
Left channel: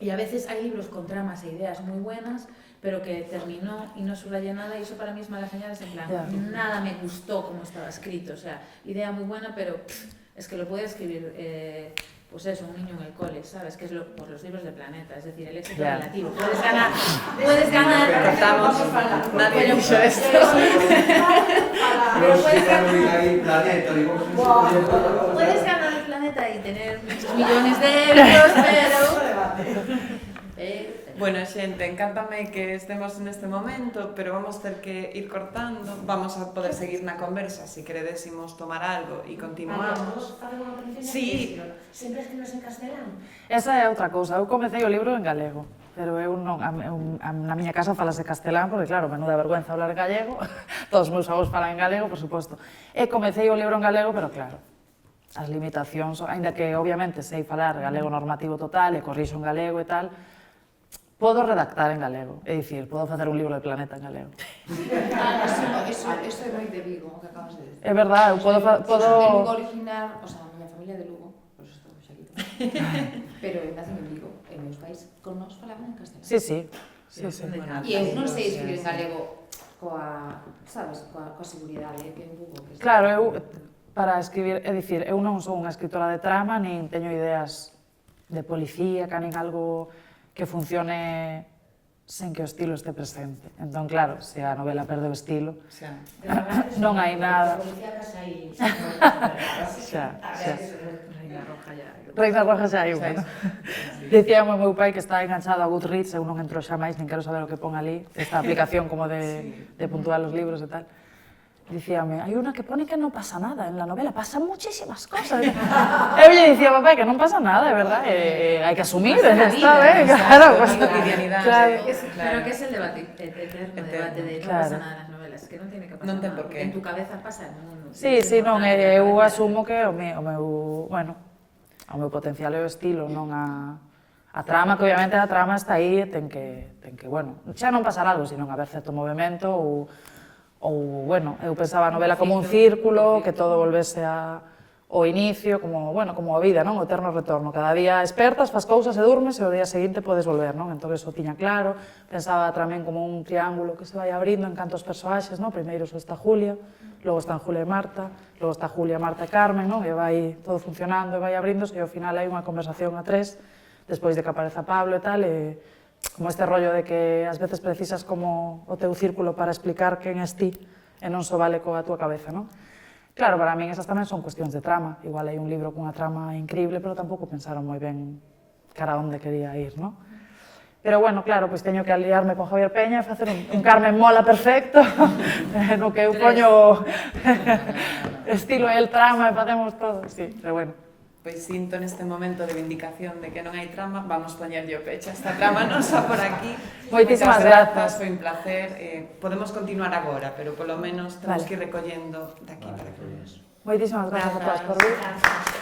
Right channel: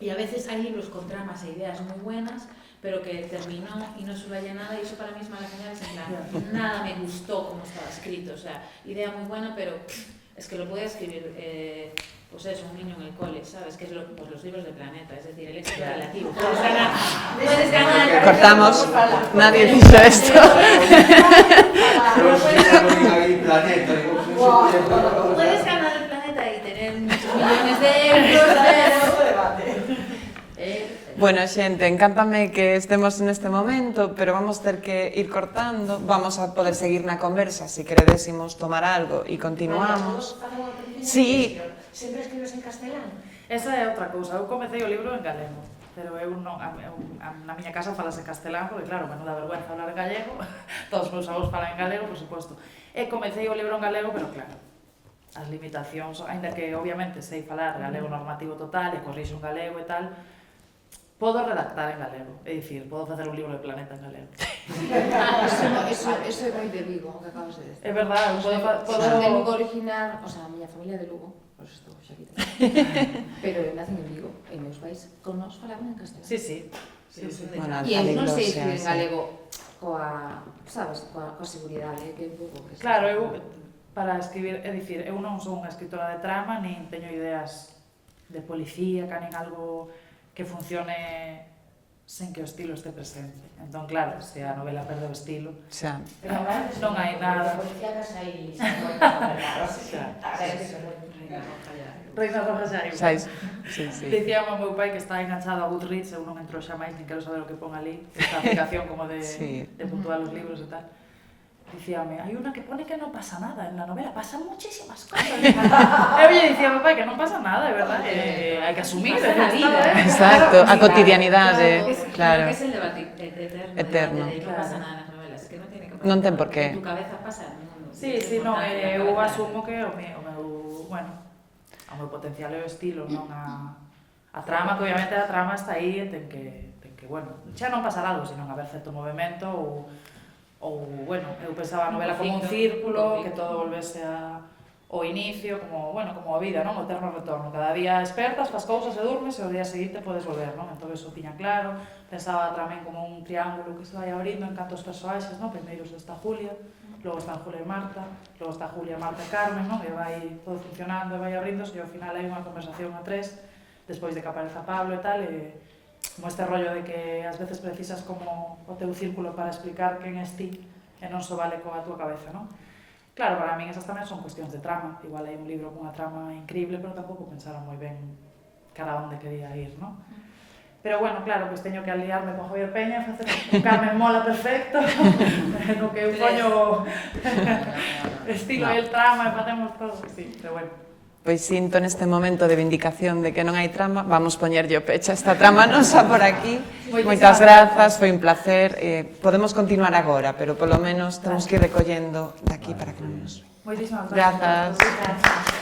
Y a veces hay libros con tramas e ideas muy buenas, pero que terminó y no subraya nada, y eso para mí es mala señal, es en plan, nada me gustó como estaba escrito, o sea, idea muy buena, pero es que lo puede escribir, pues eso, un niño en el cole, ¿sabes? Que es pues los libros de Planeta, es decir, el éxito relativo. Puedes ganar. Cortamos, nadie dijo esto. Puedes ganar el Planeta y tener muchos millones de euros, pero... Bueno, xente, encántame que estemos neste momento, pero vamos ter que ir cortando. Vamos a poder seguir na conversa, se queredésemos tomar algo e continuamos. Sí. Sempre escribes en castelán? Esa é outra cousa, eu comecei o libro en galego, pero eu non, na miña casa falase castelán, porque claro, menuda vergüenza hablar en gallego, todos os meus avós falan en galego, por suposto. E comecei o libro en galego, pero claro, as limitacións, ainda que obviamente sei falar galego normativo total e corrixo en galego e tal, podo redactar en galego, é dicir, podo facer un libro de Planeta en galego. Eso é moi de Vigo, o que acabas de decir. É verdade, podo... En Lugo original, o sea, a miña familia de Lugo, por eso estou xa quita. Pero nacen en Vigo, e meus pais con nos falaban en castelán. Sí. E eu non sei escribir en galego coa, sabes, coa seguridade, que é un pouco que... Claro, eu, para escribir, é dicir, eu non son unha escritora de trama, nin teño ideas de policía, nin algo que funcione sen que o estilo este presente. Entón, claro, se a novela perde o estilo, non hai nada. Reina Roja xa hai unha. Dicíame o meu pai que está enganchado a Goodreads, eu non entro xa máis, nin quero saber o que pon ali, esta aplicación como de puntuar os libros e tal. Dicíame, hai unha que pone que non pasa nada en la novela, pasan muchísimas cosas. Eu lle dicía, papá, que non pasa nada, é verdad, hai que asumir, é está, exacto, a cotidianidade. Claro, que es el debate eterno de que non pasa nada nas novelas, que non tiene que pasar. Non ten por qué. En tu cabeza pasa el mundo. Sí, non, eu asumo que o meu potencial é o estilo, non a trama, que obviamente a trama está aí e ten que, bueno, xa non pasar algo, sino haber certo movimento ou, bueno, eu pensaba a novela como un círculo, que todo volvese ao inicio, como a vida, non? O eterno retorno. Cada día espertas, fas cousas e durmes e o día seguinte podes volver, non? Entón, eso tiña claro. Pensaba tamén como un triángulo que se vai abrindo en canto aos personaxes, non? Primeiro está Julia, logo están Julia e Marta, logo está Julia, Marta e Carmen, non? E vai todo funcionando e vai abríndose e ao final hai unha conversación a tres, despois de que apareza Pablo e tal, e como este rollo de que ás veces precisas como o teu círculo para explicar quen és ti e non só vale coa túa cabeza, non? Claro, para min esas tamén son cuestións de trama, igual hai un libro cunha trama increíble, pero tampouco pensaron moi ben cara onde quería ir, non? Pero bueno, claro, pois teño que aliarme con Javier Peña, facer un Carmen Mola perfecto, no que eu poño estilo e el trama e facemos todo, sí, pero bueno. Pois sinto neste momento de vindicación de que non hai trama, vamos poñerlle o pecho a esta trama nosa por aquí. Moitas grazas, foi un placer. Podemos continuar agora, pero polo menos temos que ir recollendo daqui para que non nos... Moitísimas grazas. Grazas.